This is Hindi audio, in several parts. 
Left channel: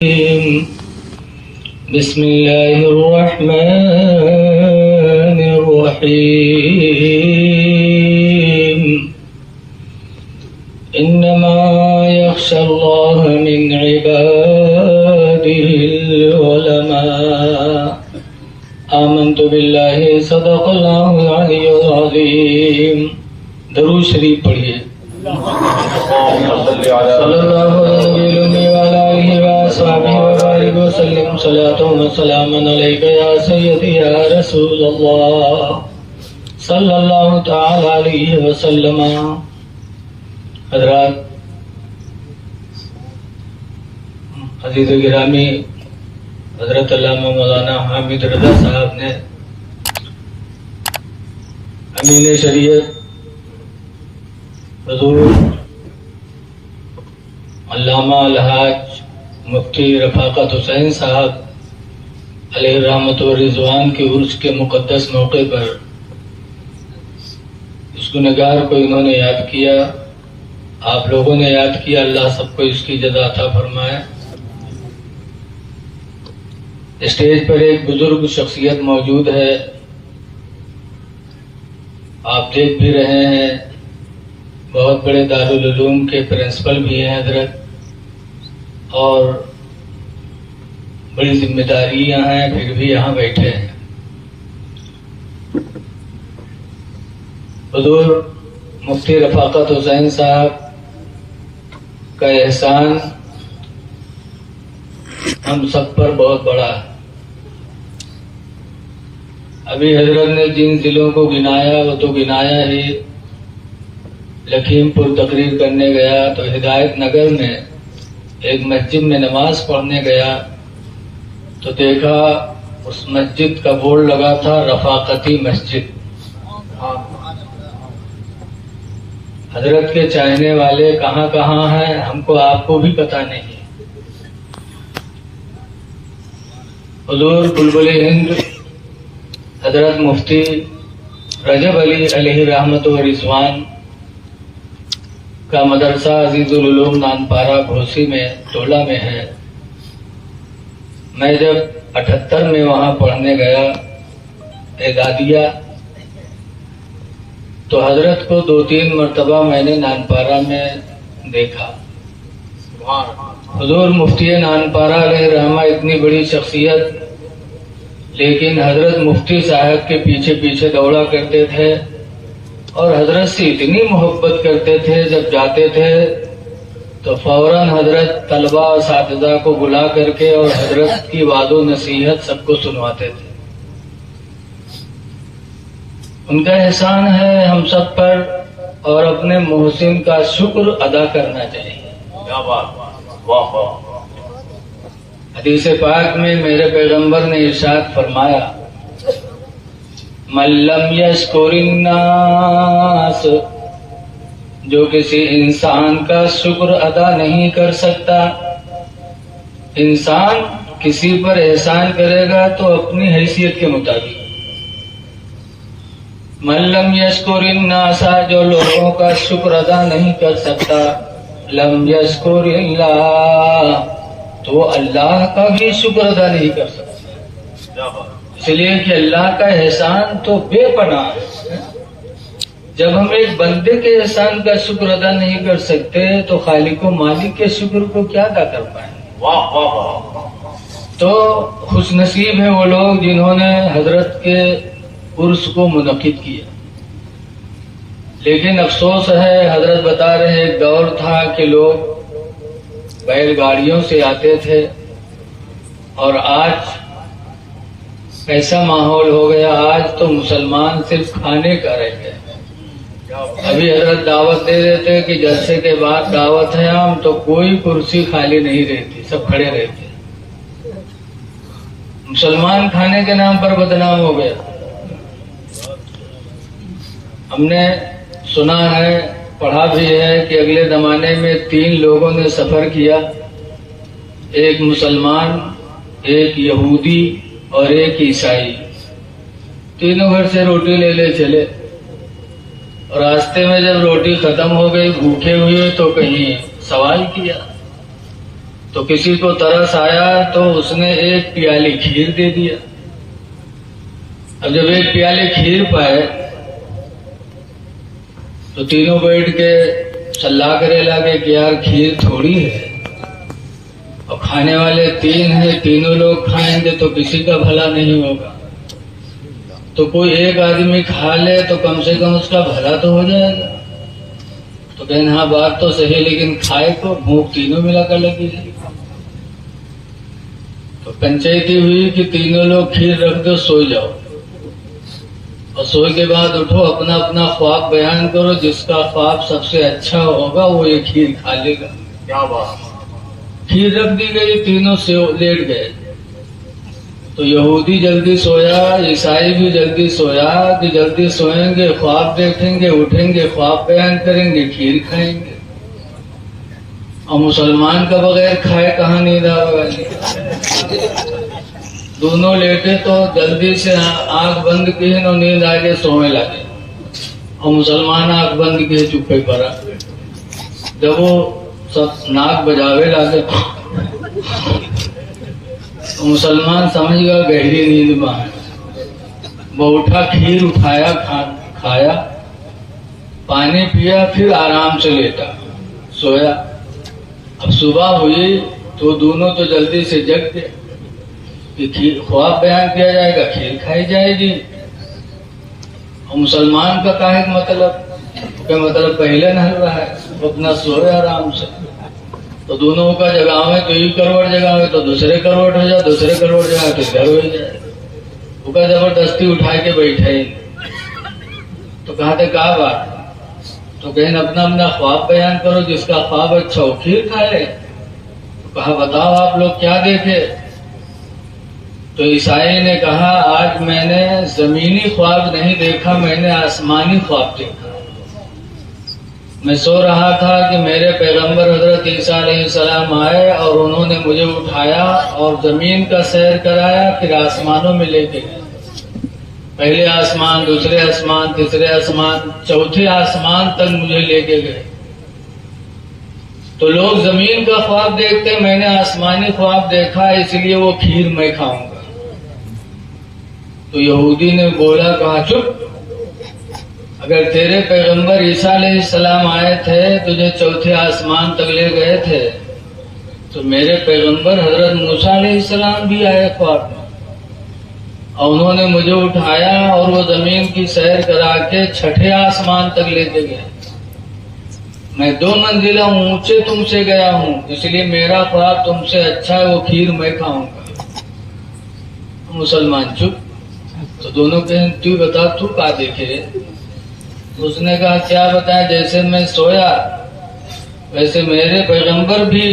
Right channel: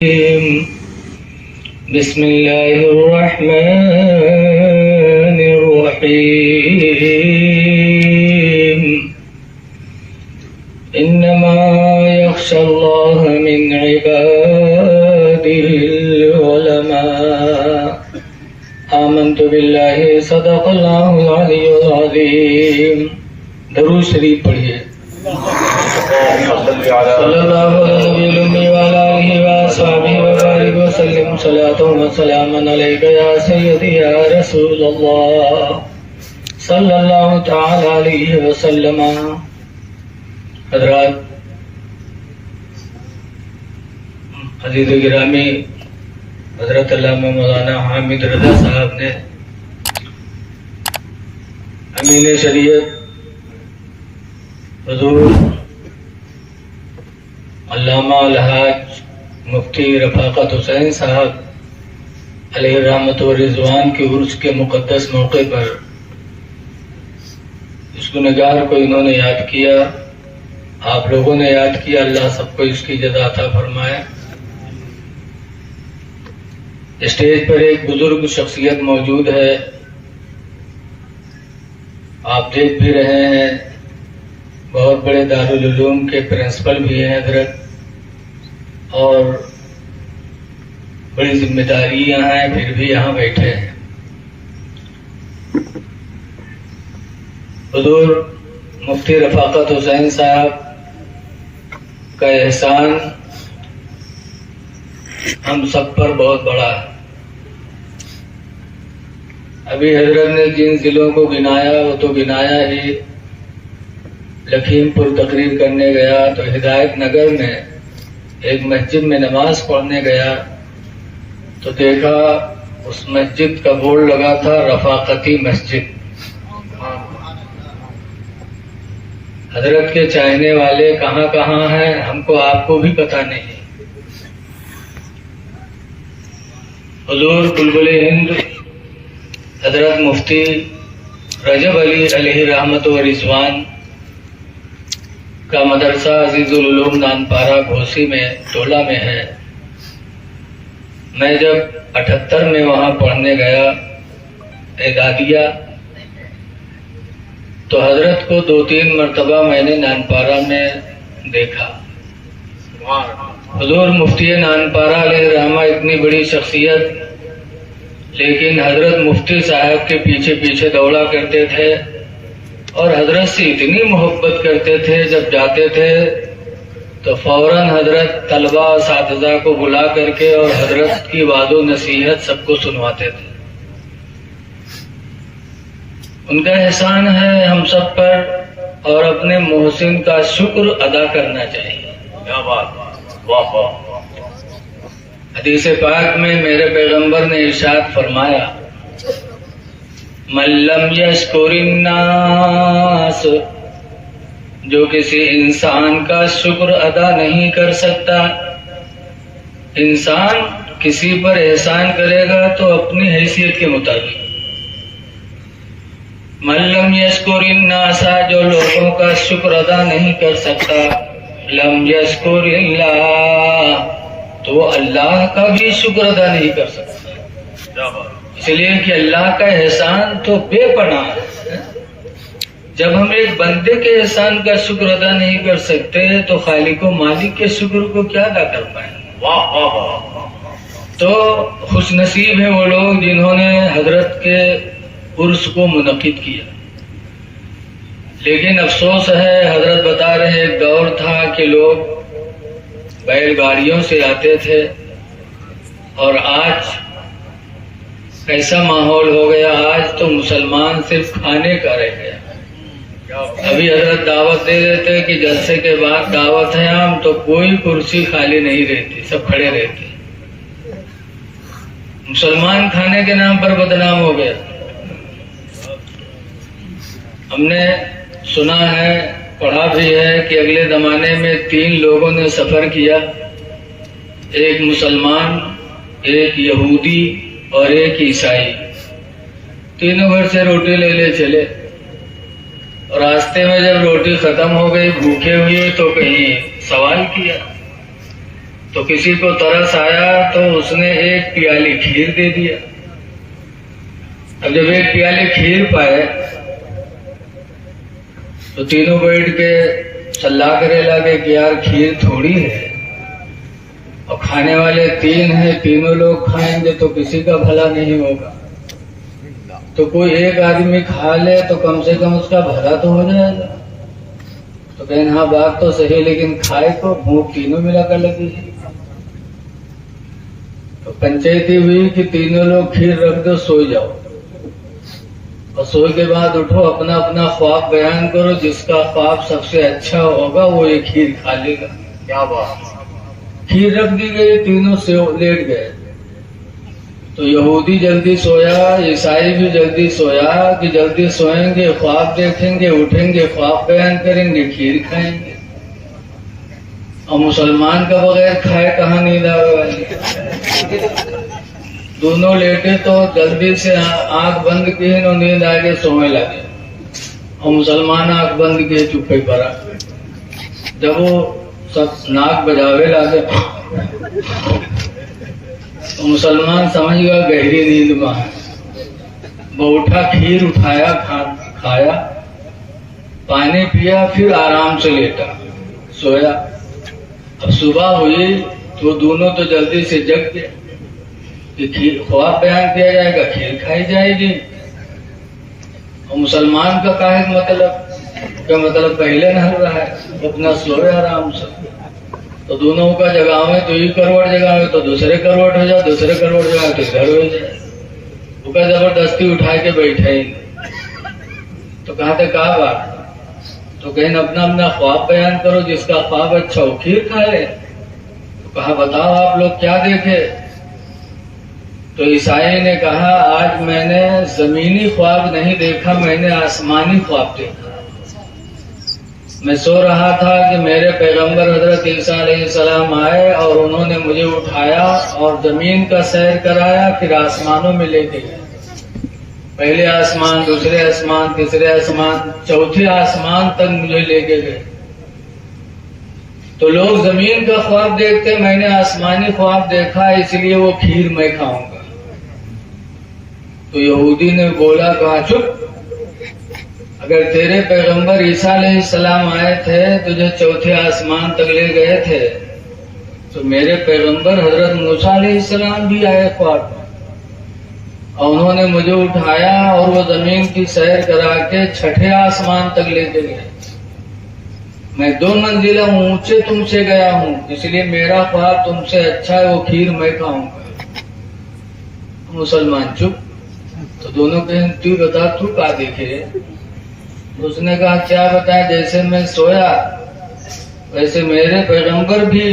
बिस्मिल्लाहिर्रहमानिर्रहीम। इन्नमा यख्शल्लाह मिन इबादिहिल उलमा। आमन्तु बिल्लाहि सदक़ल्लाहुल अलियुल अज़ीम। दरूद शरीफ पढ़िए। सल्लल्लाहु अलैहि वसल्लम सलातुन व सलामुन अलैका या सय्यदी या रसूलल्लाह सल्लल्लाहु तआला अलैहि वसल्लम। हज़रात, अज़ीज़ गिरामी, हज़रत अल्लामा मौलाना हामिद रज़ा साहब ने अमीन शरीयत हुज़ूर अल्लामा अलहाज मुफ्ती रफ़ाक़त हुसैन साहब अलैहि रहमत व रिज़वान के उर्स के मुक़द्दस मौके पर इस गुनहगार को इन्होंने याद किया, आप लोगों ने याद किया। अल्लाह सबको इसकी जज़ा अता फरमाए। स्टेज पर एक बुजुर्ग शख्सियत मौजूद है, आप देख भी रहे हैं। बहुत बड़े दारुल उलूम के प्रिंसिपल भी हैं हजरत, और बड़ी जिम्मेदारियां हैं, फिर भी यहाँ बैठे हैं। हुज़ूर मुफ्ती रफ़ाक़त हुसैन साहब का एहसान हम सब पर बहुत बड़ा है। अभी हजरत ने जिन जिलों को गिनाया वो तो गिनाया ही। लखीमपुर तकरीर करने गया तो हिदायत नगर में एक मस्जिद में नमाज पढ़ने गया तो देखा उस मस्जिद का बोर्ड लगा था रफ़ाक़ती मस्जिद। हजरत के चाहने वाले कहाँ कहाँ हैं हमको आपको भी पता नहीं। हुज़ूर बुलबुल हिंद हजरत मुफ्ती रजब अली अलैहि रहमत व रिज़वान का मदरसा अजीजुल उलूम नानपारा घोसी में टोला में है। मैं जब 78 में वहां पढ़ने गया एदादिया, तो हजरत को 2-3 मरतबा मैंने नानपारा में देखा। हुज़ूर मुफ्ती नानपारा अलैहि रहमा इतनी बड़ी शख्सियत, लेकिन हजरत मुफ्ती साहब के पीछे पीछे दौड़ा करते थे और हजरत से इतनी मोहब्बत करते थे। जब जाते थे तो फौरन हजरत तलबा साथिज़ा को बुला करके और हजरत की वादो नसीहत सबको सुनवाते थे। उनका एहसान है हम सब पर, और अपने मोहसिन का शुक्र अदा करना चाहिए। क्या बात, वाह वाह। हदीस पाक में मेरे पैगंबर ने इरशाद फरमाया, मल्लम यश्कुरिन्नास, जो किसी इंसान का शुक्र अदा नहीं कर सकता। इंसान किसी पर एहसान करेगा तो अपनी हैसियत के मुताबिक। मल्लम यश्कुरिन्नासा, जो लोगों का शुक्र अदा नहीं कर सकता, लम यश्कुरिल्लाह, तो वो अल्लाह का भी शुक्र अदा नहीं कर सकता। इसलिए कि अल्लाह का एहसान तो बेपनाह है। जब हम एक बंदे के एहसान का शुक्र अदा नहीं कर सकते तो खालिक व मालिक के शुक्र को क्या अदा कर पाएंगे। वाह वाह वाह। तो खुशनसीब है वो लोग जिन्होंने हजरत के उर्स को मुनक्किद किया। लेकिन अफसोस है, हजरत बता रहे एक दौर था कि लोग बैलगाड़ियों से आते थे, और आज कैसा माहौल हो गया। आज तो मुसलमान सिर्फ खाने का रह गया। अभी हजरत दावत दे देते कि जलसे के बाद दावत है हम, तो कोई कुर्सी खाली नहीं रहती, सब खड़े रहते। मुसलमान खाने के नाम पर बदनाम हो गया। हमने सुना है, पढ़ा भी है कि अगले जमाने में 3 लोगों ने सफर किया, एक मुसलमान, एक यहूदी और एक ईसाई। तीनों घर से रोटी ले ले चले, और रास्ते में जब रोटी खत्म हो गई, भूखे हुए, तो कहीं सवाल किया तो किसी को तरस आया तो उसने एक प्याली खीर दे दिया। अब जब एक प्याली खीर पाए तो तीनों बैठ के सलाह करे लगे कि यार खीर थोड़ी है और खाने वाले तीन हैं, तीनों लोग खाएंगे तो किसी का भला नहीं होगा, तो कोई एक आदमी खा ले तो कम से कम उसका भला तो हो जाएगा। तो कहने हाँ बात तो सही, लेकिन खाए को भूख तीनों मिलाकर लगी थी। तो पंचायती हुई कि तीनों लोग खीर रख दो, सो जाओ, और सोए के बाद उठो, अपना अपना ख्वाब बयान करो, जिसका ख्वाब सबसे अच्छा होगा वो ये खीर खा लेगा। क्या बात। खीर रख दी गई, तीनों से लेट गए। तो यहूदी जल्दी सोया, ईसाई भी जल्दी सोया कि जल्दी सोएंगे, ख्वाब देखेंगे, उठेंगे, ख्वाब बयान करेंगे, खीर खाएंगे। और मुसलमान का बगैर खाए कहाँ नींद आएगी। दोनों लेटे तो जल्दी से आंख बंद किए और नींद आगे सोने लगे, और मुसलमान आंख बंद किए चुप्पे पड़ा। जब वो सब नाक बजावे लगे तो मुसलमान समझ गया गहरी नींद में। वो उठा, खीर उठाया, खाया, पानी पिया, फिर आराम से लेटा, सोया। अब सुबह हुई तो दोनों तो जल्दी से जग गए कि ख्वाब बयान किया जाएगा, खीर खाई जाएगी। और मुसलमान का क्या है मतलब पहले न रहा है, अपना सोए आराम से। तो दोनों का जगावे तो एक करवट जगावे तो दूसरे करवट हो जाए, दूसरे करवट जगावे तो घर हो जाए। उसका जबरदस्ती उठा के बैठे। तो कहा था क्या बात, तो कहीं अपना अपना ख्वाब बयान करो, जिसका ख्वाब अच्छा हो खीर खा ले। तो कहा बताओ आप लोग क्या देखे। तो ईसाई ने कहा आज मैंने जमीनी ख्वाब नहीं देखा, मैंने आसमानी ख्वाब देखा। मैं सो रहा था कि मेरे पैगंबर हजरत ईसा अलैहिस्सलाम आए और उन्होंने मुझे उठाया और जमीन का सैर कराया, फिर आसमानों में लेके गए। पहले आसमान, दूसरे आसमान, तीसरे आसमान, चौथे आसमान तक मुझे लेके गए। तो लोग जमीन का ख्वाब देखते, मैंने आसमानी ख्वाब देखा, इसलिए वो खीर मैं खाऊंगा। तो यहूदी ने बोला, कहा चुप, अगर तेरे पैगंबर ईसा अलैहिस्सलाम आए थे, तुझे चौथे आसमान तक ले गए थे, तो मेरे पैगंबर हजरत मूसा अलैहिस्सलाम भी आए ख्वाब में, और उन्होंने मुझे उठाया और वो जमीन की सैर करा के छठे आसमान तक लेके गए। मैं 2 मंजिला ऊंचे तुमसे गया हूँ, इसलिए मेरा ख्वाब तुमसे अच्छा है, वो खीर मैं खाऊंगा। मुसलमान चुप। तो दोनों कहें तू बता, तू क्या देखे। उसने कहा क्या बताया, जैसे मैं सोया वैसे मेरे पैगंबर भी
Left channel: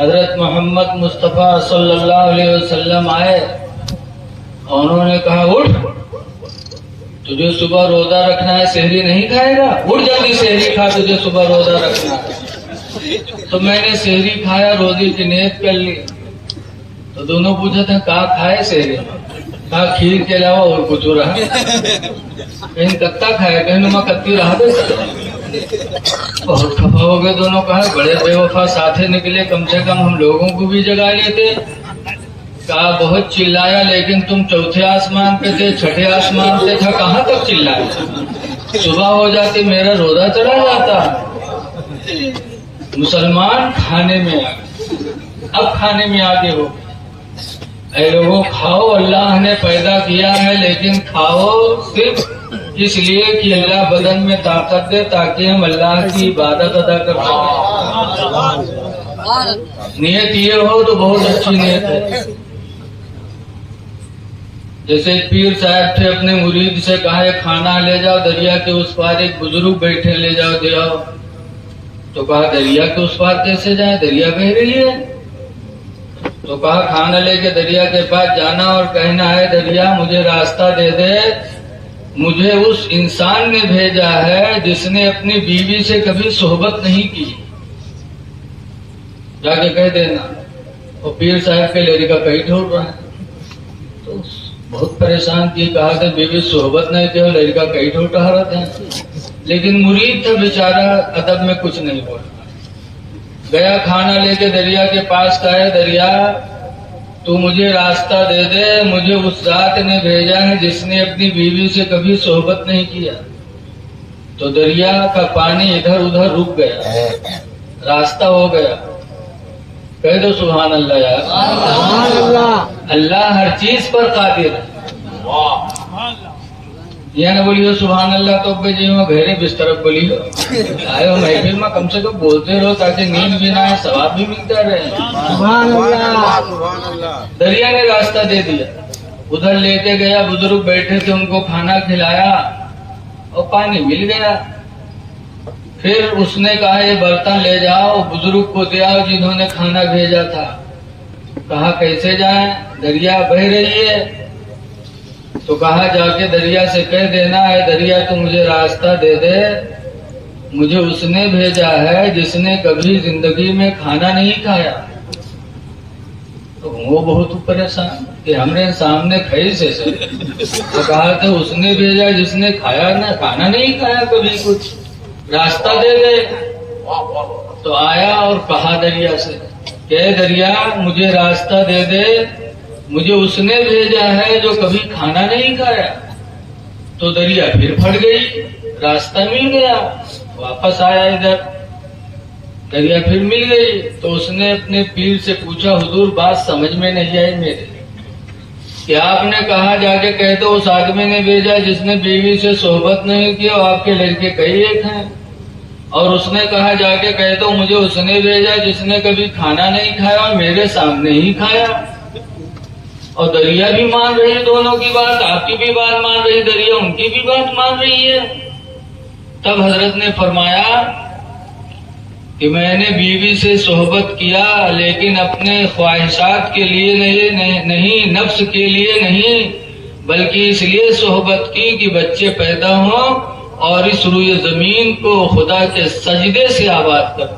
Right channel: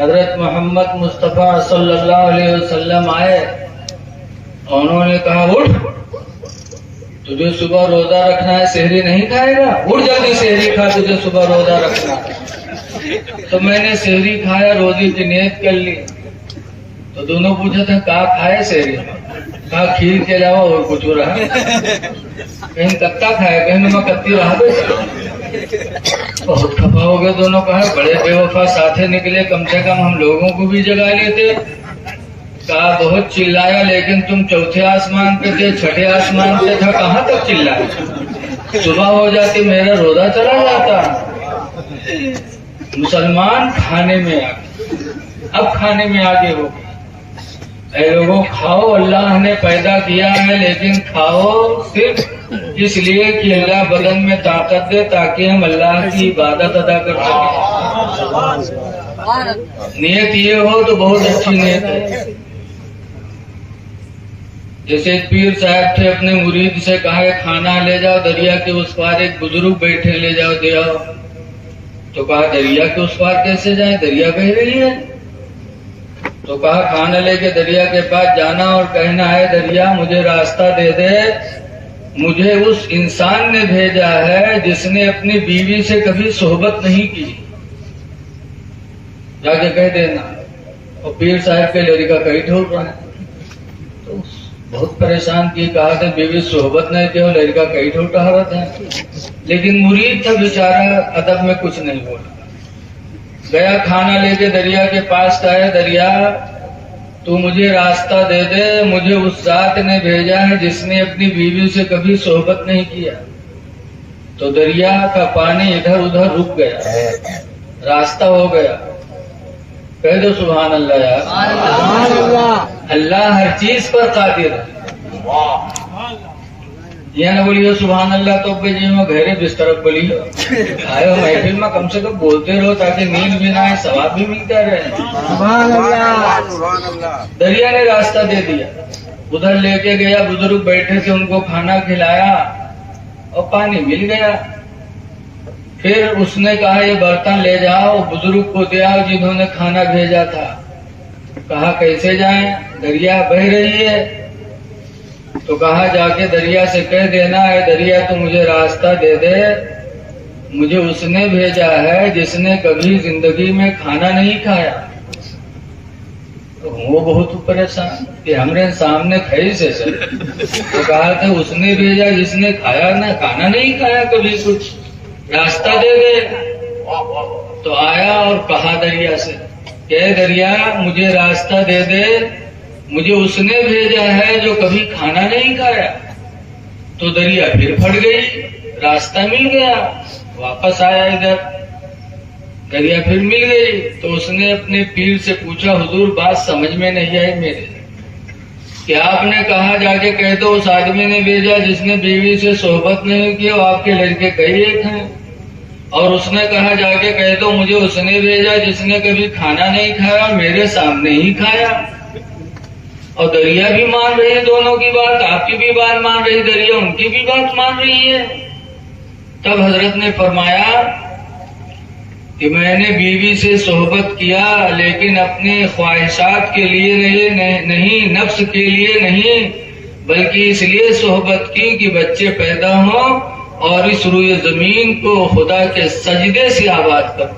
हजरत मोहम्मद मुस्तफा सल्लल्लाहु अलैहि वसल्लम आए, और उन्होंने कहा उठ, तुझे सुबह रोजा रखना है, सहरी नहीं खाएगा, उठ जल्दी सहरी खा, तुझे सुबह रोजा रखना है। तो मैंने सहरी खाया, रोजी की नियत कर ली। तो दोनों पूछा था क्या खाए सहरी, कहा खीर के अलावा और कुछ रहा, कहीं कत्ता खाए, कहीं मैं कत्ती रहा दे। बहुत खफा हो गए दोनों। कहा बड़े बेवफा साथे निकले, कम से कम हम लोगों को भी जगा लेते। कहा बहुत चिल्लाया, लेकिन तुम चौथे आसमान पे थे, छठे आसमान पे था, कहाँ तक चिल्लाया। सुबह हो जाती मेरा रोजा चला जाता। मुसलमान खाने में आगे, अब खाने में आगे हो। ऐ लोगों खाओ, अल्लाह ने पैदा किया है, लेकिन खाओ सिर्फ इसलिए कि अल्लाह बदन में ताकत दे, ताकि हम अल्लाह की इबादत अदा कर सकें। नियत ये हो तो बहुत अच्छी नियत है। जैसे एक पीर साहब थे, अपने मुरीद से कहा खाना ले जाओ दरिया के उस पार, एक बुजुर्ग बैठे, ले जाओ दे आओ। तो कहा दरिया के उस पार कैसे जाए, दरिया बह रही है। तो कहा खाना लेके दरिया के पास जाना और कहना है दरिया मुझे रास्ता दे दे, मुझे उस इंसान ने भेजा है जिसने अपनी बीवी से कभी सोहबत नहीं की, जाके कह देना। और पीर साहब के लड़का कहीं ढूंढ रहा है, तो बहुत परेशान की, कहा था बीवी सोहबत नहीं की, लड़का कहीं ढूंढ रहा था। लेकिन मुरीद था बेचारा, अदब में कुछ नहीं बोला। गया खाना लेके दरिया के पास का है, दरिया तू मुझे रास्ता दे दे, मुझे उस जात ने भेजा है जिसने अपनी बीवी से कभी सोहबत नहीं किया। तो दरिया का पानी इधर उधर रुक गया, रास्ता हो गया। कह दो सुभान अल्लाह यार। अल्लाह हर चीज पर कादिर है। ये न बोलियो सुभान अल्लाह तो अब्बे जी में घेरे बिस्तर बोलियो आयो महफिल में कम से कम बोलते रहो ताकि नींद भी ना आए, सवाब भी मिलता रहे। सुभान अल्लाह। दरिया ने रास्ता दे दिया, उधर लेके गया, बुजुर्ग बैठे थे उनको खाना खिलाया और पानी मिल गया। फिर उसने कहा ये बर्तन ले जाओ, बुजुर्ग को दे आओ जिन्होंने खाना भेजा था। कहा कैसे जाएं, दरिया बह रही है। तो कहा जाके दरिया से कह देना है, दरिया तू मुझे रास्ता दे दे, मुझे उसने भेजा है जिसने कभी जिंदगी में खाना नहीं खाया। तो वो बहुत परेशान कि हमने सामने कैसे सर। तो कहा था उसने भेजा जिसने खाया ना, खाना नहीं खाया कभी, कुछ रास्ता दे दे। तो आया और कहा दरिया से, कह दरिया मुझे रास्ता दे दे, मुझे उसने भेजा है जो कभी खाना नहीं खाया। तो दरिया फिर फट गई, रास्ता मिल गया, वापस आया इधर, दरिया फिर मिल गई। तो उसने अपने पीर से पूछा, हुजूर बात समझ में नहीं आई मेरे, कि आपने कहा जाके कह दो उस आदमी ने भेजा जिसने बीवी से सोहबत नहीं की और आपके लड़के कई एक हैं, और उसने कहा जाके कह दो मुझे उसने भेजा जिसने कभी खाना नहीं खाया और मेरे सामने ही खाया। और दरिया भी मान रही है दोनों की बात, आपकी भी बात मान रही, दरिया उनकी भी बात मान रही है। तब हजरत ने फरमाया कि मैंने बीवी से सोहबत किया लेकिन अपने ख्वाहिशात के लिए नहीं, नफ्स के लिए नहीं, बल्कि इसलिए सोहबत की कि बच्चे पैदा हों और इस रुए जमीन को खुदा के सजदे से आबाद कर,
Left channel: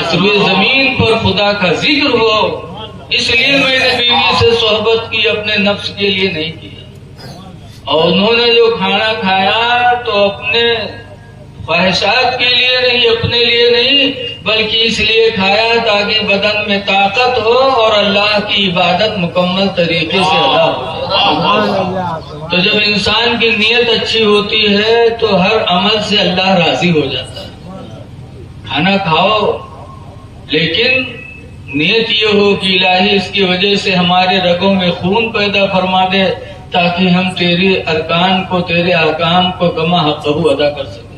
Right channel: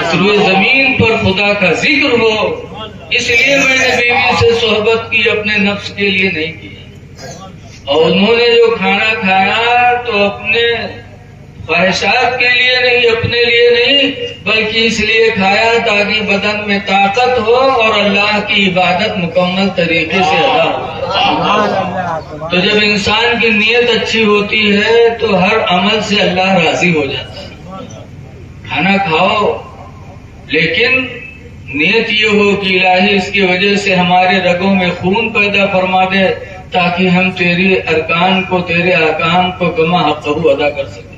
इस रुए जमीन पर खुदा का जिक्र हो, इसलिए मैंने बीवी से सोहबत की, अपने नफ्स के लिए नहीं किया। और उन्होंने जो खाना खाया तो अपने ख्वाहिशात के लिए नहीं, अपने लिए नहीं, बल्कि इसलिए खाया ताकि बदन में ताकत हो और अल्लाह की इबादत मुकम्मल तरीके से अदा हो। तो जब इंसान की नीयत अच्छी होती है तो हर अमल से अल्लाह राजी हो जाता है। खाना खाओ लेकिन नियत ये हो कि इलाही इसकी वजह से हमारे रगों में खून पैदा फरमा दे ताकि हम तेरे अरकान को, तेरे अहकाम को कमा हक़हू अदा कर सकें।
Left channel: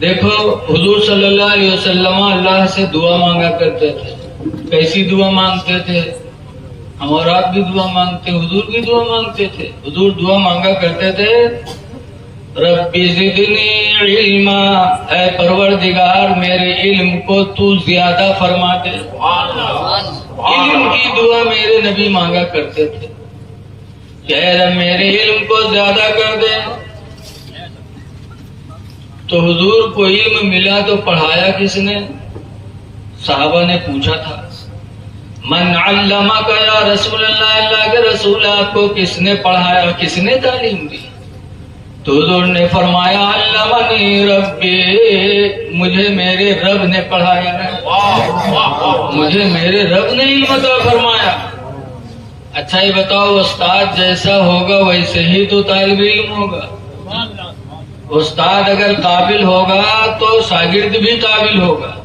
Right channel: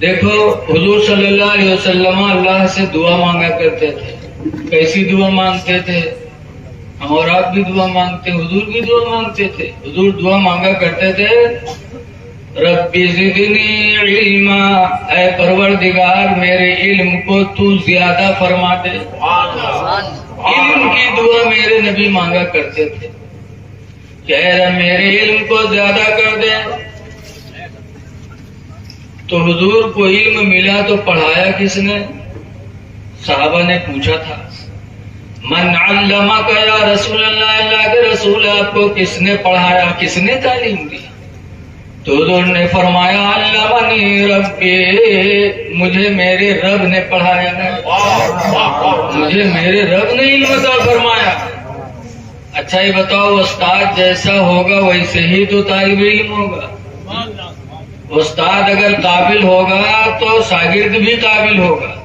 देखो हुजूर सल्लल्लाहु अलैहि वसल्लम अल्लाह से दुआ मांगा करते थे। कैसी दुआ मांगते थे? हम और आप भी दुआ मांगते, हुजूर भी दुआ मांगते थे। हुजूर दुआ मांगा करते थे, रब्बी ज़िदनी इल्मा, ऐ परवरदिगार मेरे इल्म को तू ज्यादा फरमा दे। इल्म की दुआ मेरे नबी मांगा करते थे, कह रहे मेरे इल्म को ज्यादा कर दे। तो हुजूर को इल्म मिला तो पढ़ाया किसने? साहबा ने पूछा था, मन अल्लमका या रसूल अल्लाह, अल्लाह के रसूल आपको किसने पढ़ाया, किसने तालीम दी? तो हुजूर ने फरमाया अल्लामनी रब्बी, मुझे मेरे रब ने पढ़ाया है, मुझे मेरे रब ने इल्म अता फरमाया। अच्छा ये बताओ, उस्ताद जैसा होगा वैसे ही तो तालिब इल्म होगा। उस्ताद अगर काबिल होगा तो शागिर्द भी काबिल होगा।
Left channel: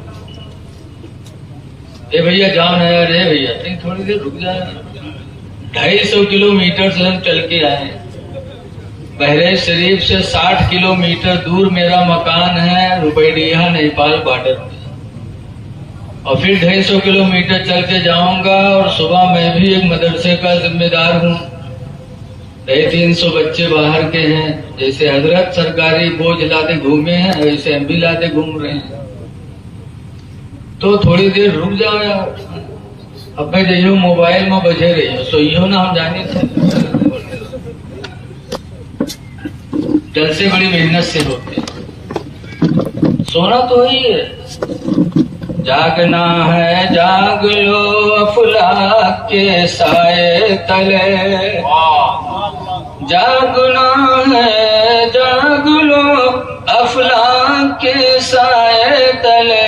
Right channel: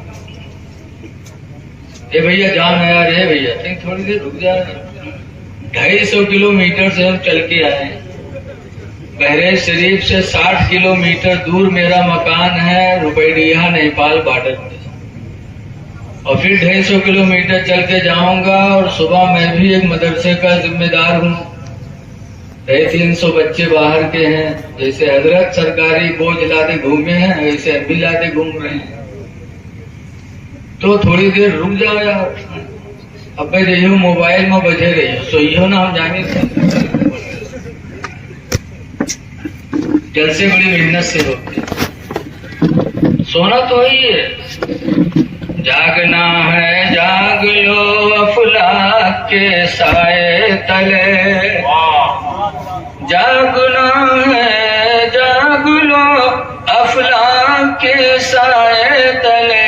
ए भैया जान है यार, भैया थोड़ी देर रुक जा, 250 किलोमीटर से हम चल के आए। बहरेज शरीफ से 60 किलोमीटर दूर मेरा मकान है, रुपैडिया नेपाल बॉर्डर पे। और फिर 250 किलोमीटर चल के जाऊंगा और सुबह मैं भी एक मदरसे का जिम्मेदार हूँ। 300 बच्चे बाहर के हैं, जैसे हजरत सरकारी बोझ लादे घूमे हैं वैसे हम भी लादे घूम रहे हैं। तो थोड़ी देर रुक जाओ यार, अब जइयो मोबाइल में बजे रहियो, सोइयो ना, हम जाने जल से बड़ी मेहनत से होते, सोना तो ही है। जागना है जाग लो अफलाक के साए तले, जागना है जाग लो अफलाक के साए तले,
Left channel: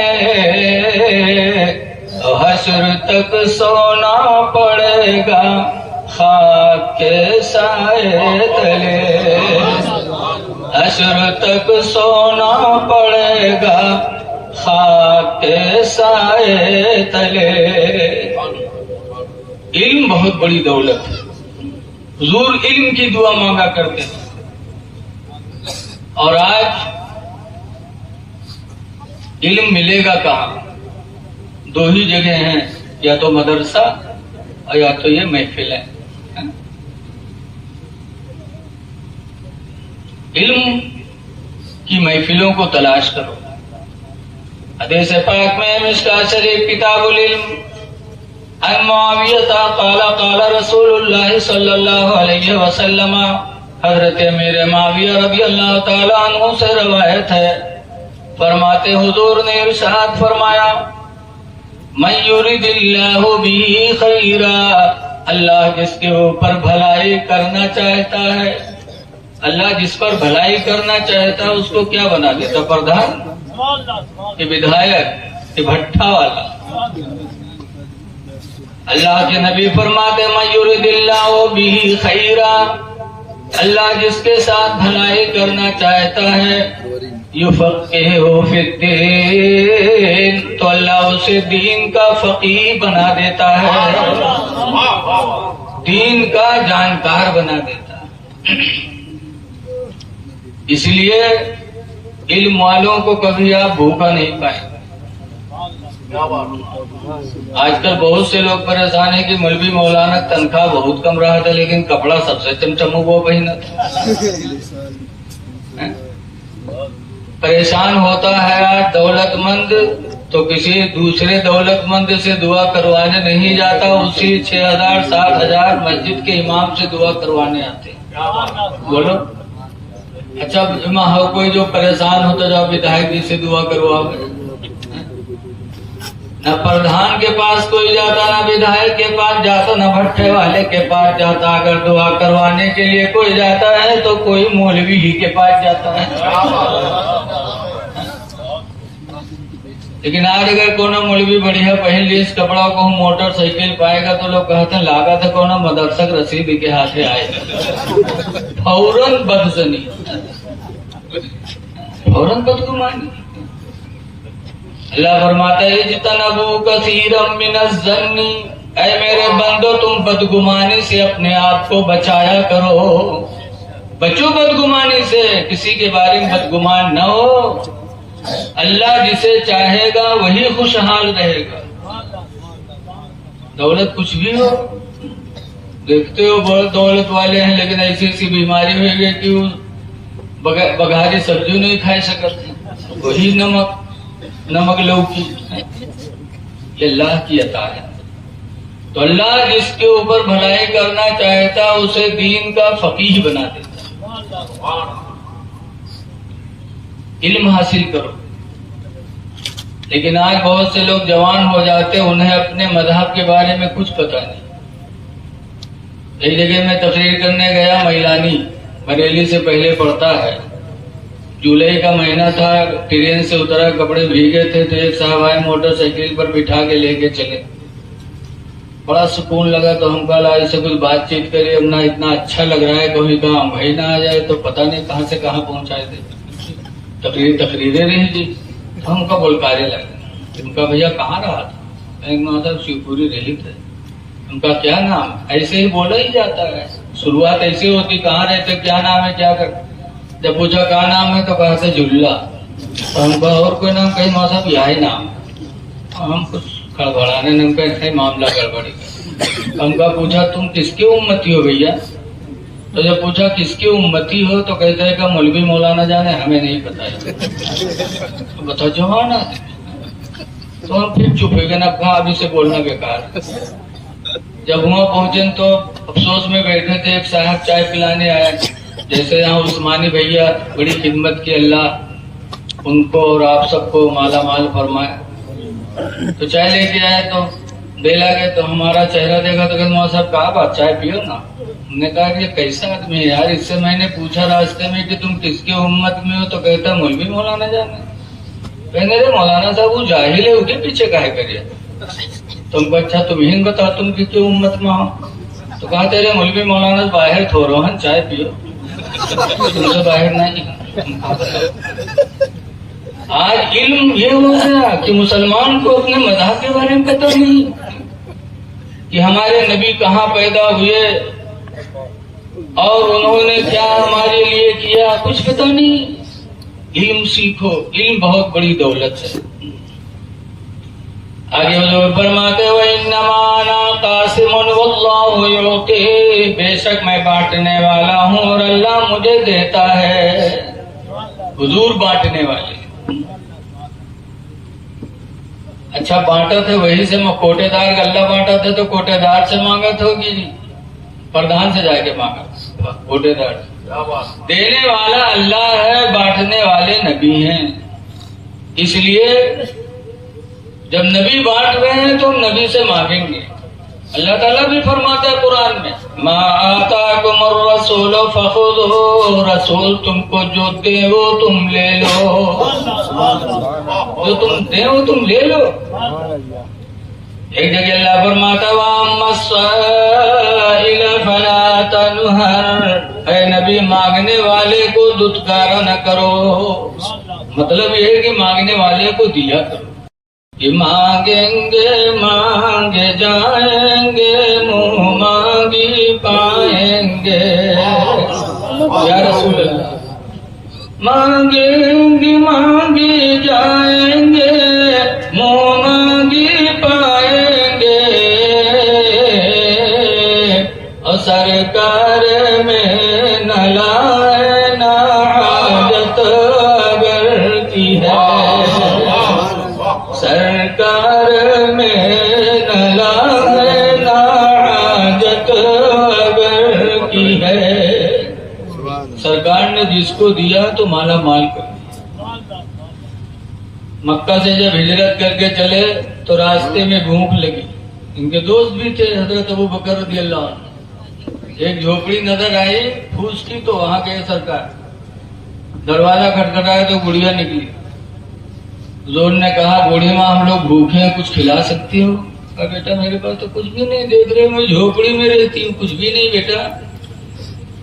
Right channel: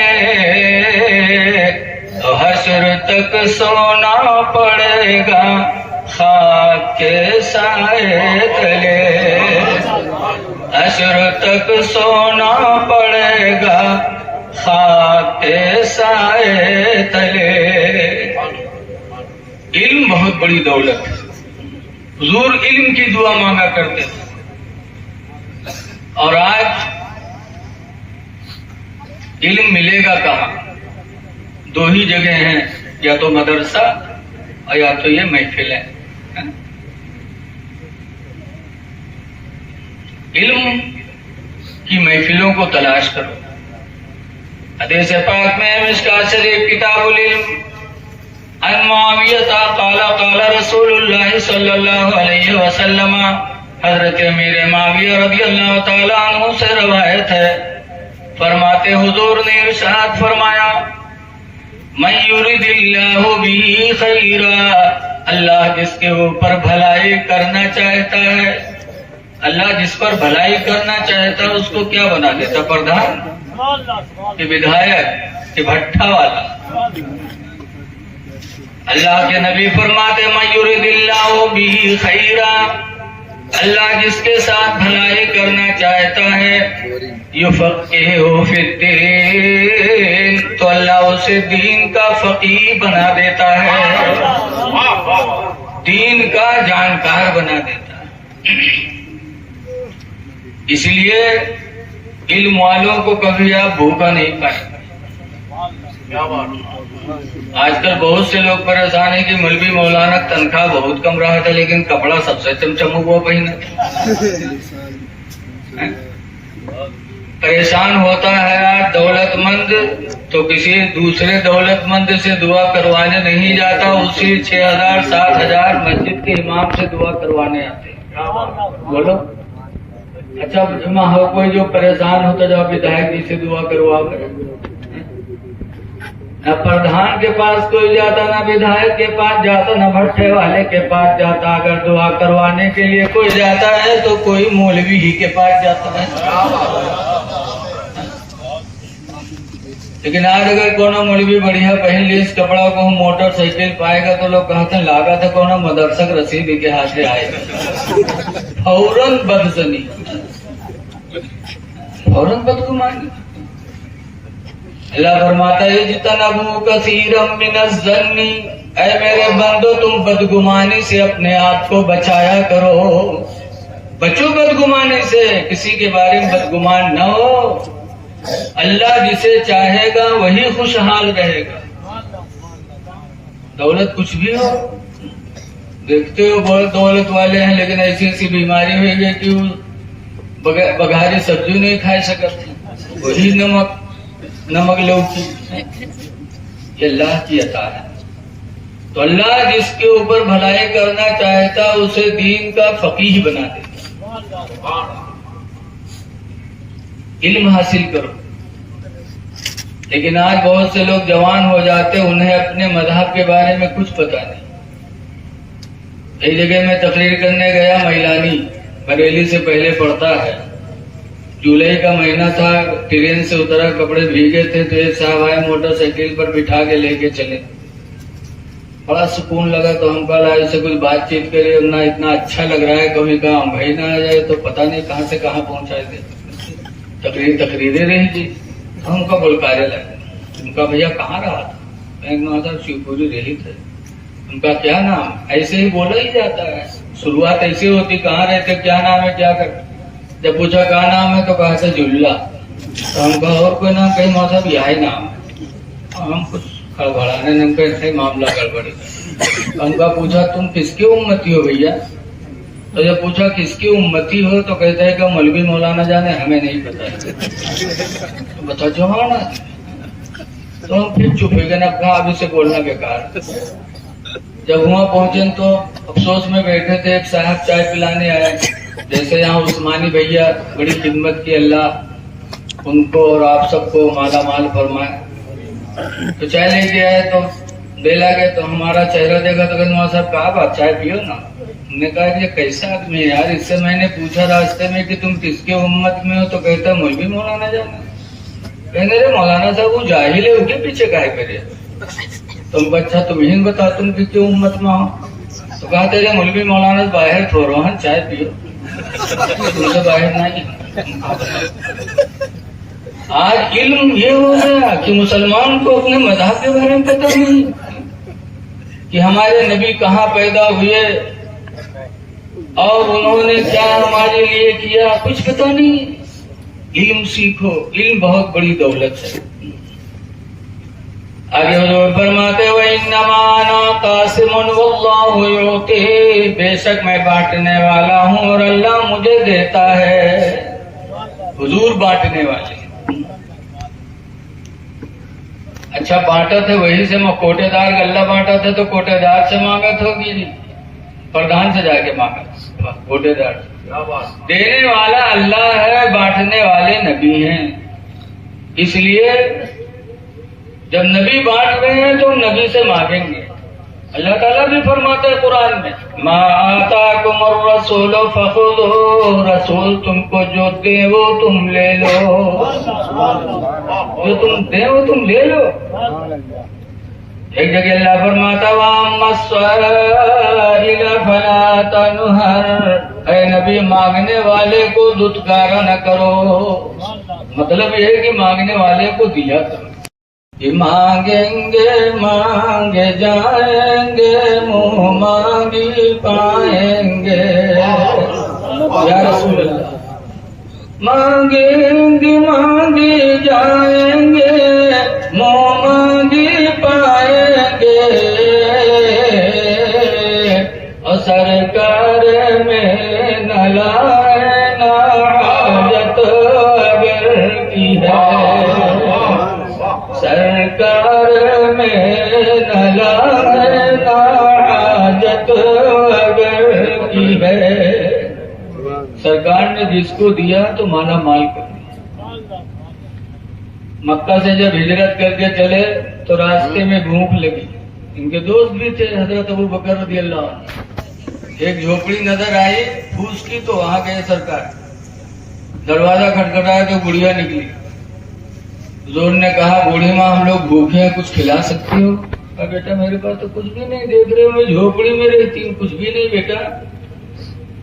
हश्र तक सोना पड़ेगा खाक के साए तले, हश्र तक सोना पड़ेगा खाक के साए तले। इल्म बहुत बड़ी दौलत है। हुजूर इल्म की दुआ मांगा करते थे, और आज इल्म मिलेगा कहाँ? दो ही जगह हैं, या तो मदरसा और या तो ये महफिलें। इल्म की महफिलों को तलाश करो। हदीस पाक में मिशकात शरीफ किताबुल इल्म अन मुआविया क़ाला क़ाला रसूलुल्लाह सल्लल्लाहु अलैहि वसल्लम, हजरत अमीर मुआविया रज़ियल्लाहु ताला अन्हु से रवायत है, फरमाते हुजूर ने इरशाद फरमाया, मन युरिदिल्लाहु बिही खैरा, अल्लाह जिसके ऊपर भलाई करना चाहता है, अल्लाह जिस पर भलाई करना चाहता है उसको क्या बना देता? प्रधान कि विधायक कि भट्ठा वाला? अल्लाह के नबी फरमाते मन युरिदिल्लाहु बिही खैरा, अल्लाह जिसके साथ भलाई करना चाहता है, युफ़क़्क़िहु फ़िद्दीन, तो अल्लाह उसे दीन का फ़क़ीह बना देता है, दीन का जानकार बना देता है। इसलिए इल्म वालों को कभी आप भूखा नहीं पाएंगे। आजकल बहुत से लोग परेशान है कि मौलवी मौलाना तनख्वाह बहुत कम रहा था, लेकिन कपड़ा सबसे चमचम वो पहना था। परेशान होता है आज दौलतमंद तो किसी दूसरे दौलतमंद से दुआ करवाने नहीं जाता, उसी 6,000 7,000 मस्जिद के इमाम से दुआ करवाने आते। बोलो, अच्छा इमाम हो कोई जो परेशान हो तो जाओ विधायक जी से दुआ करवाओ। न प्रधान के पास कोई जाता, न विधायक के पास जाता, न भट्ठे वाले के पास जाता। अगर दुआ करवाने के लिए कोई जाता है तो कोई मौलवी ही के पास जाता है। लेकिन आज अगर कोनो मौलवी बढ़िया पहन ली इस कपड़ा को हम मोटरसाइकिल पाएगा तो लोग कहते हैं लागत है कोनो मदरसक रसीद के हाथे आएगा। फौरन बदजनी, फौरन बदगुमानी। अल्लाह फरमाता है जितनबू कसीरम मिनज़्ज़न्नी, ऐ मेरे बंदो तुम बदगुमानी से अपने आप को बचाया करो। बचो बदगुमानी से, किसी के बारे में बदगुमान न हो। अल्लाह जिसे चाहेगा वही खुशहाल रहेगा। दौलत कुछ भी हो, देखते हो बहुत दौलत वाले हैं लेकिन ऐसी ऐसी बीमारी हुई है कि वो बघारी सब्जी नहीं खा सकते, वही नमक लौकी। ये अल्लाह की अता है। तो अल्लाह जिसके ऊपर भलाई करना चाहता उसे दीन का फकीह बना देता। इल्म हासिल करो। लेकिन आज बहुत से लोग जवान हो जाते, उन्हें अपने मजहब के बारे में कुछ पता नहीं। एक जगह मैं तकरीर करने गया, मैलानी बरेली से पहले पड़ता है। जुलाई का महीना था, ट्रेन से उतरा, कपड़े भीगे थे तो एक साहब आए मोटरसाइकिल पर बिठा के लेके चले। बड़ा सुकून लगा तो हम कहा ऐसे कुछ बातचीत करे, अपना इतना अच्छा लग रहा है, कभी कहा भाई ना आ जाए तो पता नहीं कहाँ से कहाँ पहुंचाए थे। तकरीरें रही जी, हमका बोलकारे लगे। उनका भैया कहाँ रहा था? मैं शिवपुरी रही थे। उनका क्या नाम? ऐसे ही बोला ही जाता है, शुरुआत ऐसे होती, कहाँ रहते, क्या नाम है, क्या कर। जब पूछा कहाँ नाम है तो कहा था जुल्ला। तो हमका और कोई नाम? कहीं मौसा भी यही नाम। हम कुछ खड़बड़ाने ने कहीं मामला गड़बड़ी। हमका पूछा तुम किसकी उम्मती हो भैया? तो जब पूछा किसकी उम्मती हो तो कहता है कि मौलवी मौलाना जाने, हमें नहीं पता है। तो बता जो हाँ ना, तो हम फिर चुप हो गए ना, अभी से बोलना बेकार। जब वहाँ पहुंचे तो अफसोस में बैठे थे, एक साहब चाय पिलाने आया। जैसे यहाँ उस्मानी भैया बड़ी खिदमत की, अल्लाह उनको और आप सबको माला माल फरमाए। तो चाय लेके आए तो दे लगे, तो हमारा चेहरा देखा तो कहते साहब कहा बात चाय पियो ना। हमने कहा ये कैसा आदमी है यार। इससे मैंने पूछा रास्ते में कि तुम किसके उम्मत में हो तो कहता मौलवी मौलाना जाना। कहेंगे अरे मौलाना साहब वो जाहिल है, उसके पीछे काहे करे। तुमको अच्छा तुम ही बता, तुम कि क्यों उम्मत में हो। तो कहा तेरे मौलवी मौलाना बाहर थोड़ो हैं, चाय पियो, तुमसे बाहर नहीं। आज इल्म ये हो गया कि मुसलमान को अपने मजहब के बारे में पता नहीं कि हमारे नबी कहाँ पैदा हुए और उन्होंने क्या हमारे लिए किया, कुछ पता नहीं। इल्म सीखो, इल्म बहुत बड़ी दौलत है। आगे जो फरमाते हो इन्नमा कासिमुन वल्लाहु युती, बेशक मैं बांटने वाला हूँ और अल्लाह मुझे देता है। हुजूर बांटने वाले। अच्छा बांटा थे वही से कोटेदार गल्ला बांटा थे तो कोटेदार से मांगत होगी जी, प्रधान से जाके मांगा, कोटेदार। देने वाला अल्लाह है, बांटने वाले नबी हैं। इसलिए जब नबी बांट रहे हैं तो नबी से मांगेंगे। अल्लाह ताला भी फरमाता है कुरान में, मा आताकुमुर रसूल फखुदहू, रसूल तुमको जो दे वो तुम ले लो, जो तुम दे वो तुम ले लो। एक जगह अल्लाह फरमाता वम्मस्साइल फला तनहर, ऐ नबी मांगने वाले को दुत्कारा न करो। मतलब ये है कि मांगने वाले को दिया करो। कि मांगेंगे मांगे जाएंगे, मुँह मांगी पाएंगे। या रसूल अल्लाह, मांगेंगे मांगे जाएंगे, मुँह मांगी पाएंगे। और सरकार में न लाए ना हाजत अगर की है, सरकार में न लाए ना हाजत अगर की है। सरकार ने जिसको दिया तो माला माल कर दिया। मक्का से जब हिजरत करके चले तो रास्ते में भूख लगी। इनके दोस्त भी थे हजरत अबू बकर रज़ियल्लाहु अन्हु। एक झोपड़ी नजर आई फूस की, तो वहां गए सरकार। दरवाजा खटखटाया तो गुड़िया निकली। हुजूर ने कहा बूढ़ी माँ हम लोग भूखे हैं, कुछ खिला सकती हो? कहा बेटा मेरे पास तो कुछ भी नहीं, देख रहे हो मैं झोपड़ी में रहती हूँ, कुछ भी नहीं बेटा।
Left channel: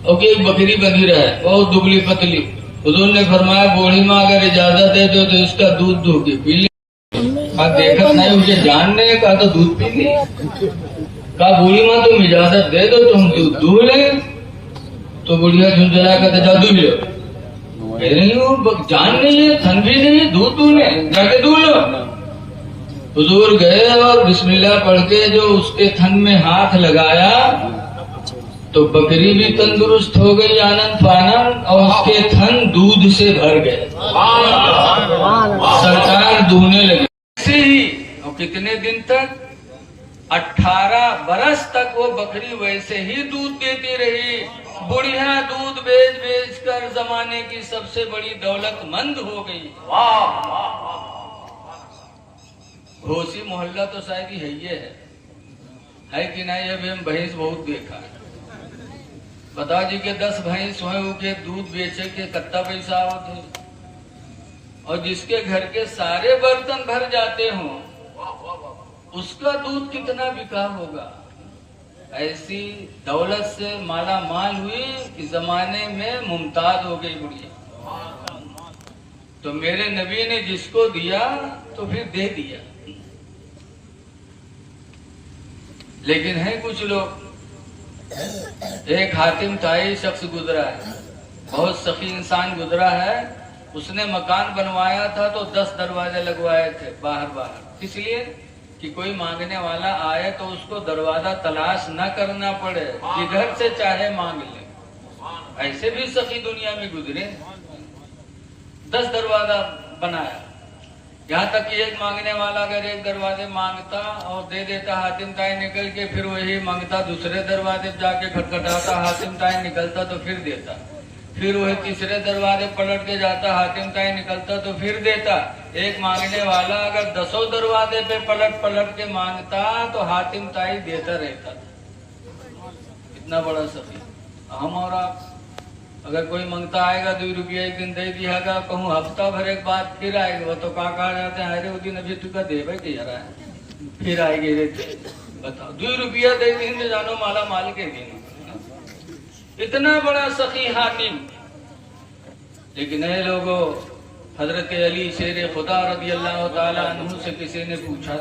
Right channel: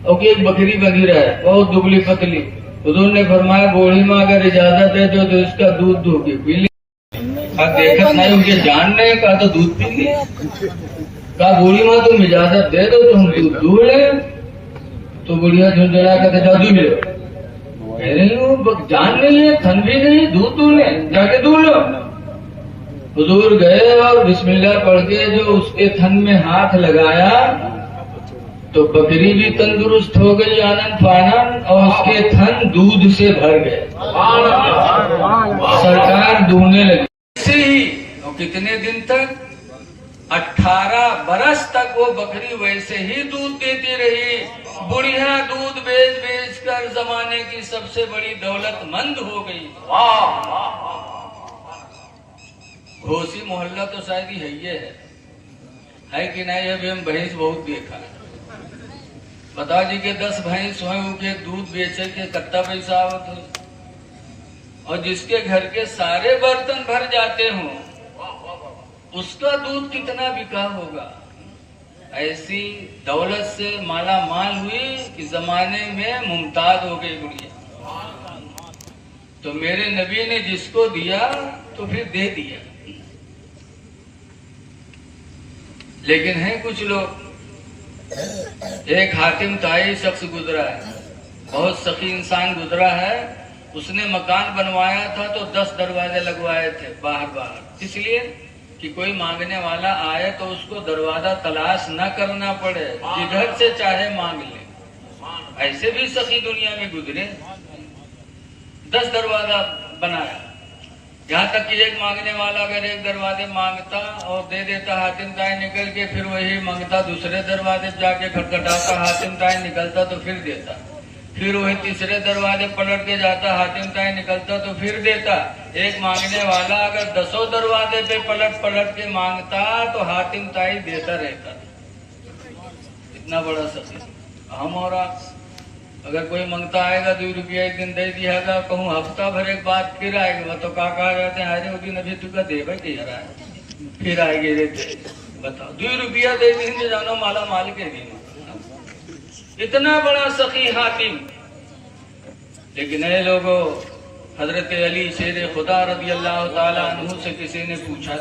और एक बकरी बंधी रहा है बहुत दुबली पतली। हुजूर ने फरमाया बूढ़ी माँ अगर इजाजत है तो इसका दूध दो के पी ले। देखत नहीं मुझे जानने का तो दूध पी ले। कहा बूढ़ी माँ तुम इजाजत दे दो तुम दूध दूध ले। तो बुढ़िया झुंझुला कर जादू ले जान नहीं है, थन भी नहीं, दूध दूले जाके दूध लो। हुजूर गए और बिस्मिल्लाह पढ़ के जो उसके थन में हाथ लगाया तो बकरी भी तंदुरुस्त हो गई आनंद फानन, और उसके थन दूध से भर गए। सरकार दूहने लगी। ऐसे ही और कितने दिन तक, 18 बरस तक वो बकरी वैसे ही दूध देती रही। बुढ़िया दूध बेच बेच कर जमाने की सबसे बड़ी दौलतमंद हो गई। घोसी मोहल्ला तो शायद ही है कि नहीं? अभी हम भैंस बहुत देखा। बता जी के 10 भैंस हो के दूध बेचे के कत्ता पैसा आवत, और जिसके घर के सारे बर्तन भर जाते हों उसका दूध कितना बिका होगा। ऐसी दौलत से माला माल हुई कि जमाने में मुमताज हो गई बुढ़िया। तो मेरे नबी ने जिसको दिया तो फिर दे दिया। लेकिन है कुछ लोग, एक हातिम ताई शख्स गुजरा है, बहुत सखी इंसान गुजरा है। उसने मकान बनवाया था तो 10 दरवाजे लगवाए थे बाहर, इसलिए कि कोई मांगने वाला आए तो उसको दरवाजा तलाश न करना पड़े, जिधर से चाहे मांग ले। ऐसे भी सखी दुनिया में गुजरे। 10 दरवाजा बनाया, यहाँ तक कि एक मांगने वाला अगर एक दरवाजे मांगता और दे देता, हातिम ताई निकल के फिर वही मांगता, दूसरे दरवाजे जाके खटखटाता, हातिम ताई निकलता तो फिर देता, फिर वही तीसरे दरवाजे पलट के जाता, हातिम ताई निकलता तो फिर देता। एक मांगने वाला अगर 10 दरवाजे पे पलट के मांगता तो हातिम ताई देता रहता। इतना बड़ा सफी हम और आप। अगर कोई मंगता आएगा 2 रुपया एक दिन दे दिया, कहूँ हफ्ता भर एक बात फिर आएगा, तो कहा जाते हैं अरे वो दिन अभी तुका देगा कि यार है, फिर आएंगे देते। बताओ 2 रुपया दे दिन तो जानो माला माल के दिन। इतना बड़ा सखी हातिम। लेकिन ये लोगों, हजरत अली शेर खुदा रज़ी अल्लाह ताला अन्हु से किसी ने पूछा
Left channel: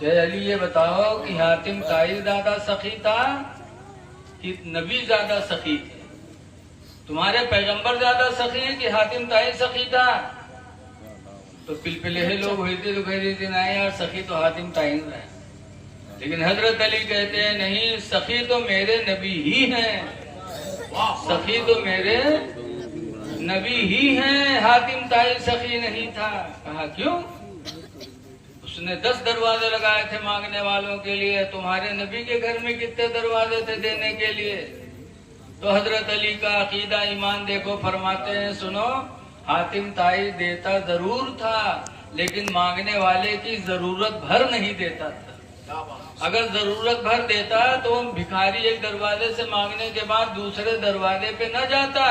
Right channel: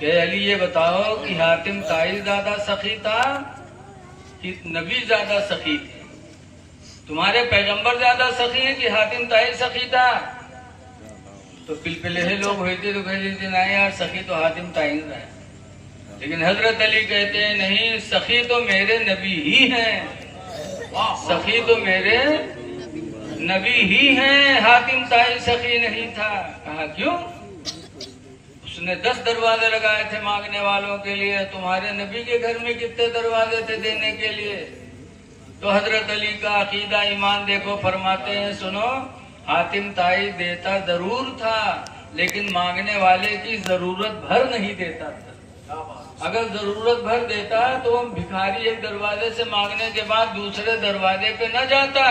कि अली ये बताओ कि हातिम ताई ज्यादा सखी था कि नबी ज्यादा सखी थे? तुम्हारे पैगंबर ज्यादा सखी है कि हातिम ताई सखी था? तो पिलपिले लोग हुए थे तो कह लेते ना यार सखी तो हातिम ताई है। लेकिन हजरत अली कहते हैं नहीं, सखी तो मेरे नबी ही हैं, सखी तो मेरे नबी ही हैं, हातिम ताई सखी नहीं था। कहा क्यों? उसने 10 दरवाजे लगाए थे मांगने वालों के लिए, तुम्हारे नबी के घर में कितने दरवाजे थे देने के लिए? तो हजरत अली का अकीदा ईमान देखो, फरमाते हैं सुनो, हातिम ताई देता जरूर था लेकिन मांगने वाले की जरूरत भर नहीं देता था। अगर जरूरत भर देता तो हम भिखारी एक दरवाजे से मांगने के बाद दूसरे दरवाजे पे न जाता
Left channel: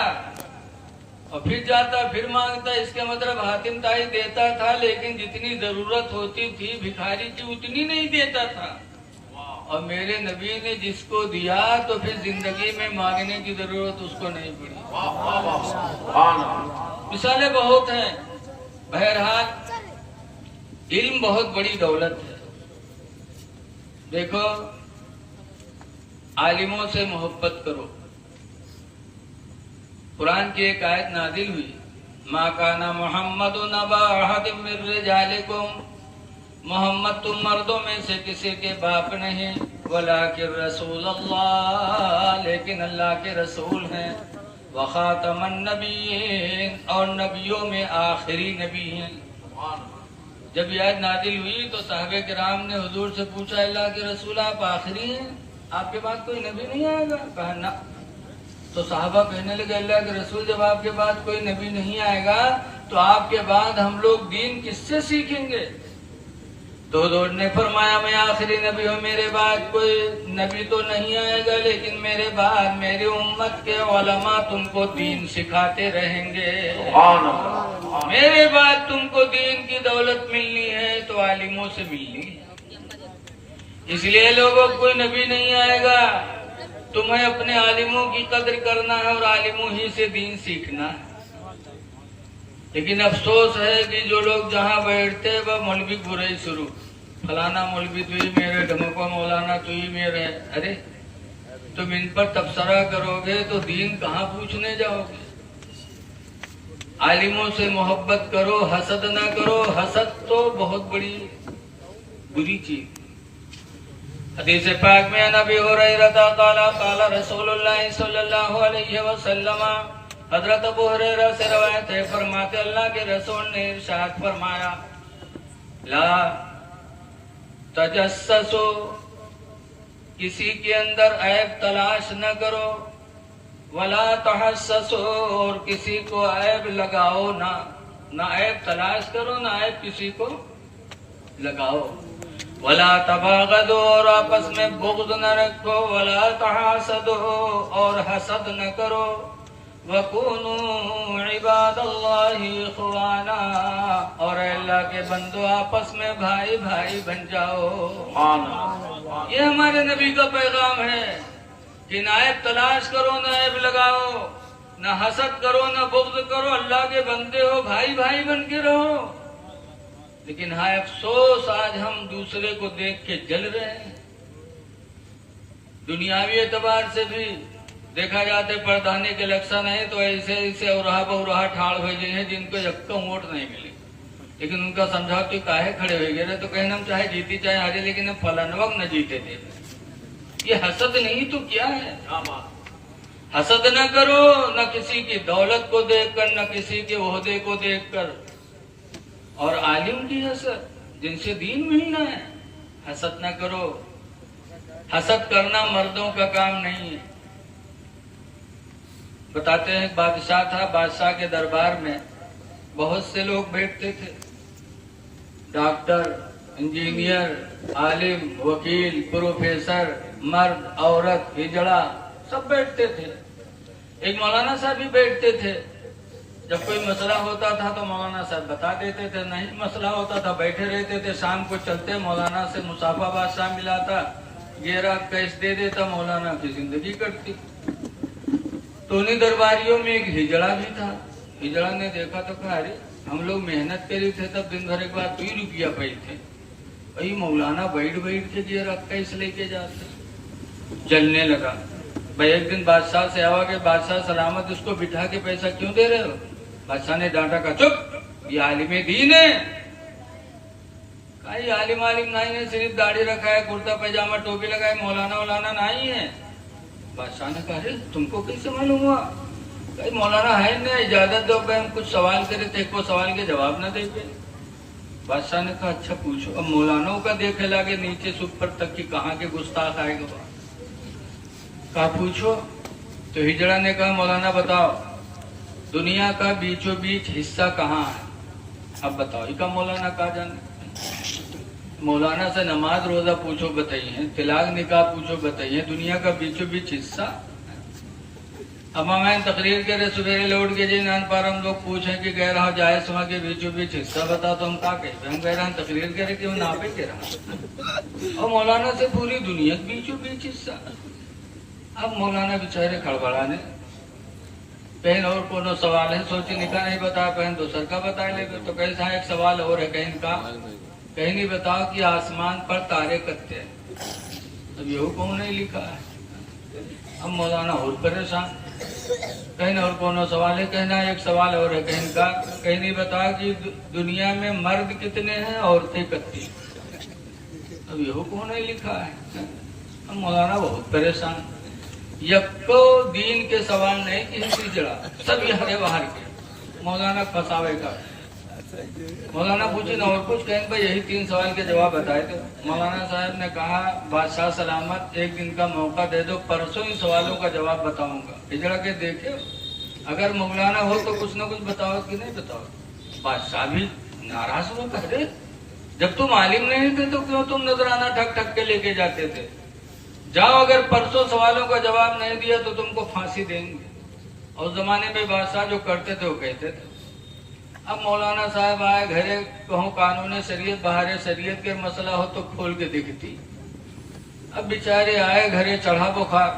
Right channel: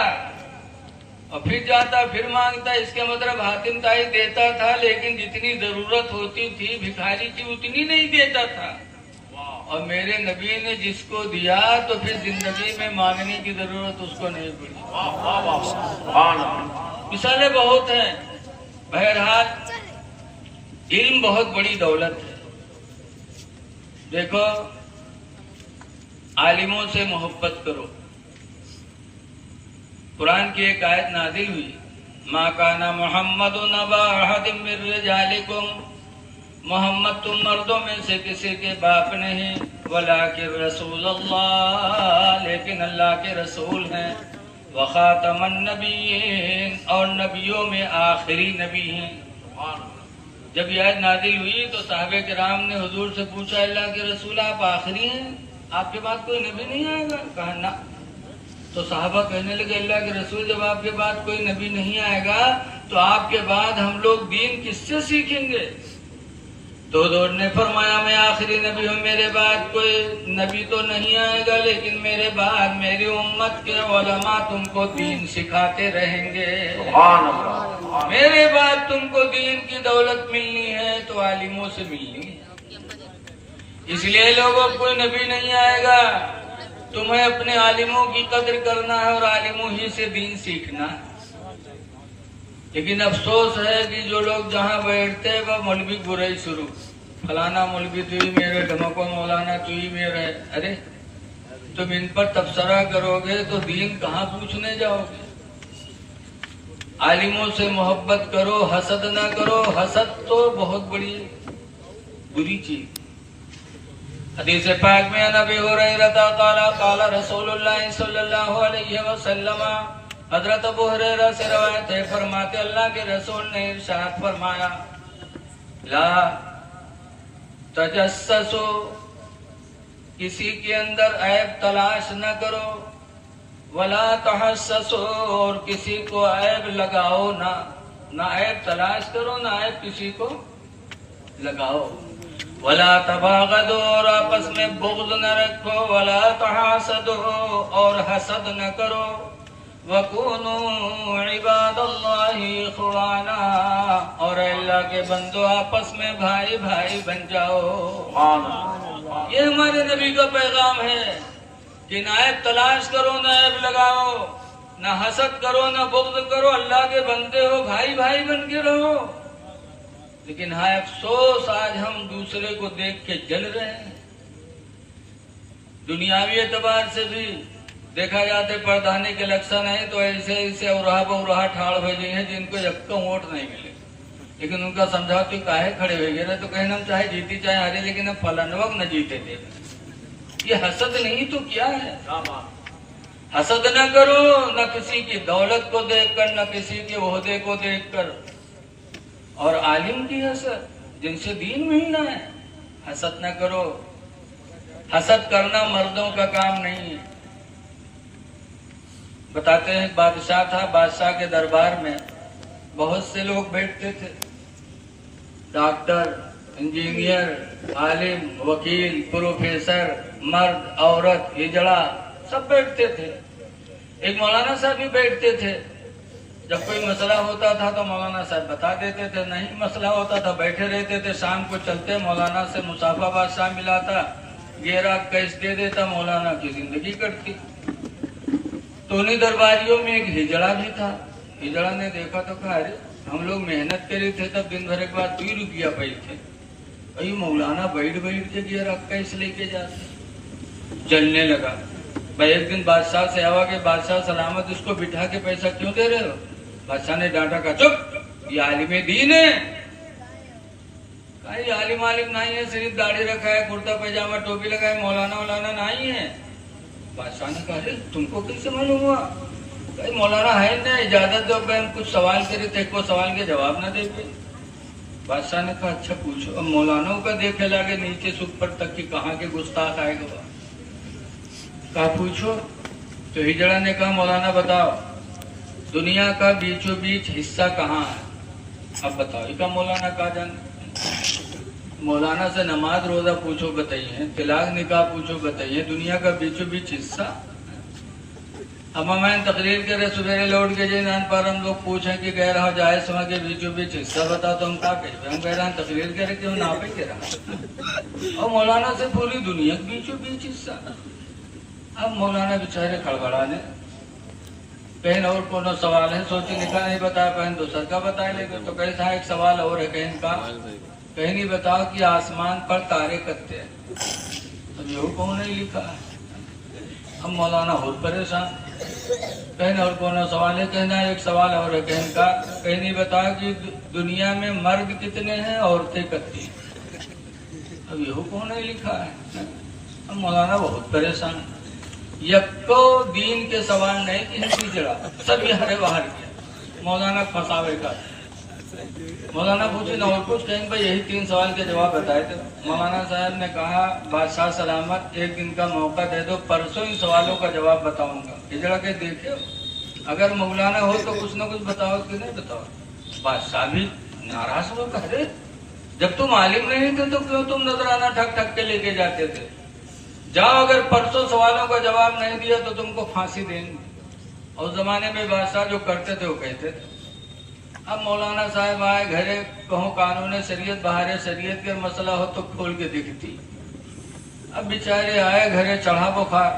और फिर जाता फिर मांगता। इसके मतलब हातिम ताई देता था लेकिन जितनी जरूरत होती थी भिखारी की उतनी नहीं देता था। और मेरे नबी ने जिसको दिया तो फिर जिंदगी में मांगने की जरूरत उसको नहीं पड़ी। मिसालें बहुत हैं। बहरहाल इल्म बहुत बड़ी दौलत है। देखो, आलिमों से मोहब्बत करो। कुरान की एक आयत नाजिल हुई, मा काना मुहम्मदुन अबा अहदिम मिन रिजालिकुम, मोहम्मद तुम मर्दों में से किसी के बाप नहीं, वलाकिन रसूल अल्लाह, लेकिन अल्लाह के रसूल हैं, व खातमन नबीयीन, और नबियों में आखिरी नबी हैं। जब यह आयत नाजिल हुई तो साहबे किराम ने हुजूर से पूछा, अल्लाह के रसूल आप आखिरी हैं, आपके बाद कोई नबी नहीं आएगा? कहा ना। तो साहबा कहने लगे, अल्लाह के रसूल जब आपके बाद कोई नबी नहीं आएगा तो आपके बाद हम लोग दीन किससे सीखेंगे? तो हुजूर ने फरमाया, मैं आखिरी नबी हूँ, मेरे बाद कोई नबी तो नहीं आएगा लेकिन मेरे बाद मेरी उम्मत के उलमा तुमको दीन सिखाते रहेंगे। मेरे बाद तुमको दीन की दौलत मिलनी है तो आलिमों से मिलनी है। इसलिए लोगों कोई नबी नहीं आएगा, तुम्हें अपने आलिमों की कदर करना है और आलिमों ही से दीन सीखना है। लेकिन अफसोस है कि जो लोग जहाँ बैठते हैं वह मौलवी बुराई शुरू, फलाना मौलवी तू ही मेरे, ढमको मौलाना तू ही मेरे। अरे तुम इन पर तबसरा करोगे तो दीन कहाँ पूछने जाओगे? आलिमों से मोहब्बत करो, हसद ना करो। हसद तो बहुत बड़ी बुरी चीज। हदीस पाक में नबी हुरैरा क़ाला रसूलुल्लाह सल्लल्लाहु अलैहि वसल्लम, हजरत अबू हुरैरा से रवायत है, फरमाते अल्लाह के रसूल ने इरशाद फरमाया, ला तजस्ससो, किसी के अंदर ऐब तलाश न करो, वला तहस्ससो, और किसी को ऐब लगाओ ना। ना ऐब तलाश करो, ना ऐब किसी को लगाओ। वला तबागदो, और आपस में बुग़्ज़ न रखो। वला तहासदो, और हसद न करो। वकुनू इबादल्लाहि इख़वाना, और अल्लाह के बंदो आपस में भाई भाई बन जाओ। ये हमारे नबी का पैगाम है कि ना ऐब तलाश करो, ना ऐब लगाओ, ना हसद करो, ना बुग़्ज़ करो। अल्लाह के बंदे हो, भाई भाई बन के रहो। लेकिन हाँ, अफसोस आज हम दूसरे को देख के जल रहे हैं। दुनियावी एतबार से भी देखा जाते प्रधानी के लक्षण है तो ऐसे ऐसे और ठाड़ भेजे हैं जिनको एक तो वोट नहीं मिले, लेकिन उनका समझाओ कि काहे खड़े हो गए, तो कहना हम चाहे जीती चाहे हारे, लेकिन हम फलाने वक्त न जीते थे। ये हसद नहीं तो क्या है? हसद न करो, न किसी की दौलत को देखकर, न किसी के ओहदे को देखकर। और आलिम की हसद, जिनसे दीन मिलना है, हसद न करो। हसद करना मर्दों का काम नहीं है। बताते हैं बादशाह था, बादशाह के दरबार में बहुत से लोग बैठते थे, डॉक्टर, इंजीनियर, आलिम, वकील, प्रोफेसर, मर्द, औरत, हिजड़ा, सब बैठते थे। एक मौलाना साहब भी बैठते थे, जब कोई मसला होता था तो मौलाना साहब बता देते थे, नहीं मसला होता था बैठे रहते थे। शाम को चलते मौलाना से मुसाफा बादशाह मिलाता, गेरा कैश दे देता, मौलाना की जिंदगी कटती। तो उन्हीं दरबारियों में एक हिजड़ा भी था। हिजड़ा ने देखा तो कहा, अरे हम लोग मेहनत करे थे तब दिन भर के बाद 2 रुपया पाई थे, भाई मौलाना बैठ बैठ के गेरा कैश लेके जाते। जलने लगा। भाई एक दिन बादशाह से आवा के, बादशाह सलामत इसको बिठा के पैसा क्यों दे रहे हो? बादशाह ने डांटा, का चुप, ये आलिम दीन है। ये आलिम आलिम नहीं है, सिर्फ दाढ़ी रखा है, कुर्ता पैजामा टोपी लगाए, मौलाना वौलाना नहीं है। बादशाह ने कहा, अरे तुमको कैसे मालूम हुआ? भाई मौलाना है ना, इजाजत दो, हम कुछ सवाल करे थे, को सवाल के जवाब न देते। बादशाह ने कहा, अच्छा पूछो। अब मौलानों का देखे लागे नीचे से ऊपर तक की कहाँ के गुस्ताख आएगा। कहा पूछो। तो हिजड़ा ने कहा, मौलाना बताओ दुनिया का बीचों बीच हिस्सा कहाँ है? अब बताओ। इसका मौलाना कहा जाने। मौलाना से नमाज रोजा पूछो बताइए, तिलाक निकाह पूछो बताइए, दुनिया का बीचों बीच हिस्सा। अब मैं तकरीर करे सवेरे लौट के जी नान पर हम लोग पूछे कि कह रहा जाए समय के बीचों बीच हिस्सा बता, तो हम क्या कहें? हम कह रहे हैं तकरीर करे कि हम ना पे कह रहा। और मौलाना से पूरी दुनिया के बीचों बीच हिस्सा। अब मौलाना बेचारे खड़बड़ाने, कहीं और कोनो सवाल है, सोची लिखा नहीं बता, कहीं दूसर का बता ले। तो कहीं था एक सवाल और है, कहीं का कहीं नहीं बताओ कि आसमान पर तारे कत्ते हैं। अब यही कौन नहीं लिखा है। हम मौलाना बहुत परेशान, कहीं और कोनो सवाल है, कहना एक सवाल और है, कहीं का कहीं नहीं बताओ कि दुनिया में मर्द कितने हैं औरतें कितनी। अब यही कौन नहीं लिखा है। हम मौलाना बहुत परेशान। यक्को दीन के सवाल नहीं किसी जड़ा, सब हरे बाहर के मौलाना फंसावे का। मौलाना पूछे न और कुछ, कहें भाई यही 3 सवाल के जवाब बताए थे। मौलाना साहब ने कहा, बादशाह सलामत एक दिन का मौका दे दो, परसों इन सवालों का जवाब बताऊंगा। हिजड़ा के देखे, अगर मौलाना हो तो कुछ न कुछ बताओ कि नहीं बताओ। बादशाह भी नाराज हो, कहे जब तुम आलिम नहीं थे तो क्यों तुम नजराना ठक ठक के लेके जाते थे? जाओ, अगर परसों सवालों का जवाब नहीं दिया तो तुमको फांसी देंगे। और उस जमाने में बादशाह जो करते थे वो कहते थे। अब मौलाना साहब आए घरे, कहूँ कानून शरीयत बाहर शरीयत के मसला हो तो खोल के दिखती। अब बेचारे आए घरे, चढ़ा बुखार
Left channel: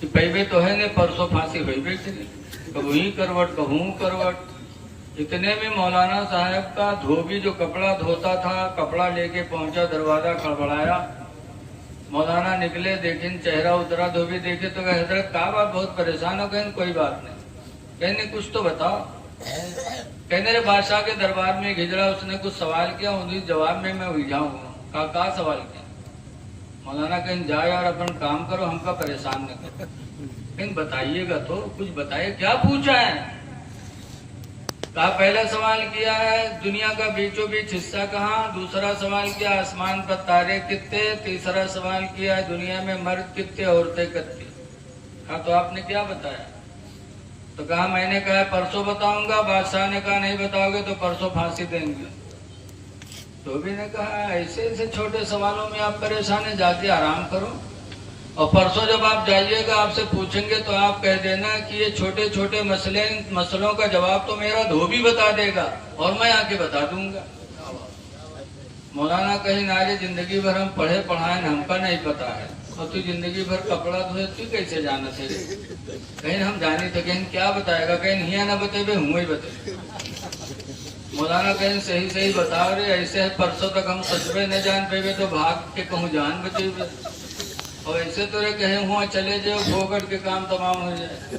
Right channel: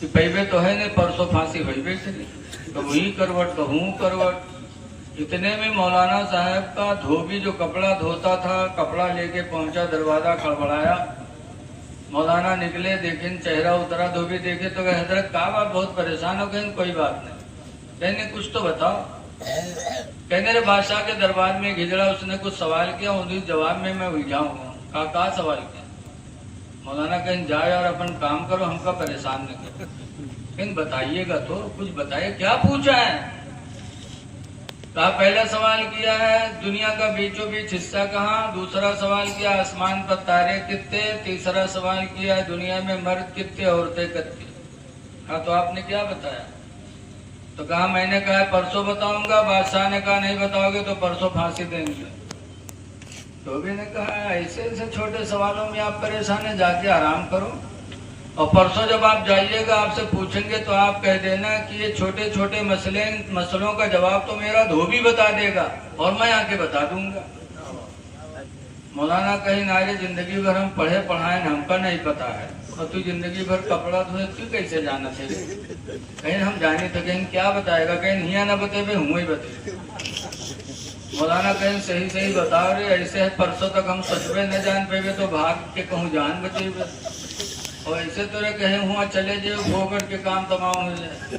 कि पैबे तो है नहीं, परसों फांसी भैबे चली, कभी करवट कहूँ करवट। इतने में मौलाना साहब का धोबी जो कपड़ा धोता था, कपड़ा लेके पहुंचा, दरवाजा खड़बड़ाया। मौलाना निकले, देखें चेहरा उतरा, धोबी देखे तो कहे, हजरत क्या बात, बहुत परेशान हो गए? कोई बात नहीं। कहने कुछ तो बताओ। कहने रे बादशाह के दरबार में हिजड़ा, उसने कुछ सवाल किया, उन्हीं जवाब में मैं उलझा हुआ। का सवाल किया? मौलाना कहें जा यार अपन काम करो, हमका परेशान नहीं करो। कहें बताइएगा तो, कुछ बताइए क्या पूछा है? कहा पहला सवाल किया है दुनिया का बीचों बीच हिस्सा कहाँ, दूसरा सवाल किया आसमान पर तारे कितने, तीसरा सवाल किया है दुनिया में मर्द कितने औरतें कितनी। हाँ तो आपने क्या बताया? तो कहा मैंने कहा परसों बताऊंगा। बादशाह ने कहा नहीं बताओगे तो परसों फांसी देंगे। धोबी ने कहा ऐसे ऐसे छोटे सवालों में आप परेशान है, जाके आराम करो, और परसों जब आप जाइएगा आपसे पूछेंगे तो आप कह देना कि ये छोटे छोटे मसलों का जवाब तो मेरा धोबी बता देगा और मैं आके बता दूंगा। मौलाना कहीं नारे जिंदगी भर हम पढ़े पढ़ाए, हमका नहीं पता है, और तू जिंदगी भर कपड़ा धोए तू कैसे जाना थे? कहीं हम जाने थे, कहीं क्या बताएगा? कहीं हिया ना बतेबे, हुए ही बते। मौलाना कहीं सही सही बताओ रे, ऐसे है परसों तक हम सचबे न जान पेबे तो भाग के कहूँ जान बचेबे, और ऐसे तो रे कहीं हुआ चले जाओ भोगट के काम तमाम हो जाए।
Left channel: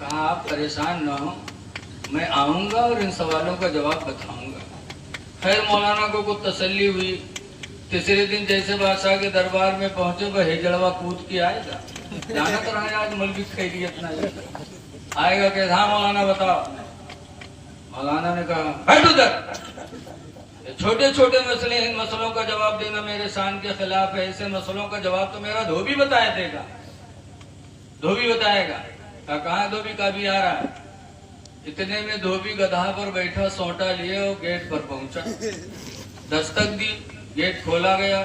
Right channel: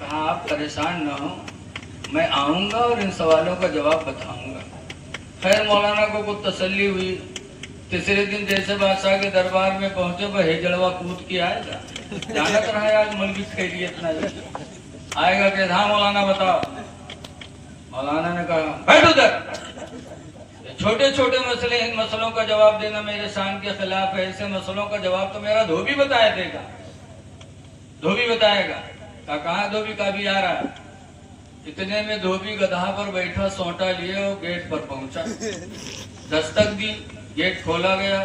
कहा आप परेशान ना हो, मैं आऊंगा और इन सवालों का जवाब बताऊंगा। खैर मौलाना को कुछ तसल्ली हुई। तीसरे दिन जैसे बादशाह के दरबार में पहुंचे, वह हिजड़वा कूद के आएगा, जाना तो है आज मलबी खैरियत ना आएगा। कि हाँ मौलाना बताओ। मौलाना ने कहा बैठ उधर, छोटे छोटे मसले, इन मसलों का जवाब देना मेरे शान के खिलाफ है, ऐसे मसलों का जवाब तो मेरा धोबी बताया देगा, धोबी बताएगा। कहा धोबी का भी आ रहा है। इतने में धोबी गधा पर बैठा सोटा लिए और गेट पर पहुंचा, दस्तक दी, गेट खोला गया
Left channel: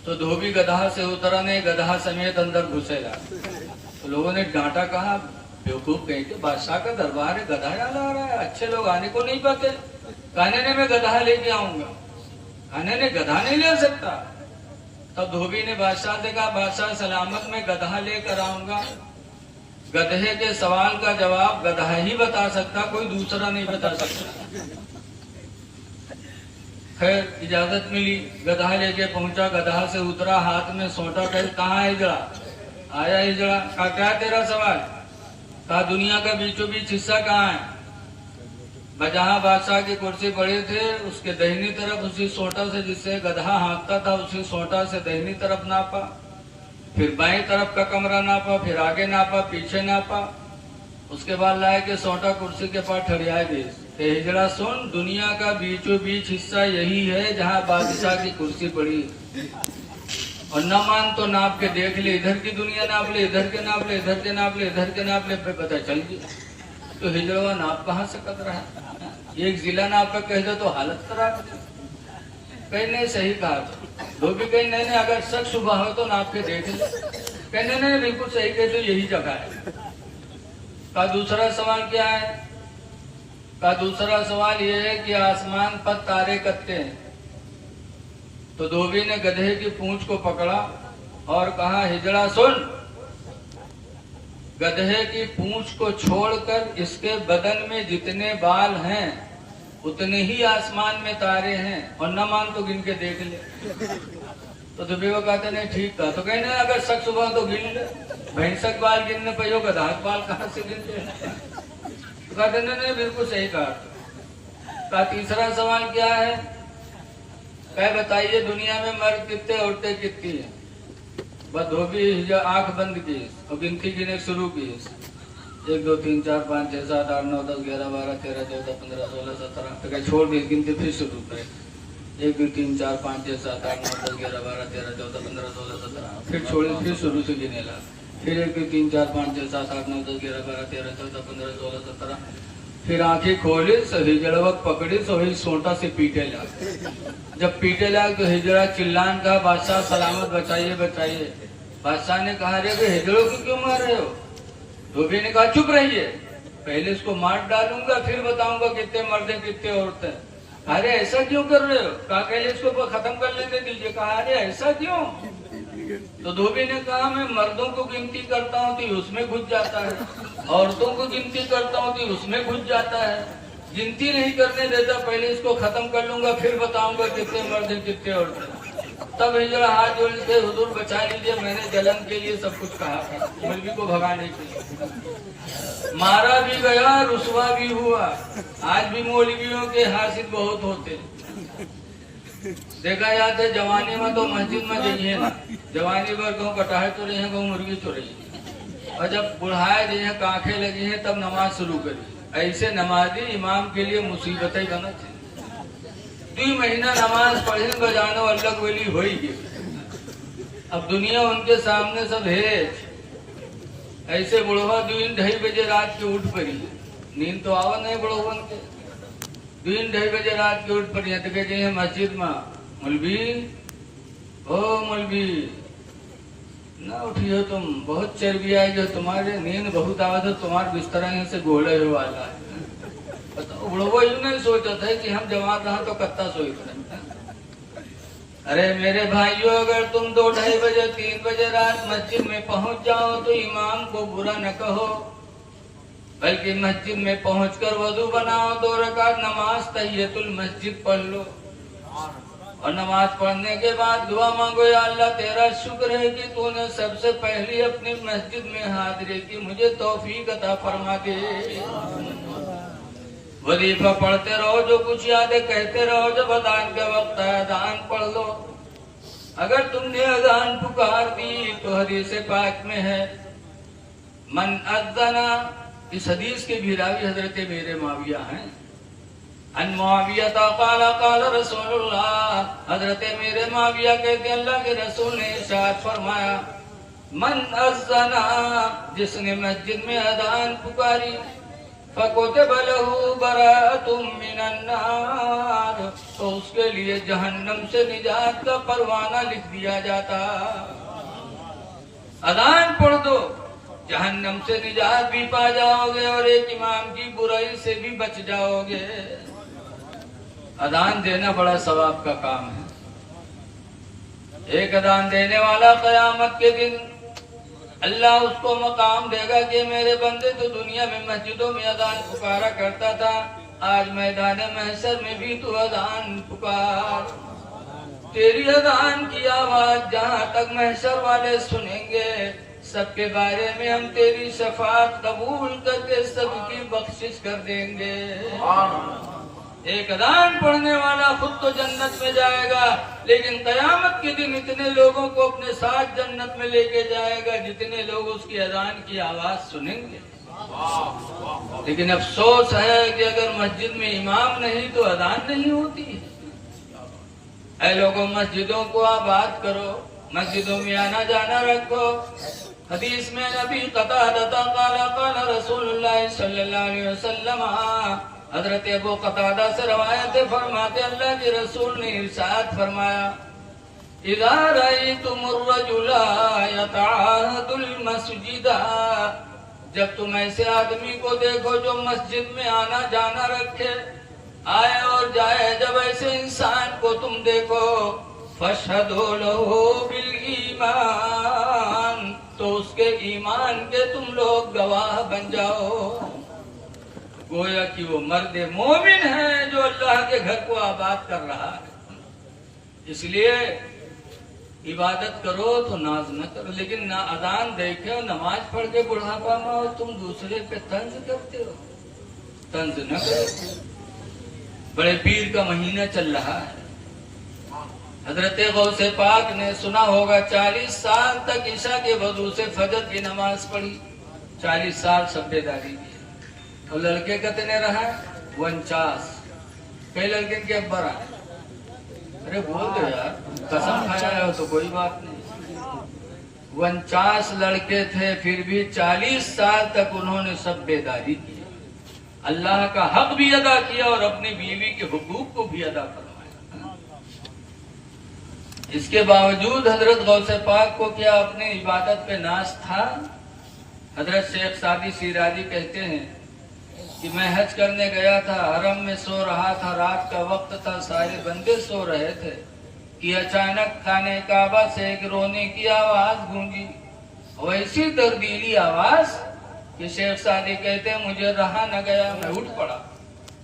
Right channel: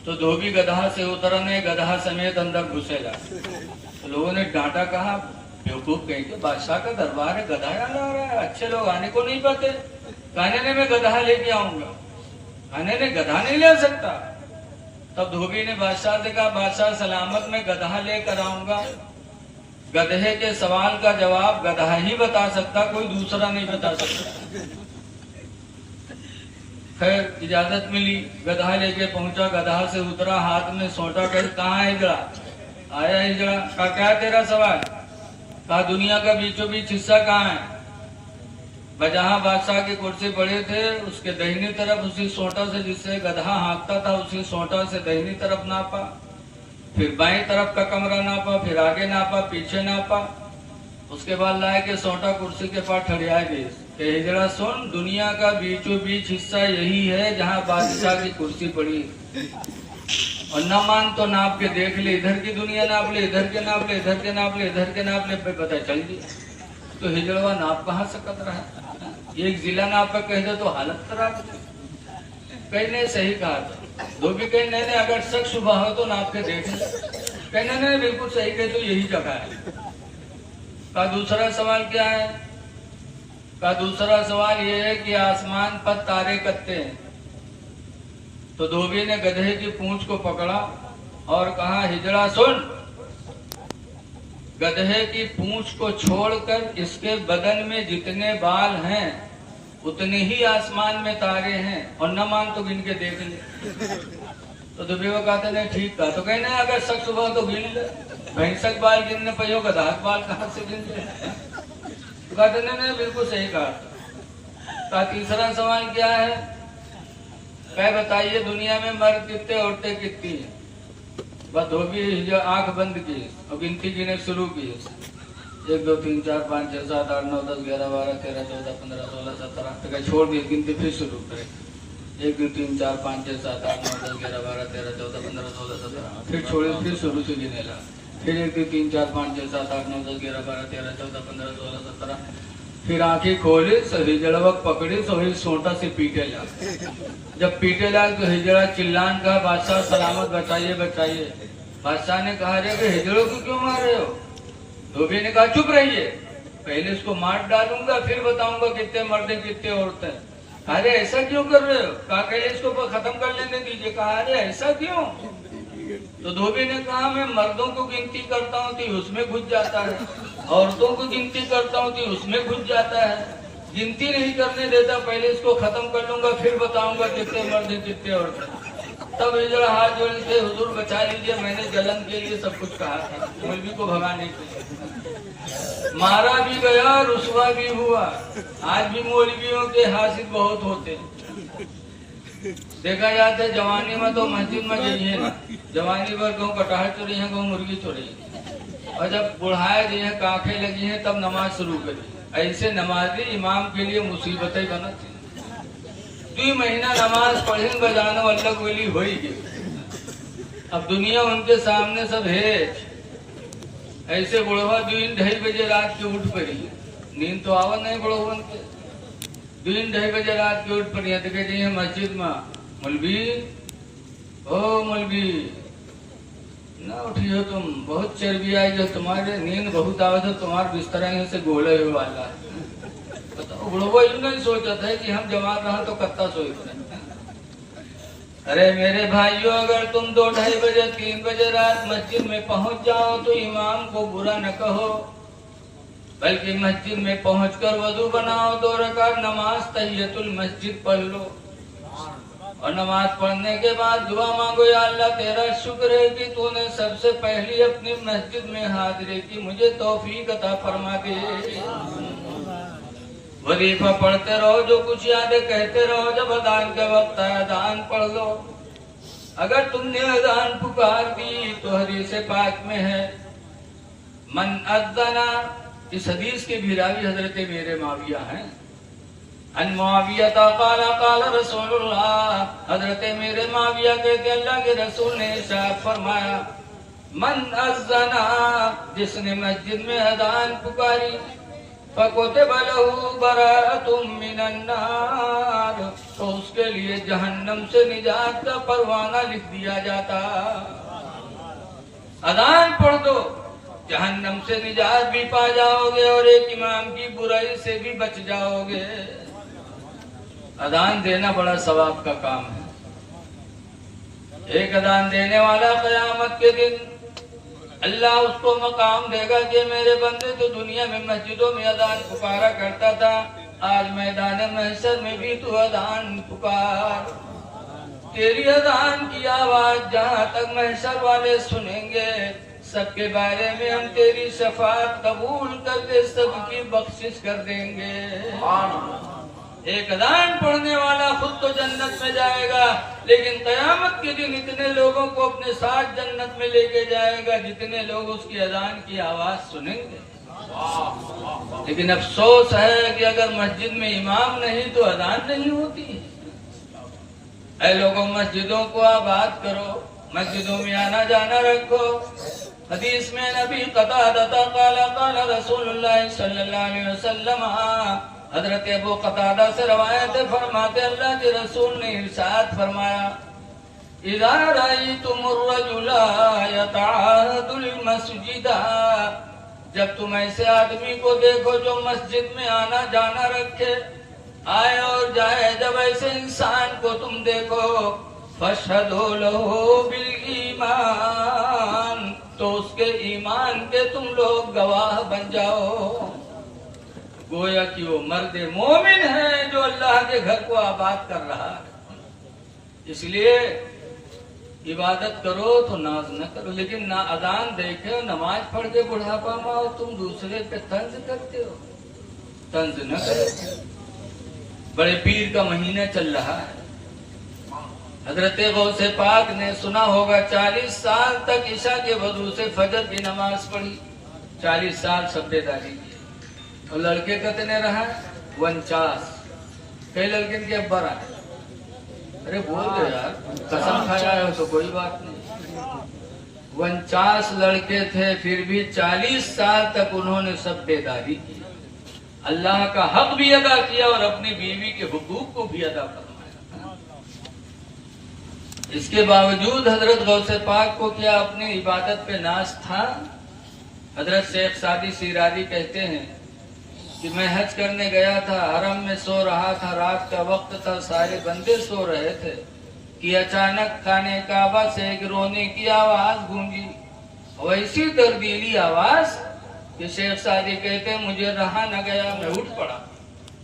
तो धोबी गधा से उतरा नहीं, गधा समेत अंदर घुसेला। तो लोगों ने डांटा, कहा बेवकूफ कहीं के, बादशाह का दरबार है, गधा यहाँ ला रहा है, अच्छे लोग आने को नहीं पाते। कहने ने मैं गधा लेके आऊंगा, कहने ने गधा नहीं ले सकता। तब धोबी ने बादशाह से कहा, बादशाह सलामत मैं गधा लेकर आऊंगा, गधे के सवाल का जवाब गधा ही बता सकता, कोई दूसरा नहीं बता सकता। खैर इजाजत मिली, गधा लेके पहुंचा, गधा से उतरा, हाथ में सोटा कर, कहाँ है हिजड़ा? आया हिजड़ा, कहा क्या तेरा सवाल? कहा दुनिया का बीचों बीच हिस्सा कहाँ है? जहाँ बादशाह की कुर्सी पड़े थे उसके दाहिनी तरफ उसी सोटा से जिससे गधा हाँकता था, उसी सोटा से दाहिनी तरफ नापा, फिर बाईं तरफ का कमरा नापा, फिर आगे नापा, पीछे नापा, उसके बाद लाए के सोटा कुर्सी के पास ठहराया गई। हिजड़ा सुन, दुनिया का बीचों बीच हिस्सा यही है जहाँ बादशाह की कुर्सी पड़ी, और न मान तो नाप के देख ले, इधर की दुनिया नाप ले, इधर के नाप ले, इधर के नाप ले, इधर के नाप ले, पे पता चल गया। तो हिजड़वा नाप कहाँ सकत रहा, एक जिला नाप पर कह दे तो हालत खराब। कहने सही कहा था, धोबी कहने नहीं, अगर शक शुबा हो तो नाप के देख ले। कहने नहीं, बिल्कुल सही कहे, तो यही जगह है। का दूसरा सवाल क्या है? का दूसरा सवाल ये है कि आसमान पर तारे कत्ते हैं। तो धोबी ने गधे की पूंछ को पकड़ा और कहा, हिजड़ा सुन, गधे की पूंछ को छोड़कर इसके बदन में जितने बाल हैं उतने ही आसमान में तारे हैं, और न मान तो गिन के देख ले। तो धोबी वो कहते नहीं ठीक था। तो कहने अगर शक सुबह तो गिन ले, भैंसक बाल गिनने पयो, गधा बाल कहाँ से गिन ले? तो कहते नहीं बिल्कुल सही कहा। तीसरा सवाल क्या है? कह बताइए दुनिया में मर्द कितने, औरतें कितनी है? बस धोबी आंख बंद की और गिनती गिने शुरू की, 1 2 3 4 5 6 7 8 9 10 11 12 13 14 15 16 17, फिर छोड़ दी गिनती, फिर शुरू करे 1 2 3 4 5 6 7 8 9 10 11 12 13 14 15 16 17, फिर छोड़े, फिर शुरू से गिने लगा, फिर 1 2 3 4 5 6 7 8 9 10 11 12 13 14 15 16 17, फिर आंखें खोली, हिजड़वक पकड़ी, सभी सोटा से पीटे लगा। जब पीटे लगा तो हिजड़ा चिल्लान कहा, बादशाह सलामत, बचाइए बचाइए। बादशाह ने कहा, रे हिजड़ों को क्यों मार रहे हो? धोबी ने कहा, चुप रहिए, पहले इसको मार डालूंगा फिर बताऊंगा कितने मर्द कितने औरतें। अरे ऐसा क्यों कर रहे हो? कहा पहले इसको खत्म कर लेने दीजिए। कहा अरे ऐसा क्यों? तो धोबी ने कहा, मैं मर्दों को गिनती करता हूँ तो उसमें घुस जाता है, औरतों को गिनती करता हूँ तो उसमें घुस जाता है, गिनती नहीं करने देता, पहले इसको खत्म कर लूंगा फिर बताऊंगा कितने मर्द कितने औरतें। तब हिजड़ा हाथ जोड़ के, हुजूर बचा लीजिए, मैंने जलन के लिए सब कुछ कहा था, मौलवी को भगाने के लिए। मारा भी गया, रुसवा भी हुआ। आज भी मौलवियों के हासिल बहुत होते हैं। देखा जाता है जवानी में तो मस्जिद में जाइए ना, जवानी पर कहूँ कटाहे तो रही है, कहूँ मुर्गी तो रही, और जब बुढ़ाए गए हैं, कांखें लगी हैं, तब नमाज शुरू करी। ऐसे नमाजी इमाम के लिए मुसीबतें बना थी। 2 महीना नमाज पढ़े बजानो अल्लाह गोली हो ही गई। अब दुनिया उनके सामने सब है। ऐसे बुढ़वा 2-2:30 बजे रात के उठ पड़ी, नींद तो आवा नहीं बुढ़वा के, 2-2:30 बजे रात के उठ पड़ी, तो कहते हैं मस्जिद में, मौलवी ओ मौलवी ना उठियो, तुम बहुत चर्बी आएगी, तुम्हारे नींद बहुत आवत है, तुम्हारे बिस्तरा से गोले हुए वाला है। बुढ़वा यूं नहीं सोचा था कि हम जवान रहा तो कत्ता सोई पड़े। अरे मेरे भाइयों, अगर तुम 2-2:30 बजे 3 बजे रात मस्जिद में पहुंच जाओ तो इमाम को बुरा न कहो, बल्कि मस्जिद में पहुंचकर वजू बनाओ, 2 रकात नमाज तहियतुल मस्जिद पढ़ लो, और नमाज पढ़ने के बाद दुआ मांगो, या अल्लाह तेरा शुक्र है कि तूने सबसे पहले अपनी मस्जिद में हाजिरी की, मुझे तौफीक अता फरमा दे। वजीफा पढ़ते रहो, जो कुछ याद है कहते रहो, जब अजान के वक्त है अजान पढ़ लो। अगर तुमने अजान पुकार दी तो हदीस पाक में है, मन अज़्ज़ना, इस हदीस के भी रावी हजरत मेरे माविया हैं, अन मुआविया क़ाल क़ाल रसूलुल्लाह, हजरत मेरे माविया कहते अल्लाह के रसूल ने इरशाद फरमाया, मन अज़्ज़ना, जिसने मस्जिद में अजान पुकारी, फ़कुतिब लहू बराअतुम मिनन नार, तो उसके लिए जहन्नम से निजात का परवाना लिख दिया जाता। अजान पढ़ दो, जहन्नम से निजात भी पा जाओगे और एक इमाम की बुराई से भी बच जाओगे। अजान देना बड़ा सवाब का काम है। एक अजान देने वाला क़यामत के दिन अल्लाह उसको मकाम देगा कि मेरे बंदे तो दुनिया में मस्जिदों में अजान पुकारा करता था, आज मैदान महशर में भी तो अजान पुकार। तेरी अजान की आवाज जहाँ तक महशर वाले सुनेंगे, सबके बारे में हम तेरी शफाअत कबूल करके सबकी बख्शिश कर देंगे। एक अजान पढ़ने वाला खुद तो जन्नत में जाएगा, लेकिन कयामत के दिन इतने लोगों को अपने साथ जन्नत में लेके जाएगा जितने लोग उसकी अजान की आवाज सुनेंगे। लेकिन अफसोस है कि अगर मस्जिद में इमाम नहीं तो अजान नहीं होती। ऐ लोगों, मस्जिदों को आबाद करो, मस्जिदों में आना जाना रखो। हदीस में नबी क़तादा क़ाला क़ाला रसूलुल्लाह सल्लल्लाहु अलैहि वसल्लम, हजरत अबू क़तादा से रवायत फरमाते अल्लाह के रसूल ने इरशाद फरमाया, इज़ा रअयतुमुर रजुला यतअहदुल मस्जिदा, जब तुम ऐसे आदमी को देखो जो मस्जिद में आना जाना रखे, आए और जाए, जब ऐसे इंसान को तुम देखो, फशहदू लहू बिल ईमान, तो उसके ईमान के तुम लोग गवाह बन जाओ। गोया कि वो मर्द मोमिन है जो अल्लाह के घर को आबाद कर रहा है। इसलिए इबादत करो तो नाज न करो, लेकिन ना अजान देखे नमाज पढ़ के बुढ़ापा में और तुम दूसरे पे तंज करते हो। तंज न करो। बड़े पीर का महीना चल रहा है। हजरत गौसे पाक ने सुना होगा 40 साल तक ईशा के वजू से फजर की नमाज पढ़ी, 40 साल सब्बेदारी की। और लड़के कितने रहा? 49। कई लड़के के अब बरा। अरे बोल दो यार, कसम खाया हो तो कोई बात नहीं। 49 लड़के थे, फिर भी 40 साल तक उन्होंने सब्बेदारी की, अल्लाह का हक भी अदा किया और अपनी बीवी के हुकूक को भी अदा फरमाया। इसके बावजूद हजरत गौसे पाक को क्या अपनी इबादत पे नाज था? हजरत शेख सादी सिराजी कहते हैं कि मैं हज करने गया था, हरम में सो रहा था, रात का वक्त था, सारे बंदे सो रहे थे कि अचानक खाने काबा से एक रोने की आवाज गूंजी। वैसी तब्दीली आवाज कि शेख सादी कहते हैं मुझे रहा न गया, मैं उठ पड़ा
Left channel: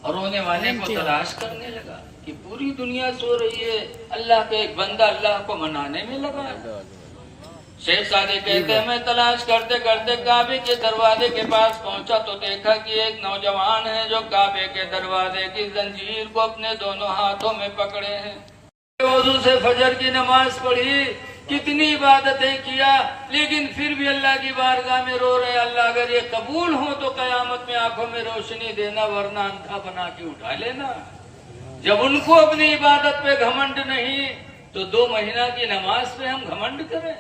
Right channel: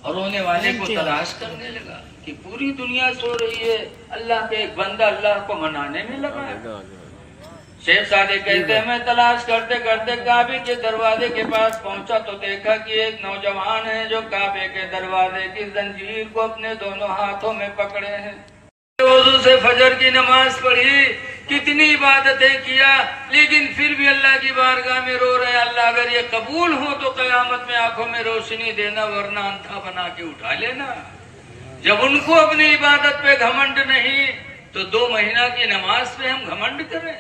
और रोने वाले को तलाश करने लगा कि पूरी दुनिया सो रही है, अल्लाह के एक बंदा अल्लाह को मनाने में लगा है। शेख सादी कहते हैं मैं तलाश करते करते काबे के दरवाजे के पास पहुंचा तो देखा कि एक नौजवान है जो काबे के दरवाजे की जंजीर को अपने दोनों हाथों में पकड़े हैं। वजू से फजर की नमाज पढ़ी, कितनी इबादतें किया, लेकिन फिर भी अल्लाह की बारगाह में रो रहे, अल्लाह अगर ये कबूल हो तो कयामत में आंखों में रोशनी देना, वरना अंधा बना के उठा लेना। जब उनको अपनी इबादत पे घमंड नहीं तो 2 महीना की नमाज पे हम घमंड करें।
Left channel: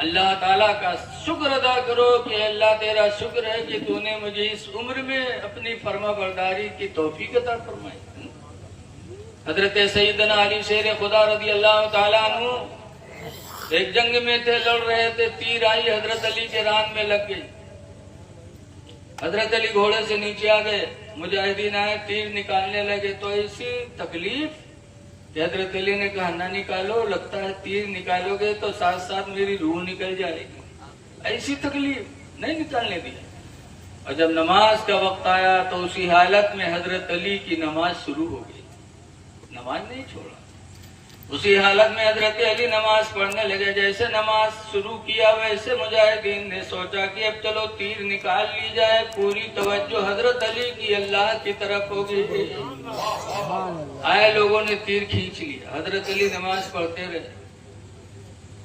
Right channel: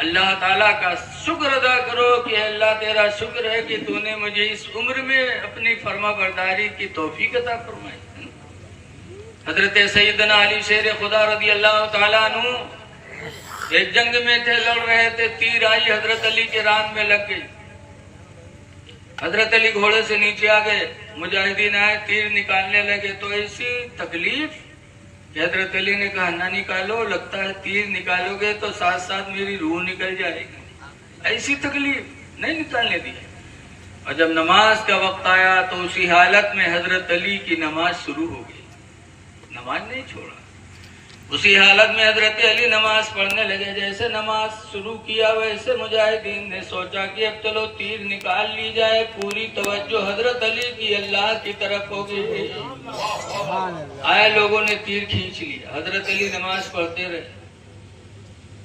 अल्लाह ताला का शुक्र अदा करो कि अल्लाह तेरा शुक्र है कि तूने मुझे इस उम्र में अपनी फर्मा बरदारी की तौफीक अता फरमाई। हजरत सैयदना अली शेर खुदा रदी अल्लाह ताला अन्हु एक जंग में थे, लड़ रहे थे, तीर आई हजरत अली के रान में लग गई। हजरत अली घोड़े से नीचे आ गए, मुजाहिदीन आए, तीर निकालने लगे तो ऐसी तकलीफ कि हजरत अली ने कहा ना निकालो, लगता है तीर निकालोगे तो साथ साथ मेरी रूह निकल जाएगी। ऐसी तकलीफ नहीं निकालने दी। और जब नमाज का वक्त आया तो उसी हालत में हजरत अली की नमाज शुरू हो गई, नमाज नहीं छोड़ा। उसी हालत में हजरत अली नमाज पढ़ने लगे। जैसे नमाज शुरू किया वैसे मुजाहिदीन ने सोचा कि अब चलो तीर निकाल ली जाए। पूरी तवज्जो हजरत अली की अल्लाह की तरफ हो गई। आए लोगों ने तीर खींच लिया, हजरत अली नमाज पढ़ते रहे।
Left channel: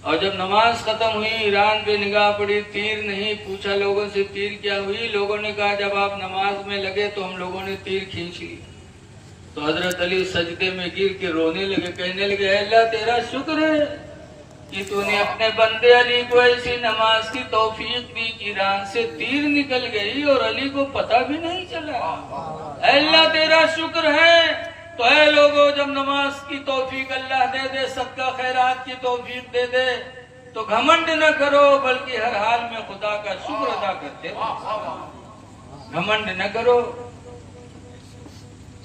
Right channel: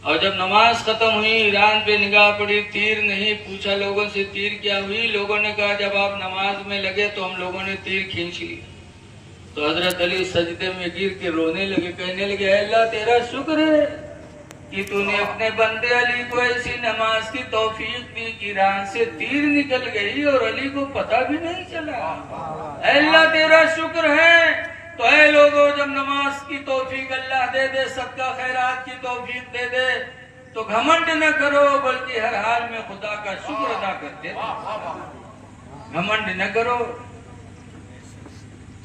और जब नमाज खत्म हुई, ईरान पे निगाह पड़ी, तीर नहीं। पूछा लोगों से तीर क्या हुई? लोगों ने कहा जब आप नमाज में लगे तो हम लोगों ने तीर खींच ली। तो हजरत अली सजदे में गिर के रोने लगे, कहने लगे अल्लाह तेरा शुक्र है कि तूने अपने बंदे अली को ऐसी नमाज की तौफीक दी कि रान से तीर निकल गई और अली को पता भी नहीं चला। अल्लाह तेरा शुक्र है। तो ऐ लोगों, जब नमाज की तौफीक अल्लाह दे दे, सबका खैरात की तौफीक दे दे, तो घमंड न करो, बल्कि हर हाल में खुदा का शुक्र अदा करते रहो। घमंड न करो,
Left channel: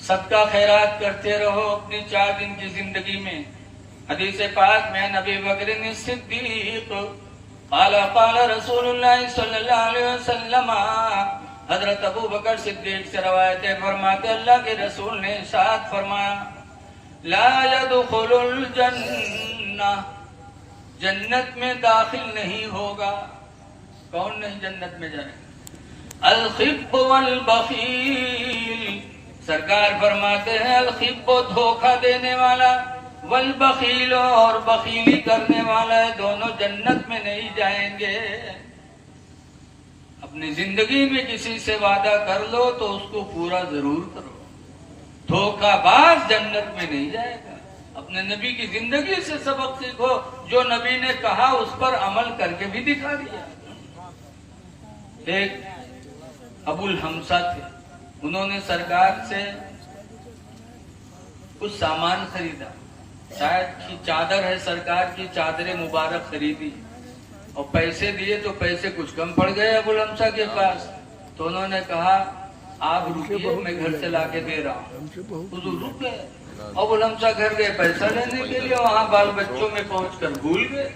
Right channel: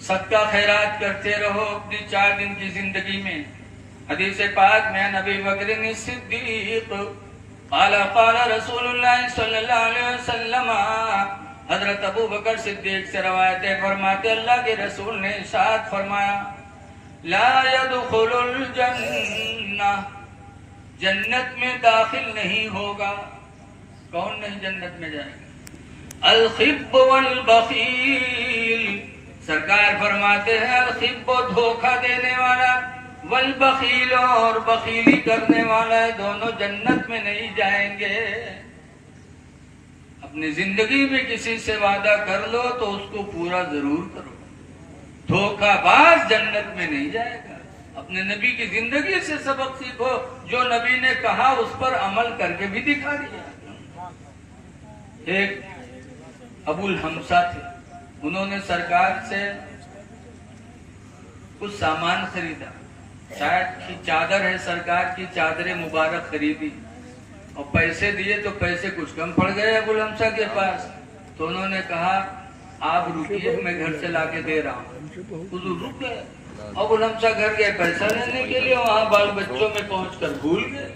सबका खैरात करते रहो अपनी 4 दिन की जिंदगी में। हदीस पाक में नबी बकर सिद्दीक क़ाल रसूलुल्लाह सल्लल्लाहु अलैहि वसल्लम, हजरत अबू बकर सिद्दीक से रवायत है, फरमाते अल्लाह के रसूल ने इरशाद फरमाया, ला यदखुलुल जन्नह, जन्नत में दाखिल नहीं होगा। कौन नहीं जन्नत में जाएगा? अल खिब वल बखील, सरकार फरमाते हैं अल खिब धोखा देने वाला, वल बखील और बखीली करने वाला, दोनों जन्नत में नहीं जाएंगे। अपनी जिंदगी में किसी से वादा कर लो तो उसको पूरा जरूर करो। धोखाबाज जन्नत में नहीं जाएगा। अपने नबी की जिंदगी से सबक सीखो, जो नबी ने कहा उस पर अमल करके भी दिखा दिया। एक अबुल हमसा थे, उन्होंने सरकार से कुछ सामान खरीदा, शायद की चादर है, सरकार की चादरें मुबारक खरीदी और पैसे दिए तो पैसे कुछ कम पड़ गए अबुल हमसा के पास। तो उन्होंने कहा आप रुकिए, मैं घर से लाके दे रहा हूँ। हुजूर रुक गए। अबुल हमसा घर गए पैसा लेने के लिए, वहाँ बाल बच्चों में पहुंचकर भूल गए।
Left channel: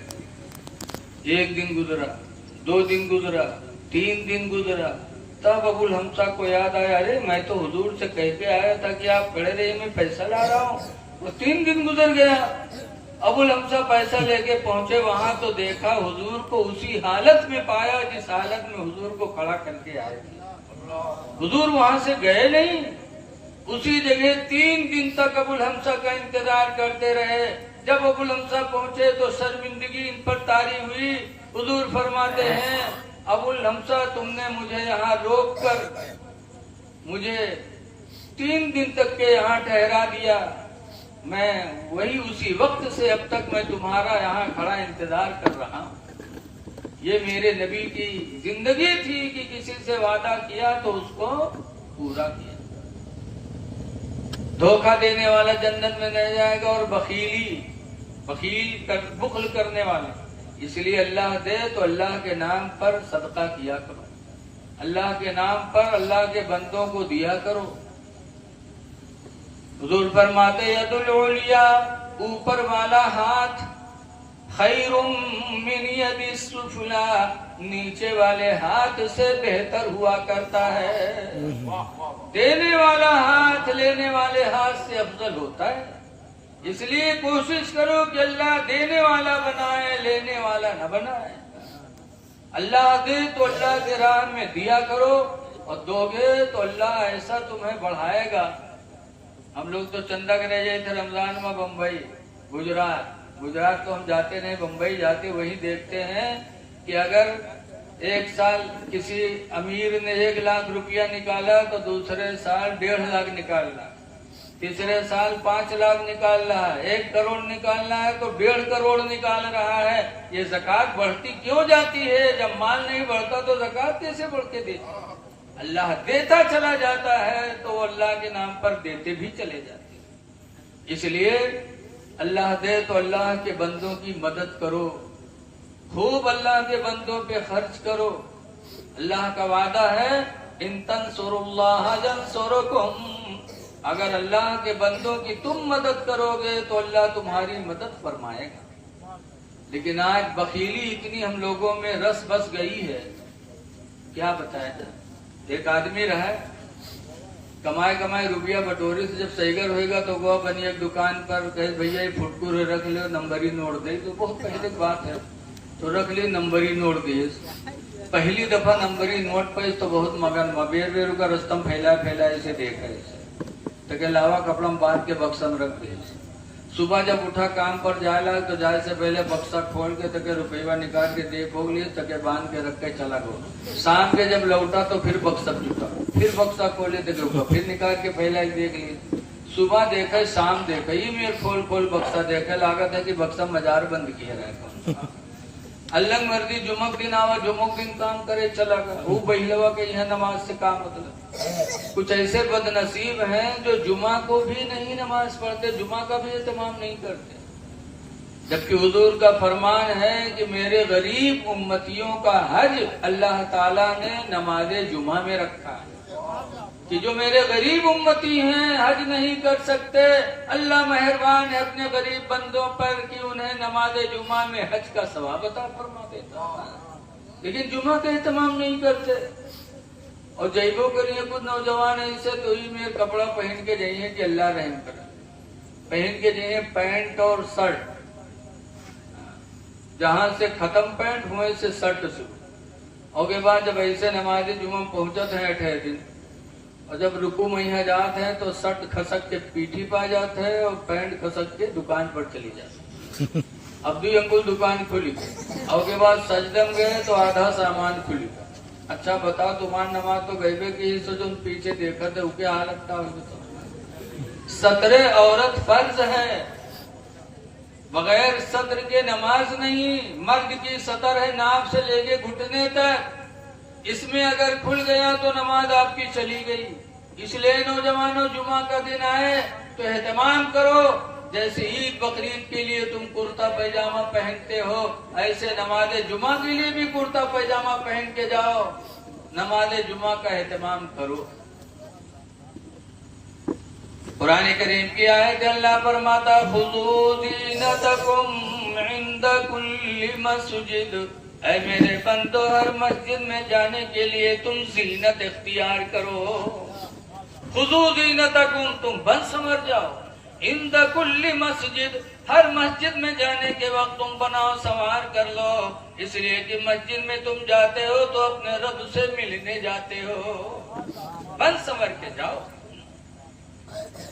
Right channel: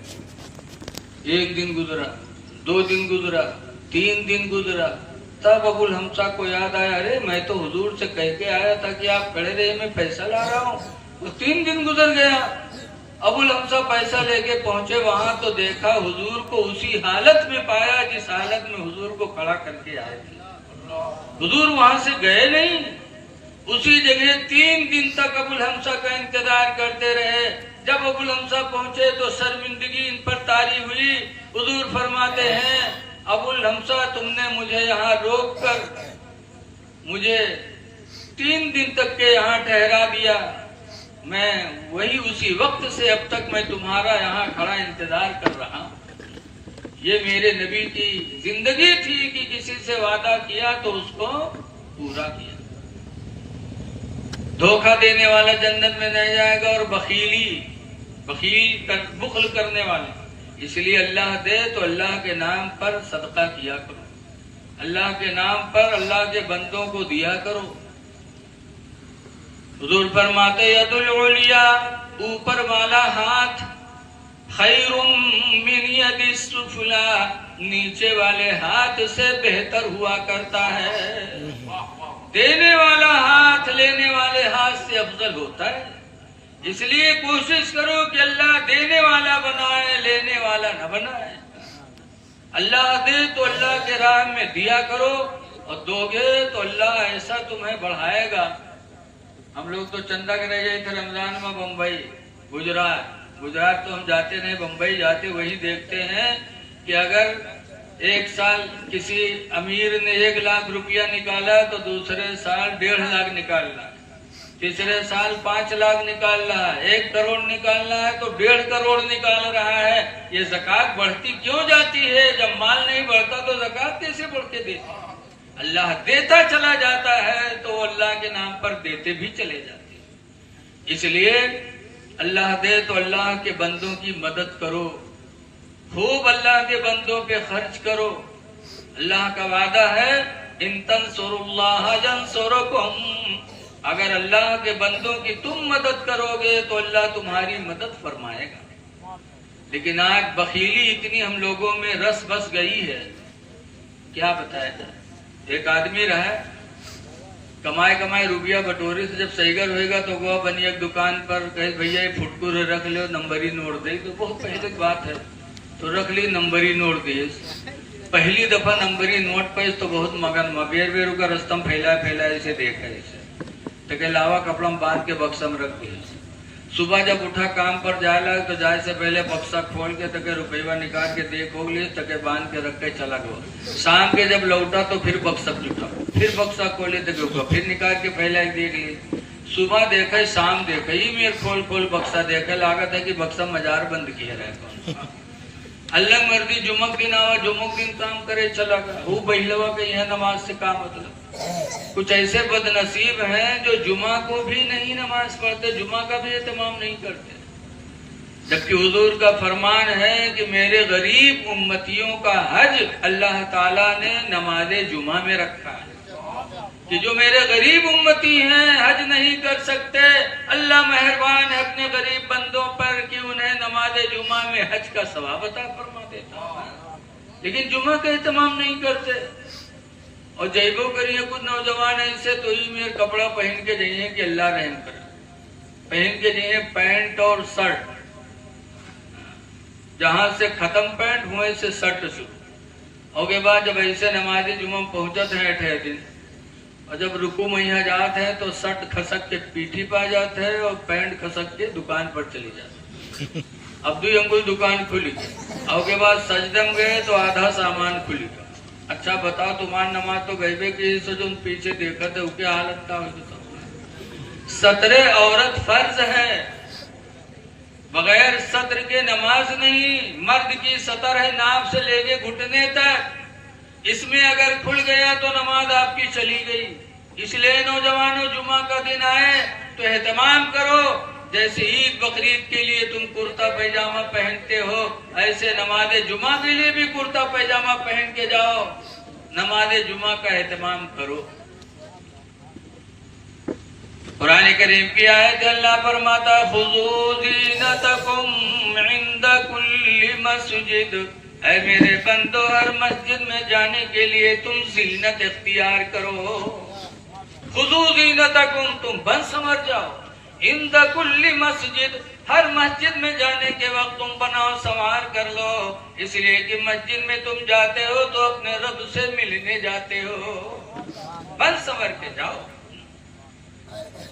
1 दिन गुजरा, 2 दिन गुजरा, 3 दिन गुजरा, तब अबुल हमसा को याद आया, अरे मैं तो हुजूर से कह के आया था कि आप खड़े रहिए, मैं पैसा ला रहा हूँ। तो 3 दिन गुजर गया। अबुल हमसा पैसा लेके पहुंचे, वहां तो देखा हुजूर को उसी हालत में पाया जिस हालत में हुजूर को खड़ा करके आए थे। हुजूर वहां से गए नहीं, उसी जगह 3 दिन तक अबुल हमसा का इंतजार करते रहे। जब अबुल हमसा पहुंचे तो शर्मिंदगी इन पर तारी हुई। हुजूर फरमाते हैं, अबुल हमसा तुमने मुझे यहाँ रोक कर मुझे 3 दिन तक के यहाँ ठहरा दिया, मैं वही उसी वक्त से अब तक मैं तुम्हारा यहाँ खड़ा इंतजार कर रहा हूँ। ये मेरे नबी की जिंदगी थी कि किसी से वादा किया तो उसको पूरा किया। धोखा देने वाला जन्नत में नहीं जाएगा, और बुखल करने वाला। इसलिए अल्लाह दे तो अल्लाह के नाम पर सदका किया करो, अल्लाह के नाम पर अल्लाह के बंदों को दिया करो। हुजूर फरमाते यदुल उलिया, ऊपर वाला हाथ, खैरुम मिन यदिस सुफला, नीचे वाले हाथ से बेहतर हुआ करता है। देने वाला हाथ लेने वाले हाथ से अफजल होता है। इसलिए कोशिश करो कि अल्लाह देने वाला बनाए, लेने वाला न बनाए। अल्लाह दे तो अल्लाह के राह में दिया करो, और दोगे तो अल्लाह ऐसा तुम्हें बढ़ाएगा। हम लोग तो चंदा के रह गए थे रमजान में बम्बई, गुजरात तो हम जाते नहीं, बम्बई जाते, वही देखते हैं कि अगर एक साल किसी अमीर ने 1 लाख रुपया निकाला तो दूसरे साल 1.5 लाख निकालना, तीसरे साल 5 लाख निकाल रहा है, 1 करोड़ निकालना है तो 1.5 करोड़ निकाल रहा है। ये ज़कात बढ़ती क्यों जाती है? जब माल नहीं बढ़ता तो ज़कात कैसे बढ़ के देती? अल्लाह देता चला जाता है तो अल्लाह के नाम पर देते भी चले जाते हैं। इसलिए अल्लाह दे तो अल्लाह के बंदों की मदद करो, खूब अल्लाह के बंदों पे खर्च करो। अल्लाह का वादा है, इन तंसुरुल्लाह यंसुरुकुम, अगर अल्लाह के बंदों की तुम मदद करोगे तो अल्लाह तुम्हारी मदद फरमाएगा। लेकिन आज बखीली इतनी हम लोगों में रस बस गई है, क्या बताया जाए। एक आदमी रहा, कमाए रुपया बटोरे से जब सहीगर होएगा तो वो बनी एक दुकान पर कहे भैया ये फुटकुर रख लो, नंबरी नोट दे। तो बहुत पहले की बात है, तो रख ली नंबरी नोट दिए। पहली दफा नंबरी नोट पर तो बहुत मगन बेरू का रस्तम फैला इसे देखा, इसे तके लावा कपड़ा में बांध के बक्सा में रख दिए। सुबह जब उठा काम पर जाए तो जाए से पहले बक्सा खोल के तके रुपया निकाल के देखो लिए, तके बांध के रख के चला गया। शाम के जब लौटा तो फिर बक्सा जुटा, फिर बक्सा खोले तके फिर निकाल के पहले देख लिए। सुबह देखे, शाम देखे, ही मेरे खोल बक्सा देखे, लागत है कि बक्सा मजार बंद किया रहा। अल्लाह मर्जी जुमक दिन आवा, जुमक दिन काम करे चला गया। वो बहिलवा के यह नमाज से काम मतलब। कुछ ऐसे बदनसीब हैं जो जुमा को भी नहीं नमाज पढ़ते, जुमा का भी एहतमाम नहीं करते। जबकि हुजूर का फरमान है कि मेरे गरीब उम्मतियों का हज अल्लाह ताला ने नमाज़े जुमा में रखा है कि जो मेरे गरीब उम्मती हैं हज नहीं कर सकते, अल्लाह मेहरबान है अपने गरीब बंदों पर कि उन्हें नमाज़े जुमा में हज का सवाब अता फरमा देता है। लेकिन जुमा का एहतमाम नहीं करते और जैबो करिए कुछ नौजवान ऐसे तो ही मेरे कपड़ा पहन के जाइए कि अल्लाह रहम करे, पहन के जाइए पैंट और शर्ट, जहां से खत्म पैंट हुए से शर्ट शुरू और के बाद जब ऐसे नमाज़े जुमा पहुंचते हैं 8 दिन और जब रुकू मैया जाते हैं तो शर्ट खसक के पीठी पा जाते हैं और पैंट खसक के दुकान पर चली जाती है। अब 2 अंगुल दुकान खुली और के बाद सजदम गए तो आधा सामान खुली। अच्छा बताओ तुम्हारी नमाज तो गईबे की सो जो पीछे देखा थे उसके हालत का सतरे औरत फर्ज है, बगैर सत्र के नमाज नहीं। मर्द की सतर है नाभ से लेके घुटने तक, इसमें अगर खुल गया तो नमाज आपकी चली गई। इसलिए नौजवानों जुमा का दिन आए तो एहतमाम करो, जैसे ईद बकरीद के लिए तुम कुर्ता पैजामा पहनते हो ऐसे नमाज़े जुमा के लिए भी कुर्ता पैजामा पहन के जाओ, नमाज़े जुमा का एहतमाम करो। कुरान करीम की आयत अल्लाह फरमाता खुज़ू ज़ीनतकुम इंद कुल्ली मस्जिद, ऐ मेरे बंदो हर मस्जिद में जाने के लिए तुम ज़ीनत इख्तियार करो। खुज़ू ज़ीनतकुम, तुम बन समझ जाओ, इंद कुल्ली मस्जिद, हर मस्जिद में जाने के वक्त तुम बनाओ संवार कर लो, इसलिए कि मस्जिद में तुम जाते हो तो अपने रब से मिलने जाते हो, बन संवर के जाओ।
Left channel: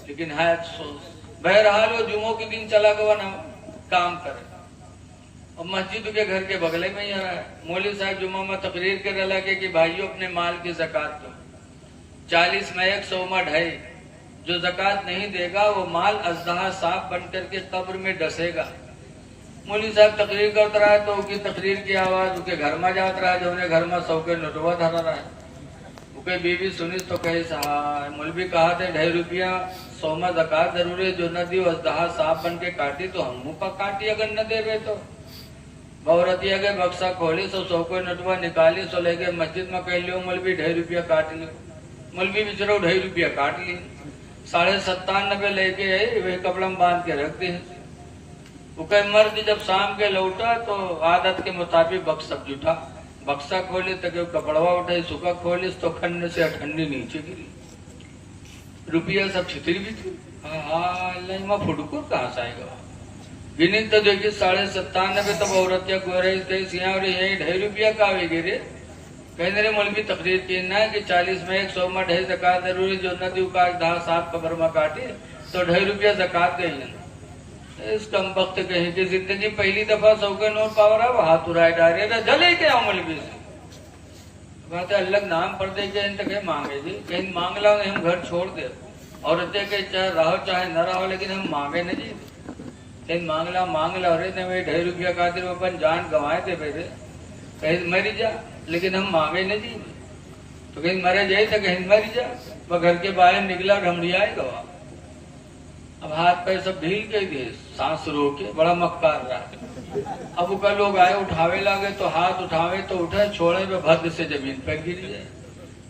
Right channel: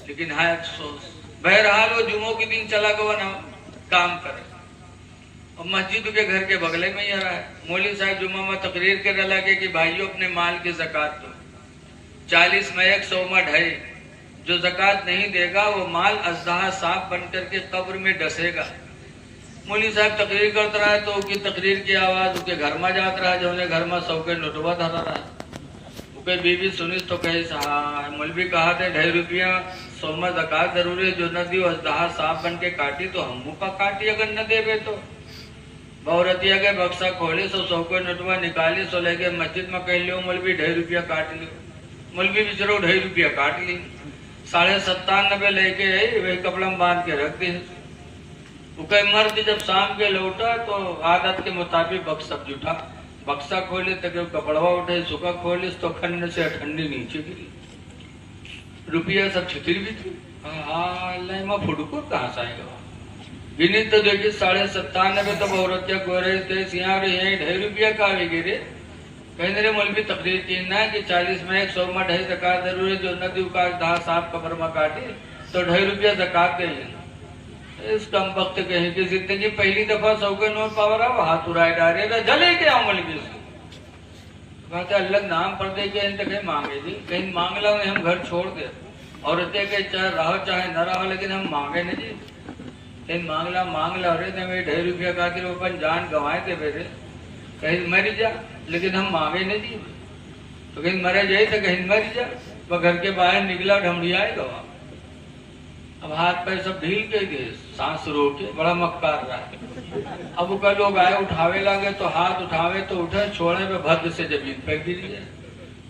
लेकिन है अफसोस, बहरहाल वो जुमों के दिन चला गया ना काम करे और मस्जिद के घर के बगले में ही आ रहा है। मौलवी साहब जुम्मा में तकरीर कर लगे कि भाइयों अपने माल की ज़कात दो, 40 में 100 मड है, जो ज़कात नहीं देगा वो माल अज़दहा साफ बन करके कब्र में डसेगा। मौलवी साहब तकरीर करता रहा तो उसकी तकरीर की आवाज उसके घर में जाता रहा, जो उन्हें घर में 100 के नोटवा धरा रहा है। उसके बीबी सुनी तो कहे साहब मौलवी कहा थे 2.5 रुपया 100 में ज़कात जरूरी, जो न दी अज़दहा साफ बन के काटी तो हम का काटी, अगर न देवे तो। औरतिया के बक्सा खोले 100 के नोटवा निकाले, सो लेके मस्जिद में कह लियो मौलवी 2.5 रुपया काट लियो। मौलवी बेचारो 2.5 रुपया काट ली, 97.5 लेके वही कपड़ा में बांध के रख दी। वो मर्द जब शाम के लौटा तो आदत के मुताबिक बक्सा जुटा, बक्सा खोले तो कपड़वा उठे, सुखा खोले तो खन्ने से ठंडी नीचे गिरी, रुपया सब छितिर भी थी। हाँ फुटको कहाँ से आएगा, गिनी तो देखिए 97.5 तब औरत गोरे थे सिया यही 2.5 रुपया का आवे गिरे। कहने रे मौलवी तकरीर की ना कि 40 में 100 में 2.5 ज़कात जरूरी, जो नदी का दाह साफ कब्र में काटे तो 2.5 रुपया ज़कात गई। इस कम वक्त कहीं की जिंदगी पहली दफा 100 के नोट पावर है, हाथ उड़ाए डाले जले के मौलवी से कहते अलग नाम पर दे के कहीं मांगे जी, कहीं मांग ला हम घर छोड़ दे, औरतें के चाहे रहो चाहे न रहो, लेकिन हम मांगे नहीं जी। कहीं मांग ला अरे मैं 2.5 रुपया खातिर अपन जान गंवाए दे मेरे, कहीं मरी जा, लेकिन हम मांगे नहीं जी। तो कहीं मरे जाए तो कहीं मर जा, वह घर के बाहर निकला ढमड़ियाए गवा, अब हाथ पैर सब ढील के गए, सांस रोके, बड़ा मक्कार रहा है। अब उसका लोग आए उठावे लगे तो हाथ उठावे तो उठे, छोड़े पे भद्र से जमीन पर गिरी जाए,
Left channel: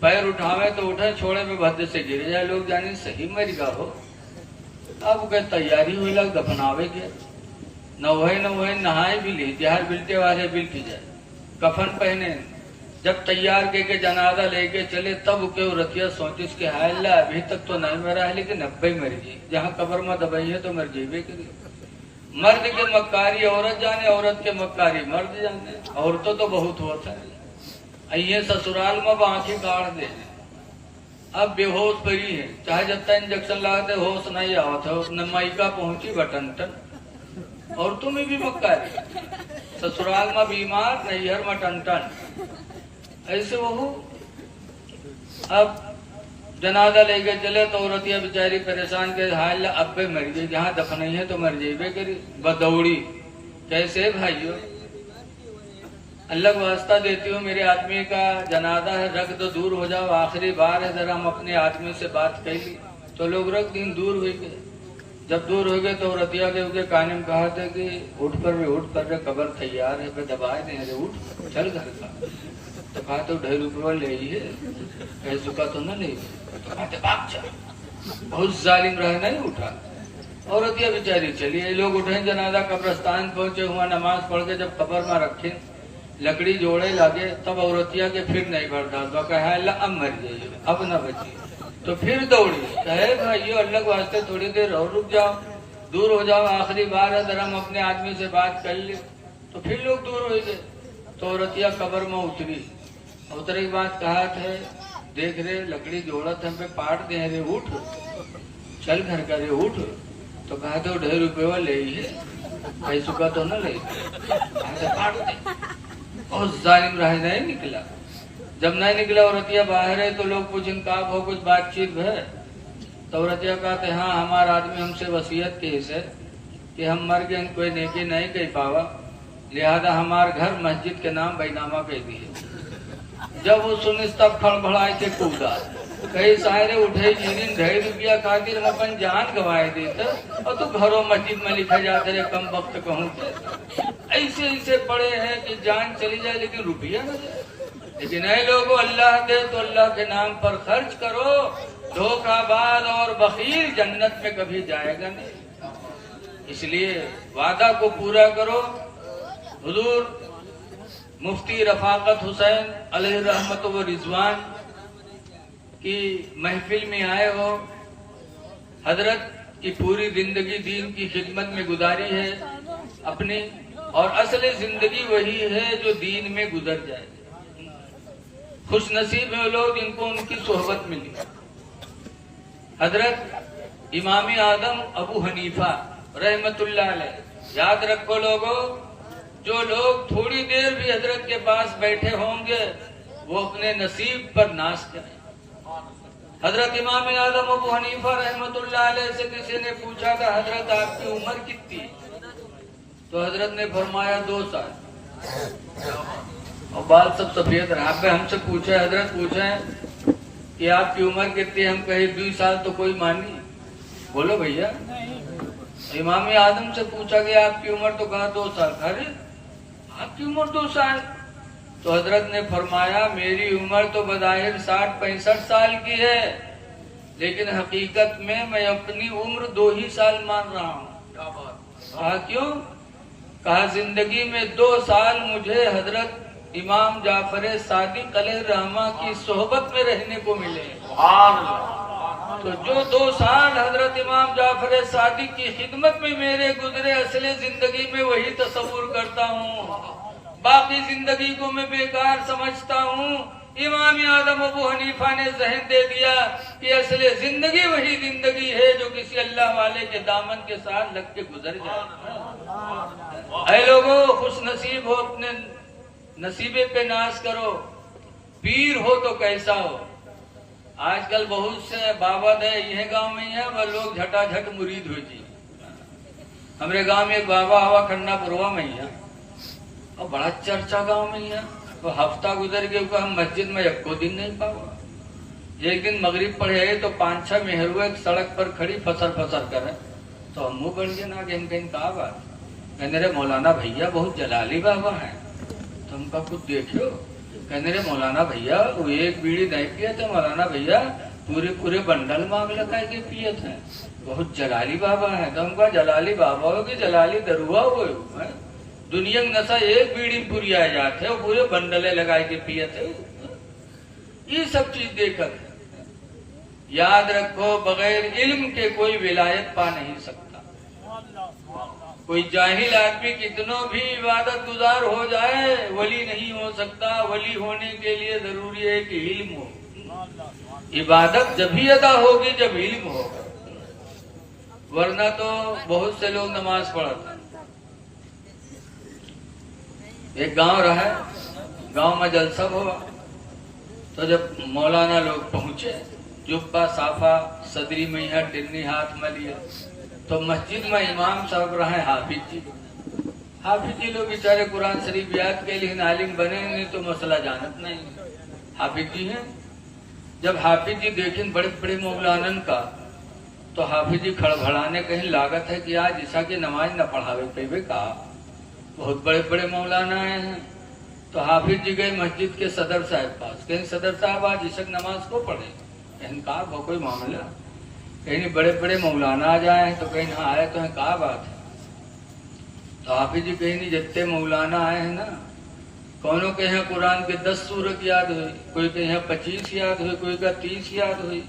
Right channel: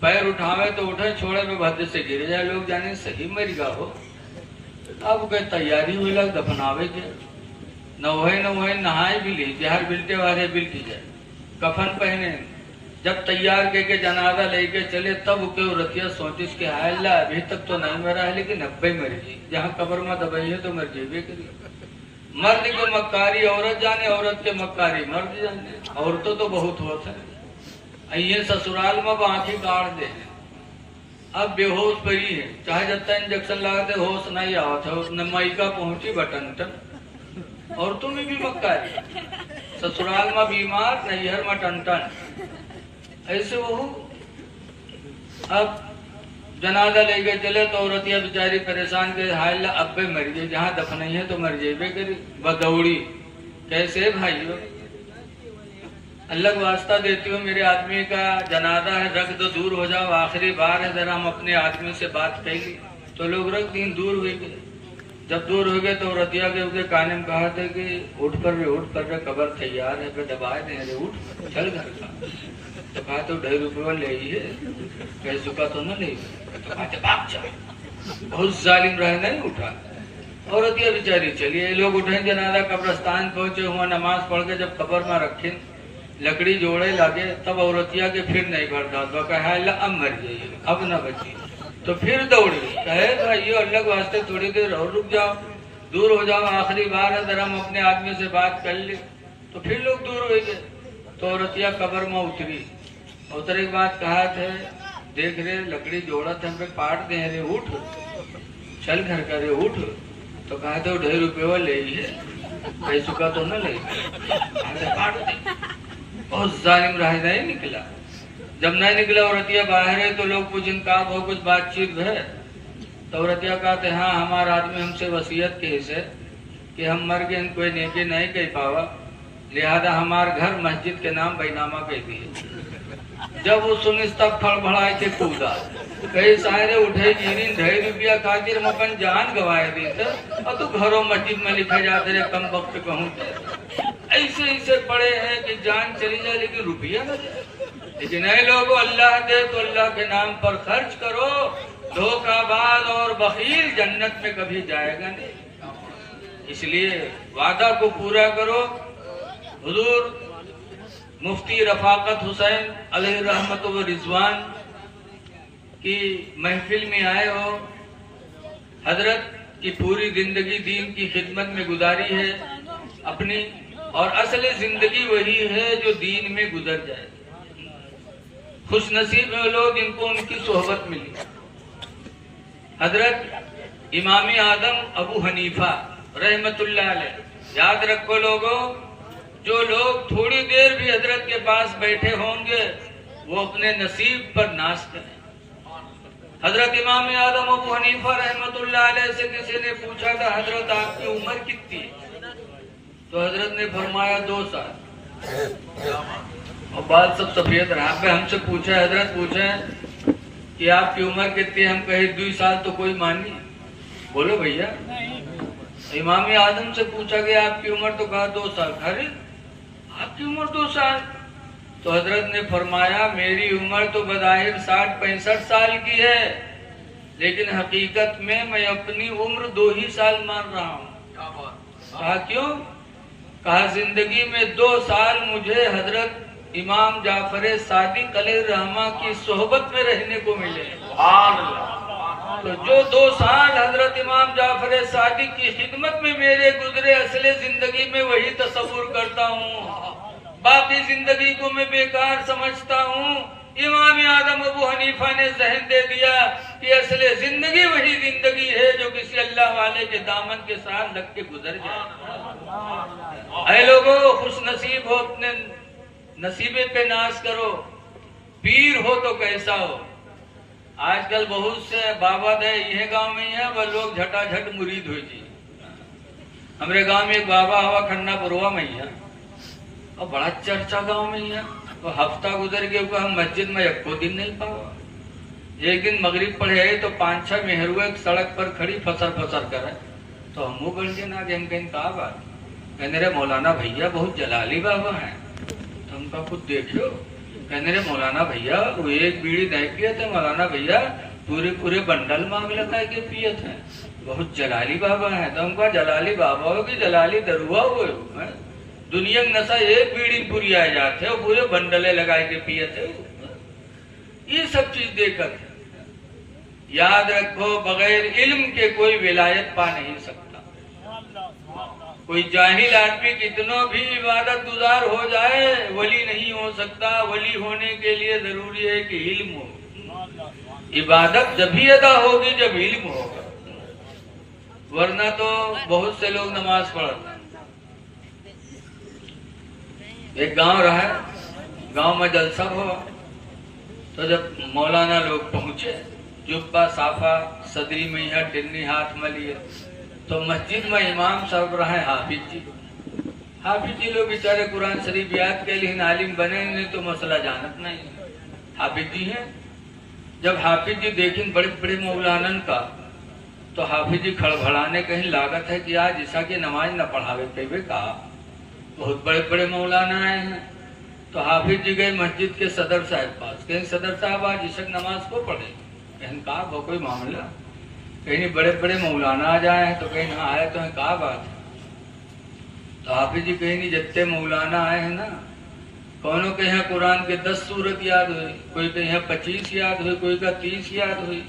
पैर उठावे तो उठे, छोड़े पे भद्र से गिर जाए, लोग जाने सही मर गा हो। अब के तैयारी हुई लग दफनावे के, न नहाए भी ली, जहर बिलते वाले बिल की जाए, कफन पहने, जब तैयार के जनाजा लेके चले तब के रतिया 34 के हायला अभी तक तो नहीं मरा है, लेकिन अब्बे मर गई, जहाँ कब्र में दबाई है तो मर जेबे करिए। मर्द के मक्कारी औरत जाने, औरत के मक्कारी मर्द जाने, औरतों तो बहुत होता है। ये ससुराल में आंखी काट दे, अब बेहोश पड़ी है, चाहे जब तक इंजेक्शन लगाते होश नहीं आता, न माइका पहुंची बटन टन। औरतों में भी मक्कारी, ससुराल में बीमार, नैहर में टन टन, ऐसे वो। अब जनाजा लेके चले तो औरतिया बेचारी परेशान के हाल अब्बे मर गई, जहाँ दफन है तो मर जेबे करी, बदौड़ी। कैसे भाइयों, अल्लाह वास्ता देती हूँ, मेरे आदमी का जनाजा है, रख दो, दूर हो जाओ, आखिरी बार है, जरा हम अपने आदमी से बात कर ली। तो लोग रख दिन दूर हुई गए, जब दूर हो गए तो रतिया के उसके काने में कहा था कि उठ कर रे कब्र तैयार है, पे दबाए दे रे, उठ चल घर का। तो कहा तो 2.5 रुपये ले ही है, कह चुका तो न ले। तो कहा भाग जा, बहुत जालिम रहे, नहीं उठा। और रतिया बेचारी चलिए, ये लोग उठे जनाजा कब्रस्तान पहुंचे हुआ, नमाज पढ़ के जब कब्र में रखे, लकड़ी जोड़े लगे, तब औरतिया के फिर नहीं बढ़ता, तो कहा अब मर जाइए, अब न बची। तो फिर दौड़ी, कहे भाई ये अल्लाह के वास्ते थोड़ी देर और रुक जाओ, दूर हो जाओ, आखिरी बार है, जरा हम अपने आदमी से बात कर ले। तो फिर लोग दूर हो गए। तो औरतिया कब्र में उतरी, उतरे के बाद कहा थे, देख रहे लकड़ी जोड़त हम पे पाट दे रे, उठ चल घर का रे, उठ। तो कहा तो 2.5 रुपये ले ही है, कह चुका तो न ले, काट दे। बहुत जालिम रहे, नहीं निकला। जब नहीं निकला औरतिया बाहर है, तो लोग पूछें का हो, कुछ बातचीत है। तो औरतिया कहते हाँ, हमारा आदमी हमसे वसीयत के हिस्से कि हम मर गए, कोई नेकी नहीं कह पावा, लिहाजा हमार घर मस्जिद के नाम बैनामा कह दिए। जब वो सुनी तब फड़फड़ाए थे कूदा, कई सारे उठे गिरी, 2.5 रुपया खातिर हम अपन जान गवाए दी थे, और तू घरों मस्जिद में लिखा जाते रहे, कम वक्त कहूँ ऐसे ऐसे पड़े हैं कि जान चली जाए लेकिन रुपया न जाए। लेकिन ऐ लोगों, अल्लाह दे तो अल्लाह के नाम पर खर्च करो, धोखाबाज और बखील जन्नत में कभी जाएगा नहीं। इसलिए वादा को पूरा करो। हुजूर मुफ्ती रफाकत हुसैन अलैहि रहमत व रिजवान की महफिल में आए हो। हजरत की पूरी जिंदगी दीन की खिदमत में गुजारी है अपनी, और असली जिंदगी वही है जो दीन में गुजर जाए। खुश नसीब है वो लोग जिनको उनकी सोहबत मिली। हजरत इमाम आदम अबू हनीफा रहमतुल्लाह अलैह, याद रखो लोगों, जो लोग थोड़ी देर भी हजरत के पास बैठे होंगे वो अपने नसीब पर नाश करें। हजरत इमाम आदम अबू हनीफा रहमतुल्लाह अलैह से किसी ने पूछा था, हजरत आपकी उम्र कितनी? तो हजरत ने फरमाया 2 साल, और बाल सब सफेद रहा। आपने हमसे पूछा, हजरत पूछे कि आपकी उम्र कितनी? हम कहे 2 साल। तो कोई मानी? बोलो भैया। इमाम आदम से पूछा कि आपकी उम्र? तो कहा 2 साल। अरे आपकी उम्र 2 साल? तो हजरत ने फरमाया मेरी उम्र तो बज़ाहिर 60-65 साल की है, लेकिन हकीकत में मैं अपनी उम्र 2 ही साल मान रहा हूँ। कहा क्यों? कहा जिंदगी में 2 साल मुझे हजरत इमाम जाफर सादिक अलैहिर्रहमा की सोहबत में रहने को मिले। तो जो 2 साल हजरत इमाम जाफर सादिक की खिदमत में मेरे गुजरे, असली जिंदगी में वही तस्वुर करता हूँ, बाकी जिंदगी को मैं बेकार समझता हूँ। इमाम आदम अबू हनीफा ने जहन दे दिया कि असली जिंदगी वही जिंदगी है जो किसी अल्लाह वाले के दामन के साथ लग के गुजर जाए। ऐ लोगों, खुश नसीब हो, अपने नसीबे पे नाश करो। पीर हो तो कैसा हो। आजकल बहुत से बाबा दे यह गांव में है, वह लोग झटाझट मुरीद हुई जी। हमारे गांव में एक बाबा हवा खन्ना पुरवा में है, और बड़ा चर्चा गांव में है। तो हफ्ता गुजर गया, हम मस्जिद में 1 दिन नहीं पावा। एक दिन मगरिब पढ़े तो 5-6 मेहरुआ एक सड़क पर खड़ी फसर करे। तो हम मुँह बढ़ गए ना कि हम कहीं कहा बात, कहने रे मौलाना भैया बहुत जलाली बाबा है। तो हमका कुछ देखो, कहने रे मौलाना भैया वो एक बीड़ी नहीं पिए थे, मौलाना भैया पूरे बंडल मांग लेता है कि पिए थे, बहुत जलाली बाबा है। तो हमका जलाली बाबा हो कि जलाली दरुआ हो, दुनिया में नशा एक बीड़ी पूरी आ जाते और पूरे बंडले लगाए के पिए थे। ये सब चीज देखकर याद रखो, बगैर इल्म के कोई विलायत पा नहीं सकता। कोई जाहिल आदमी कितनों भी इबादत गुजार हो जाए, वली नहीं हो सकता। वली होने के लिए जरूरी है कि इल्म हो। इबादत जब ही अदा होगी जब इल्म होगा, वरना तो बहुत से लोग नमाज पढ़ते हैं। एक गांव रहा, गांव में जलसा हुआ, तो जब मौलाना लोग पहुंचे, जुब्बा साफा सदरी में है, टिन्नी हाथ में लिए, तो मस्जिद में इमाम साहब रहे हाफिज जी। हाफिज जी लोग बेचारे कुरान शरीफ याद के लिए आलिम बने नहीं तो मसला जानत नहीं, हाफिज जी हैं। जब हाफिज जी देखें बड़े बड़े मौलानन का, तो हाफिज जी खड़बड़ाने कहीं लागत है कि आज ईशा की नमाज न पढ़ावे कहे कहा। बहुत बड़े बड़े मौलाना आए हैं। तो हाफिज जी गए मस्जिद के सदर साहब पास, कहीं सदर साहब आज ईशा की नमाज को पढ़े। कहीं कहा वो कोई मामला, कहीं बड़े बड़े मौलाना आ जाए तो कहीं हाँ आए तो कहा बात है। तो हाफिज जी कहीं जितने मौलाना आए हैं ना, कौनों के यहाँ कुरान के 10 सूरत याद हुई, कोई के यहाँ 25 याद हुई, कोई का 30 याद हुई,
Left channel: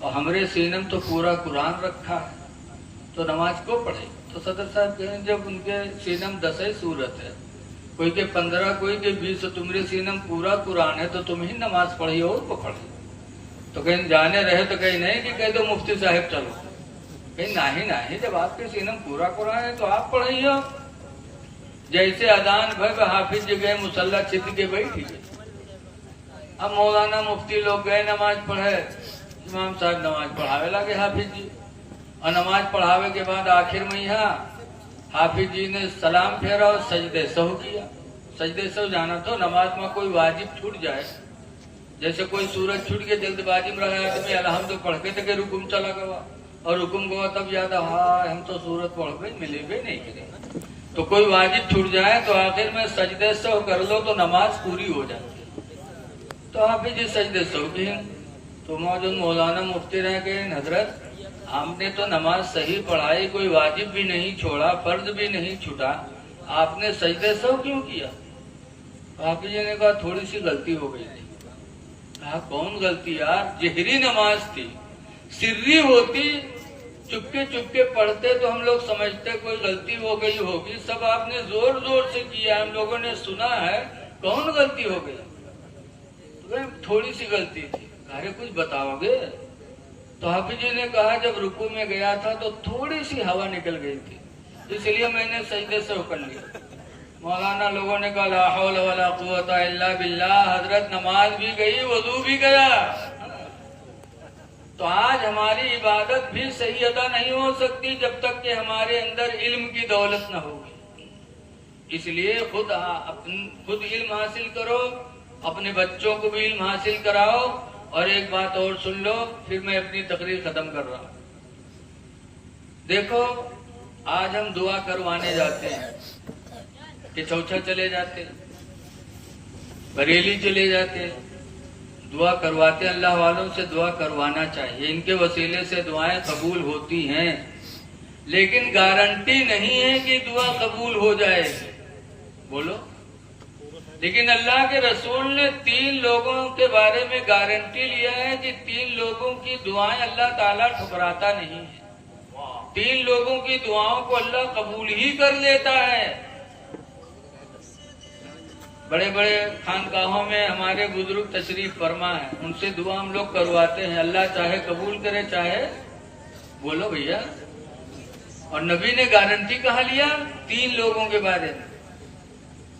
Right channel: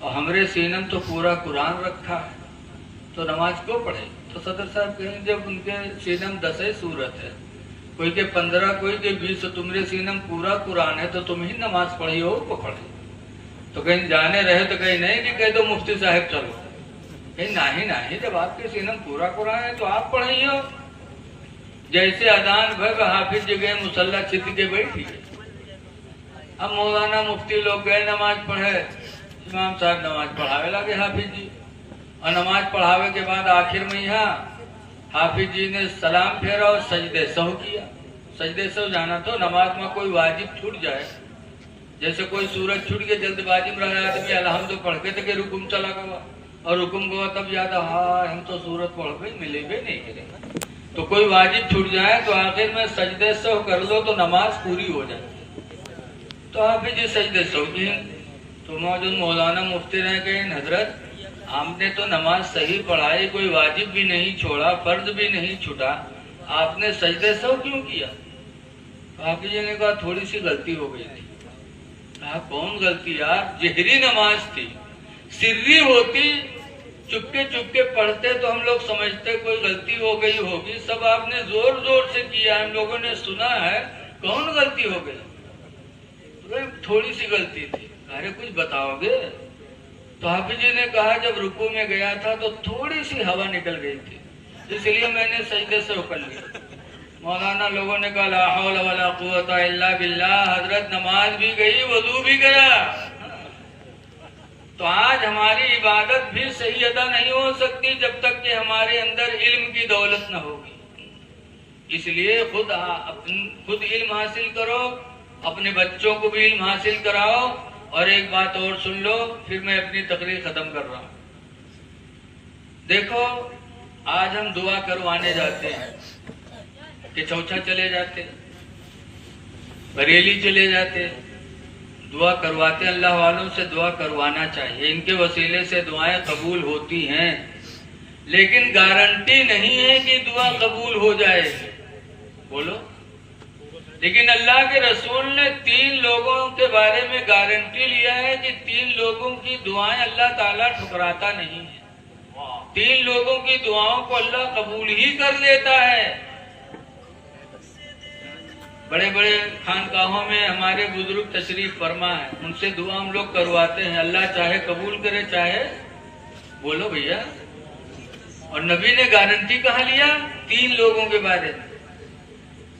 और हमरे सीनम तो पूरा कुरान रखा है, तो नमाज को पढ़े। तो सदर साहब कहें जब उनके सीनम 10 ही सूरत है, कोई के 15 कोई के 20, तो तुम्हारे सीनम पूरा कुरान है, तो तुम ही नमाज पढ़ी और को पढ़े। तो कहीं जाने रहे तो कहीं नहीं कि कह दो मुफ्ती साहब चलो, कहीं नहीं नहीं, जब आपके सीनम पूरा कुरान है तो आप पढ़िए। जैसे अदान भर हाफिज जी गए मुसल्ला छिप के बैठी। अब मौलाना मुफ्ती लोग गए नमाज पढ़े, इमाम साहब नमाज पढ़ावे लगे हाफिज जी, और नमाज पढ़ावे के बाद आखिर में यहाँ हाफिज जी ने सलाम फेरा और सजदे सहू किया। सजदे सहू जाना तो नमाज में कोई वाजिब छूट जाए, जैसे कोई सूरज छूट के जल्दबाजी में रहा तो अलहम्द पढ़ के तो रुकुम चला गया, और रुकुम गया तब याद हाँ हम तो सूरत पढ़ के मिले भी नहीं करे। तो कोई वाजिब छूट जाए तो आखिर में सजदे सहू कर लो तो नमाज पूरी हो जाती। तो हाफिज जी सजदे सहू किए। तो मौजूद मौलाना मुफ्ती रह गए, हजरत आपने तो नमाज सही पढ़ाई, कोई वाजिब भी नहीं छोड़ा, फर्ज भी नहीं छूटा, आपने सजदे सहू क्यों किया? हाफिज जी ने कहा थोड़ी सी गलती हो गई थी। कहा कौन गलती यार? जहरी नमाज थी, सिर्री होती चुपके चुपके पढ़ते तो हम लोग समझते कोई गलती हो गई होगी, सब आपने जोर जोर से किया, हम लोगों ने सुना है, कौन गलती हो गई? तो थोड़ी सी गलती थी। अरे कुछ बताओगे? तो हाफिज जी ने कहा जब रुकू में गया था तो थोड़ी सी हवा निकल गई थी, इसलिए मैंने सजदे से कर लिया। मौलाना लोगों ने कहा ला हौल वला कुव्वता इल्ला बिल्लाह, हजरत नमाज भी गई, वजू भी गया। तो आज हमारी इबादत भी सही अदा नहीं हो सकती जब तक कि हमारे अंदर इल्म की दौलत न होगी। इसलिए खुद इल्म हासिल करो, अपने बच्चों को भी इल्म हासिल कराओ। और एक बात और सुन लो, फिर मैं अपनी तकरीर खत्म कर रहा हूं। देखो आज हम दुआ करवाने जाते हैं कि चौथा चले जाते, बरेली चले जाते, दुआ करवाते। अल्लाह वालों से दुआ करवाना चाहिए, इनके वसीले से दुआएं कबूल होती हैं, लेकिन गारंटी नहीं है कि दुआ कबूल हो जाए। बोलो। लेकिन अल्लाह के रसूल ने 3 लोगों के बारे में गारंटी लिया है कि 3 लोगों की दुआएं अल्लाह ताला ठुकराता नहीं है। 3 लोगों की दुआओं को अल्लाह कबूल ही कर देता है। बड़े बड़े खानकाहों में हमारे बुजुर्ग तशरीफ फरमा है, उनसे दुआ हम लोग करवाते हैं, अल्लाह चाहे कबूल करे चाहे। बोलो भैया। और नबी ने गारंटी कहाँ लिया? 3 लोगों के बारे में।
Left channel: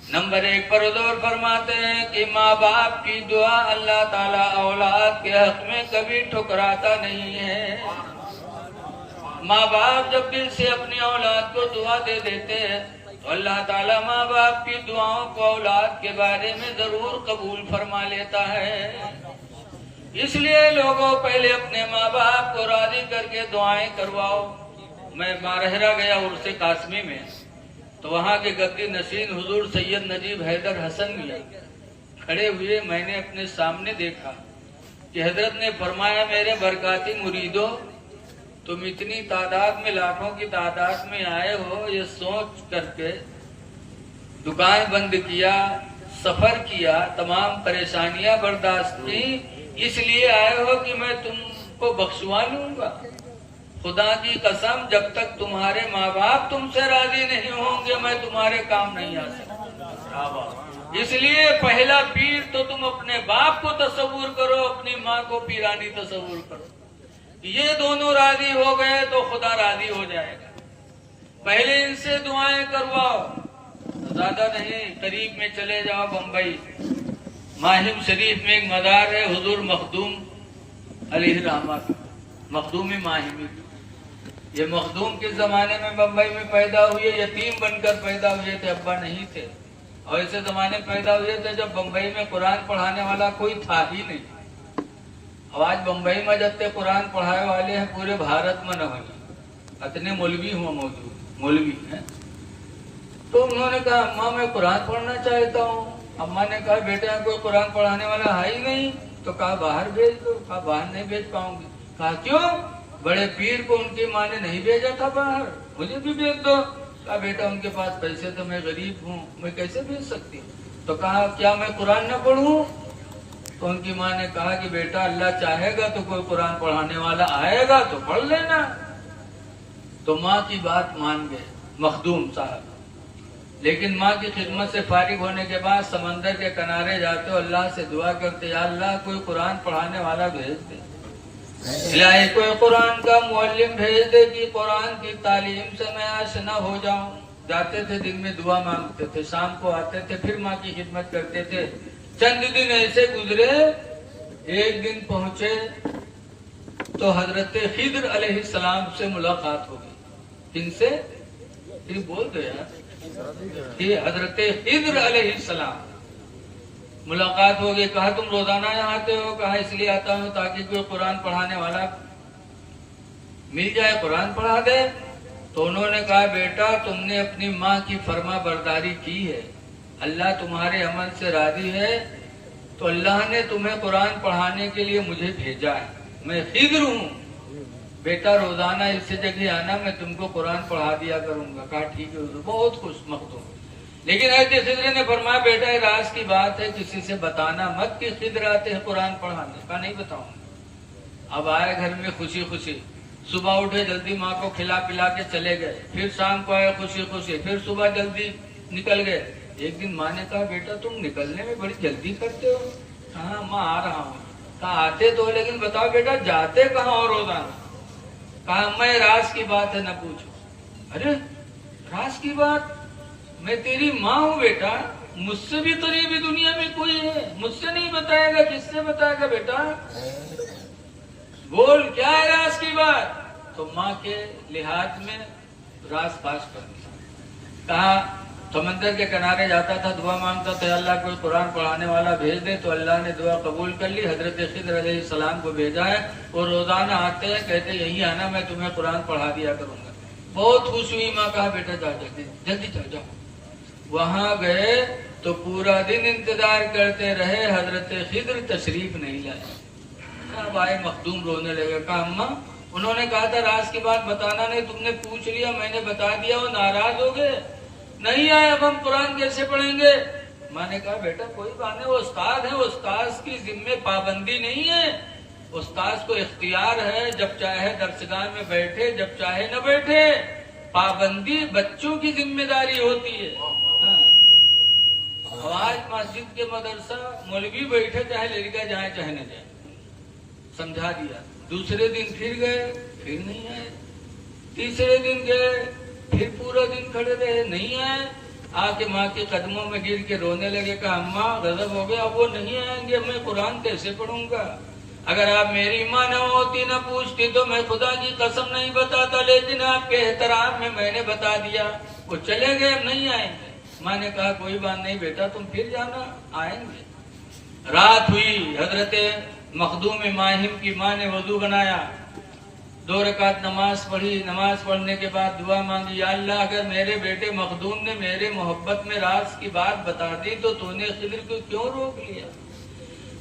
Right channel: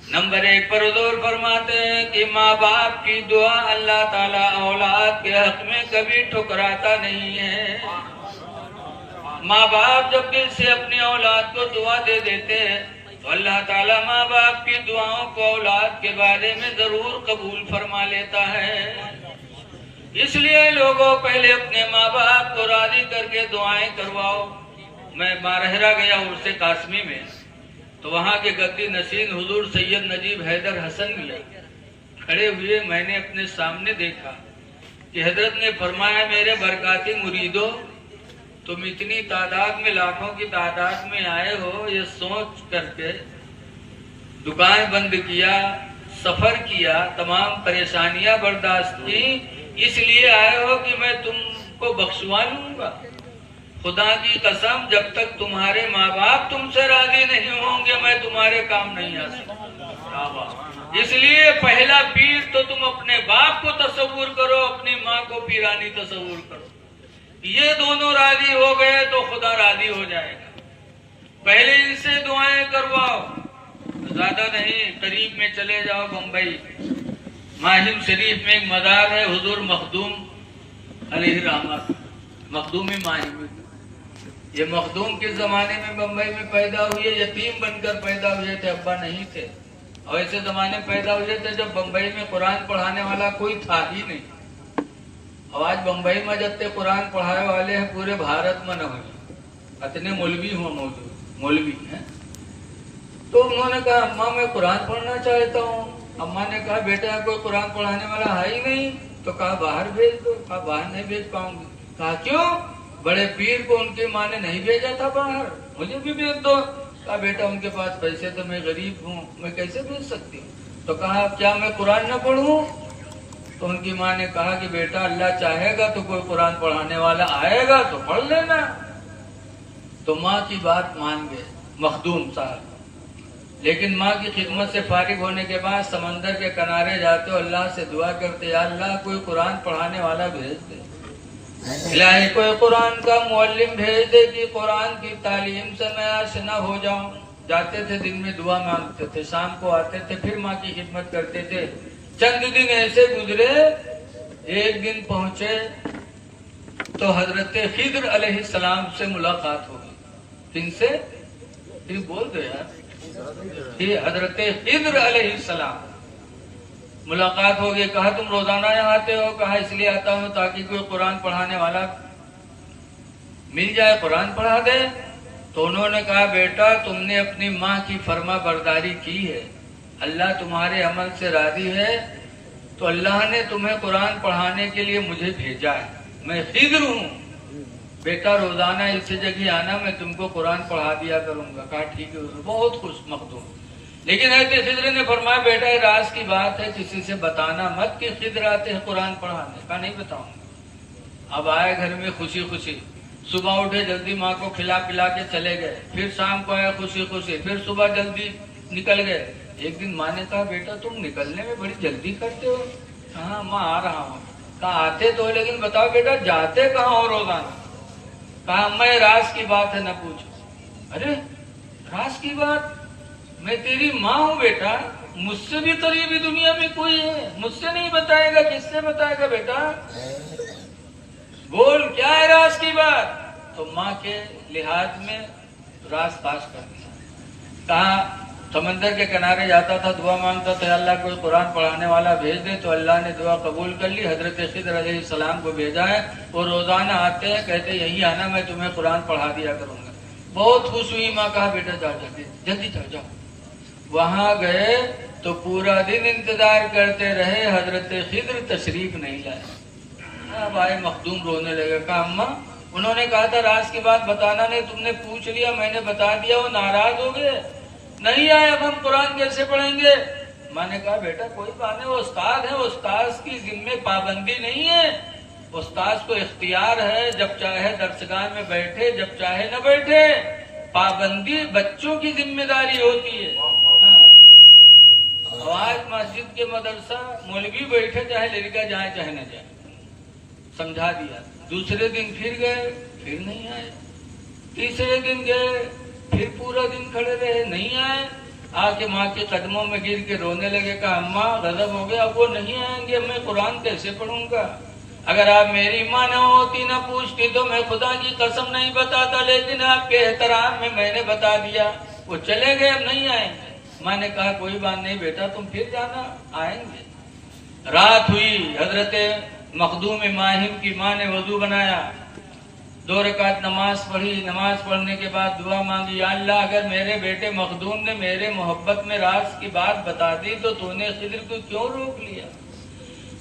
नंबर 1 पर हुजूर फरमाते हैं कि माँ बाप की दुआ अल्लाह ताला औलाद के हक में कभी ठुकराता नहीं है। माँ बाप जब दिल से अपनी औलाद को दुआ दे देते हैं तो अल्लाह ताला माँ बाप की दुआओं को औलाद के बारे में जरूर कबूल फरमा लेता है। इसलिए लोगों पहले अपने माँ बाप को राजी करके दुआएं करवाओ। मैं मारहरा गया उर्से कासमी में, तो वहाँ के गद्दी नशीन हुजूर सैयद नजीब हैदर हसन खड़े हुए। मैंने अपने सामने देखा कि हजरत ने फरमाया मेरे बरकाती मुरीदों, तुम इतनी तादाद में, लाखों की तादाद में आए हो, ये सोच करके दुकान बंद किया, सफर किया, तमाम परेशानियां बर्दाश्त की, इसलिए आए हो कि मैं तुमको बख्शवा लूंगा। खुदा की कसम जब तक तुम्हारे माँ बाप तुमसे राजी नहीं होंगे मैं तुम्हारे काम नहीं आ सकता। इसलिए पहला पीर तो तुम अपने बाप को तस्वुर करो, अपनी माँ को पीरानी तस्वुर करो। ये दोनों राजी हो गए तो खुदा राजी हो जाएगा। पहले इनसे दुआएं करवाओ, ज्यादा नहीं, करीब में चले जाओ बम्बई, माहिम शरीफ में एक मदार है हुजूर मखदूम अलैहि रहमत, मखदूमी माहिमी। ये मखदूम किस जमाने में बम्बई में पैदा हुए? यतीम बनकर पैदा हुए थे, अब्बा नहीं थे। और ऐसे जमाने पैदा हुए थे जब बम्बई में कुरान पढ़ाने वाला कोई था ही नहीं। अब आज बम्बई में जब कुरान पढ़ाए वाले हैं पूरे भारत में न हो, इतने मौलवी हुआ मौजूद मौलवी हैं। तो उन्होंने कहा अम्मा मैं कुरान पढ़ना चाहता हूँ। अम्मा ने कहा बेटा कोई कुरान पढ़ाने वाला है ही नहीं। तो कहा बाहर भेज दो। कहा बाहर नहीं भेज पाऊंगी। कहा क्यों? बड़े पीर को उनकी माँ ने नहीं भेजा था बाहर, मुझे भी भेज दो। कहा बेटा उनके पास पैसे तो मैं गरीब हूँ, मैं कैसे भेज सकती हूँ। तो कहा क्या मैं कुरान न पढ़ूं? तो उनकी माँ ने कहा कि बेटा अल्लाह चाहेगा तो कोई कुरान पढ़ाने वाला आएगा तो पढ़ लेना। तो माँ की बात मान गए मखदूम साहब। लेकिन माँ की खिदमत से फारिग होने के बाद समंदर के किनारे जाते हो अल्लाह से दुआ करते, या अल्लाह कोई कुरान पढ़ाने वाला भेज दे, इलाही कोई कुरान का मुअल्लिम भेज दे कि कुरान की तालीम से मैं आशना हो जाऊं। जाते थे दिन में दुआ मांगते थे, शाम को आते थे फिर माँ की खिदमत करते थे। चंद दिन ऐसे गुजरे, एक दिन पहुंचे तो हजरत खिद्र अलैहिस्सलाम से मुलाकात हो गई। किनसे? फिर बोल दो यार। ये हजरत खिद्र अलैहिस्सलाम मुलाकात हो गई। कहा तुम रोजाना यहाँ आते हो? कहा इसलिए आता हूँ ताकि कोई कुरान पढ़ाने वाला मिल जाए, कुरान पढ़ा दे। तो उन्होंने कहा बेटा तुमने अपनी माँ की फर्मा बरदारी की है, अल्लाह तुम्हारे अमल से राजी है, तो अल्लाह ने तुम्हें कुरान पढ़ाने के लिए मुझे भेजा है। मैं खिद्र हूँ बेटा, रोजाना इसी जगह आना, मैं तुमको कुरान पढ़ा दिया करूंगा। कहा ठीक है। बहुत खुश मखदूम। लेकिन ऐसे खिद्र ने फरमाया बेटा राज की बात है, किसी से बताना मत कि खिद्र आते हैं कुरान पढ़ाने। का नहीं बताऊंगा। अब आए घर में खुशी खुशी, सुबह उठे जल्दी माँ को खिला पिला के चले गए। फिर शाम को आए खुशी खुशी, फिर सुबह जल्दी निकल गए। एक दिन माँ ने कहा बेटा तुम निकलने में बड़ी जल्दी करते हो। हाँ माँ आ रहा हूँ। कहा आते तो लेकिन बताओ बेटा जाते कहाँ हो रोजाना? कहा मैं राज की बात है न पूछो। अरे राज की बात? मैं तेरी माँ हूँ बेटा, मुझसे भी करीबी दुनिया में कोई है, मुझसे नहीं बताएगा किससे बताएगा बेटा? बोल क्या है राज की बात? तो माँ के लिहाज में राज पास कर दिया। कहा समंदर के किनारे जाता था, दुआ मांगता था अल्लाह कोई कुरान पढ़ाने वाला भेज दे। तो अल्लाह ने दुआ कबूल कर ली, हजरत खिद्र अलैहिस्सलाम को भेजा है। वो रोजाना आते हैं, कहते यही आना, मैं तुम्हें कुरान पढ़ा दिया करूंगा। बहुत खुश हुई माँ। कहा बेटा जा जल्दी जल्दी जाओ। वहां गए तो पूरा दिन इंतजार करते रहे, हजरत खिद्र तशरीफ नहीं लाए। अब आए मखदूम रोने लगे। कहा अम्मा उन्होंने कहा था राज की बात बताना नहीं, तुमने पूछ लिया, मैंने बता दिया, वो नाराज हो गए, नहीं आए, अब हम कुरान कैसे पढ़ेंगे? माँ ने कहा बेटा कोई बात नहीं, वो उस्ताद है, उस्ताद की जिम्मे पाबंदी नहीं है, उस्ताद को इख्तियार है, जब चाहे दर्सगाह में बैठे, जब चाहे न बैठे। पाबंदी बच्चों की जिम्मेदारी होती है। आज मस्जिद के मदरसा मौलवी बैठे, चाहे लड़का जाए चाहे न जाए, समझा दिया। दूसरे दिन फिर गए, फिर नहीं आए। तीसरे दिन गए, फिर पूरा दिन खड़े रहे, नहीं आए। आके माँ के कदमों में गिर के रोने लगे। कहा अम्मा गजब हो गया, अब वो नहीं आएंगे, मैं कुरान कैसे पढ़ूंगा? अगर आप मेरी माँ न होती, न पूछती, तो मैं खुदा की कसम नहीं बताता, लेकिन आपके एहतराम में मैंने बता दिया। वो चले गए, अब नहीं आएंगे। माँ ने कहा कोई बात नहीं बेटा, तुम फिर जाना, आएंगे। रात हुई, हजरत मखदूम माहिम की माँ ने वजू बनाया, 2 रकात नमाज पढ़ी। नमाज पढ़ने के बाद दुआ मांगी, या अल्लाह अगर मेरे बेटे मखदूम ने मेरे मोहब्बत में राज की बात बता दी तो तूने खिद्र को क्यों रोक लिया?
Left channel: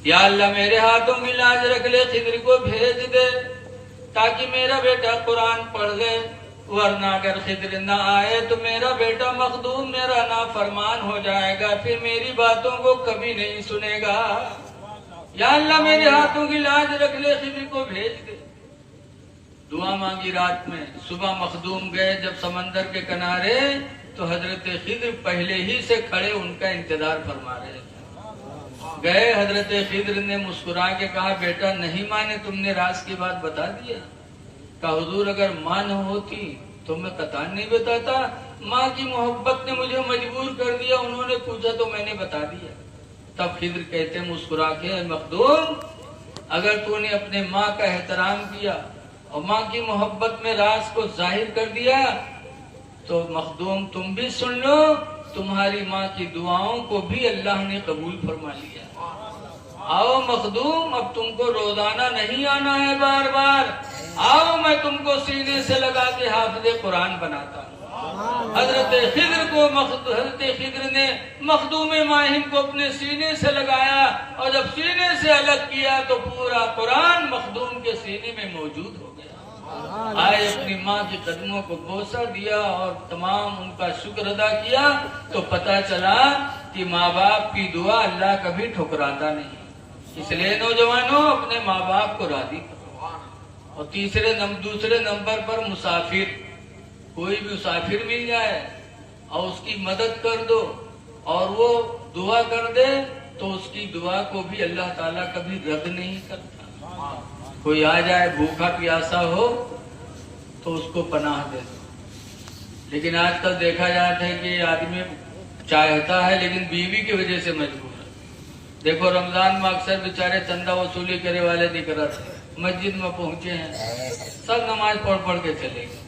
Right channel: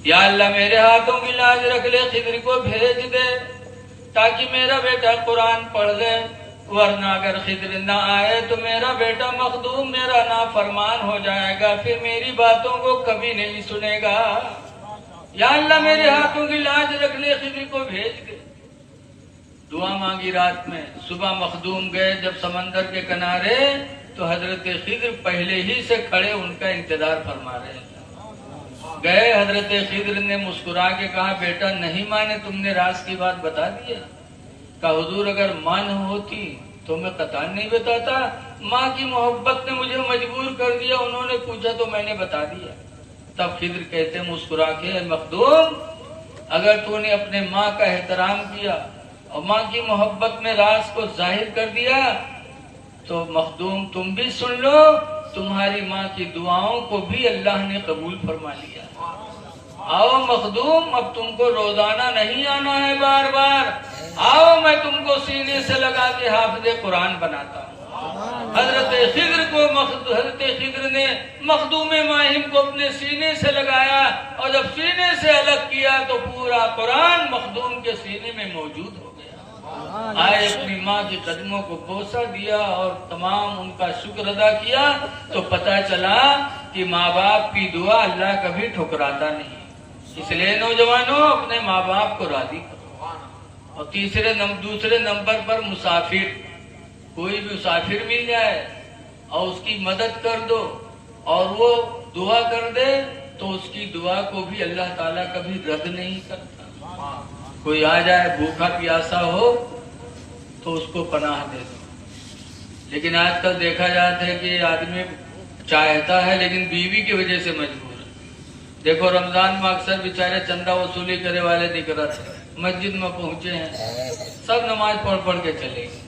या अल्लाह मेरे हाथों की लाज रख ले, खिद्र को भेज दे ताकि मेरा बेटा कुरान पढ़ ले, वरना अगर खिद्र न आए तो मेरा बेटा मखदूम मेरा नाफरमान हो जाएगा, फिर मेरी बातों को कभी नहीं सुनेगा। या अल्लाह मेरे हाथों की लाज रख ले, खिद्र को भेज दे। दुआ मांगी रात में। सुबह मखदूम गए जब समंदर के किनारे, तो हजरत खिद्र पहले ही से खड़े उनका इंतजार फरमा रहे थे। गए, हजरत खिद्र ने मुस्कुरा के कहा बेटा नहीं माने, तुमने राज की बात बता दी है? कहा हुजूर अगर माँ न होती तो मैं कतान नहीं बताता, माँ की मोहब्बत ने मुझे मजबूर कर दिया, उन्होंने पूछा तो मैंने बता दिया। तब खिद्र कहते मुस्कुरा के, मखदूम अगर तूने अपने माँ का एहतराम किया और माँ की मोहब्बत में राज को जाहिर कर दिया, तो मखदूम तुम भी सुन लो, तुम्हारी माँ की दुआओं को भी अल्लाह ने कबूल फरमा लिया। आओ मखदूम, अब तुमको रोजाना नहीं आना है बार बार, आओ मैं तुमको सीने से लगा के हाफिज़े कुरान बनाता हूँ। हजरत खिद्र ने मखदूम माहिम को अपने सीने से लगाया और जब सीने से अलग किया तो पूरा कुरान मखदूम के सीने में मौजूद हो गया। आए अपनी माँ के कदमों को बोसा दिया और तमाम उनका शुक्र अदा किया तो पता चला कि माँ बाप की दुआ अल्लाह कभी ठुकराता नहीं। इसलिए नौजवानों अपने माँ बाप को राजी करो। और दूसरे नंबर पर मुसाफिर, कोई भी मुसाफिर मिल जाए और उसकी मदद कर दो और वो दुआ कर दे तो उसकी दुआ को भी अल्लाह ताला कभी रद्द नहीं करता। कोई आ जाए भूखा प्यासा हो तो उसको पनाह दे दो। लेकिन आजकल देखा जाता है कि आदमी चाहता है लेकिन बीवी की वजह से मजबूर है। देखो रमजान में अक्सर बेचारे चंदा वसूली करे वाले दिख रहे थे, मस्जिद में पहुंचे हैं, सब नमाज पढ़ के चले गए।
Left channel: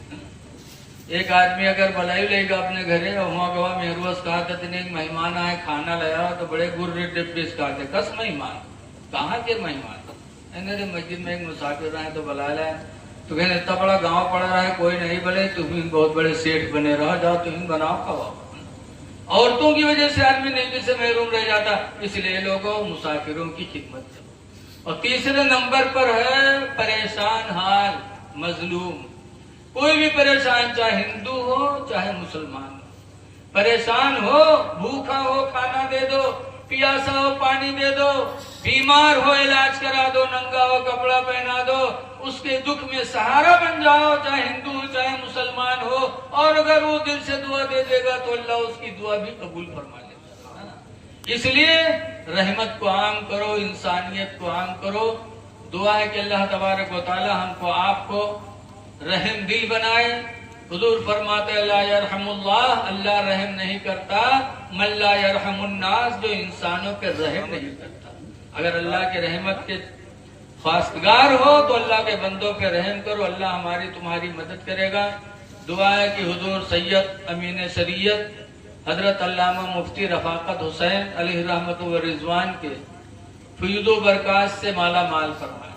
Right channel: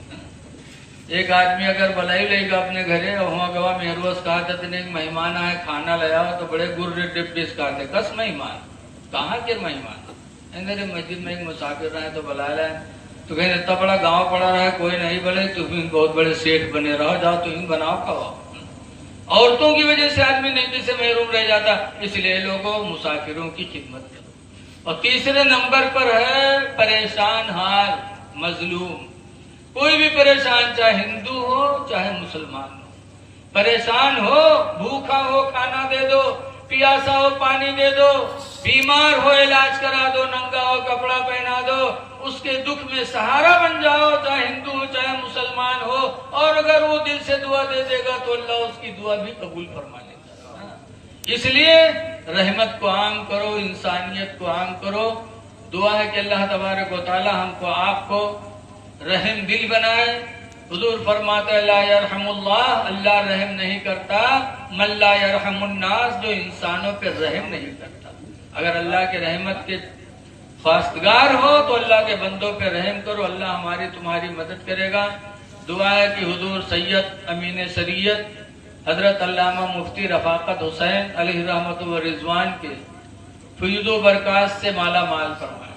एक आदमी अगर बुलाई लेगा अपने घरे और वहाँ गवा मेहरोज कहा था नहीं मेहमान आए खाना ले आओ तो बड़े गुर्रे डिब्बे कहते कस मेहमान, कहाँ के मेहमान? मेरे मस्जिद में एक मुसाफिर रहे तो बुलाया रहा है तो कहने इतना बड़ा गांव पड़ा रहा है कोई नहीं बोले, तुम बहुत बड़े सेठ बने रहो, जाओ तुम बनाओ खाओ। औरतों की वजह से आदमी नेकी से महरूम रह जाता, इसलिए लोगों मुसाफिरों की खिदमत करो। और तीसरे नंबर पर है परेशान हाल मजलूम। कोई भी परेशान, चाहे हिंदू हो चाहे मुसलमान हो, परेशान हो, भूखा हो खाना दे दो, प्यासा हो पानी दे दो, बीमार हो इलाज करा दो, नंगा हो कपड़ा पहना दो, उसके दुख में सहारा बन जाओ, चाहे हिंदू हो चाहे मुसलमान हो। और अगर वो दिल से दुआ दे देगा तो अल्लाह उसकी दुआ भी कबूल फरमा लेगा। इसलिए रहमत को आम करो, इंसानियत को आम करो। दुआ है कि अल्लाह तबारक व तआला हमको आपको रहम दिल बनाए। हुजूर फरमाते ला यरहमुल्लाह, अल्लाह रहम नहीं करता, मन ला यरहमुन्नास, जो इंसानों पे रहम नहीं करता। अगर अल्लाह के रहमत के ख्वास्तगार हो तो अल्लाह के बंदों पे रहम करो, अल्लाह हमारी तुम्हारी मदद करेगा। दुआ है कि हुजूर सैयद अमीन शरीयत हजरत अल्लामा मुफ्ती रफाकत हुसैन अलैहि रहमत व रिजवान के फैज़ व बरकत से माला माल फरमाए।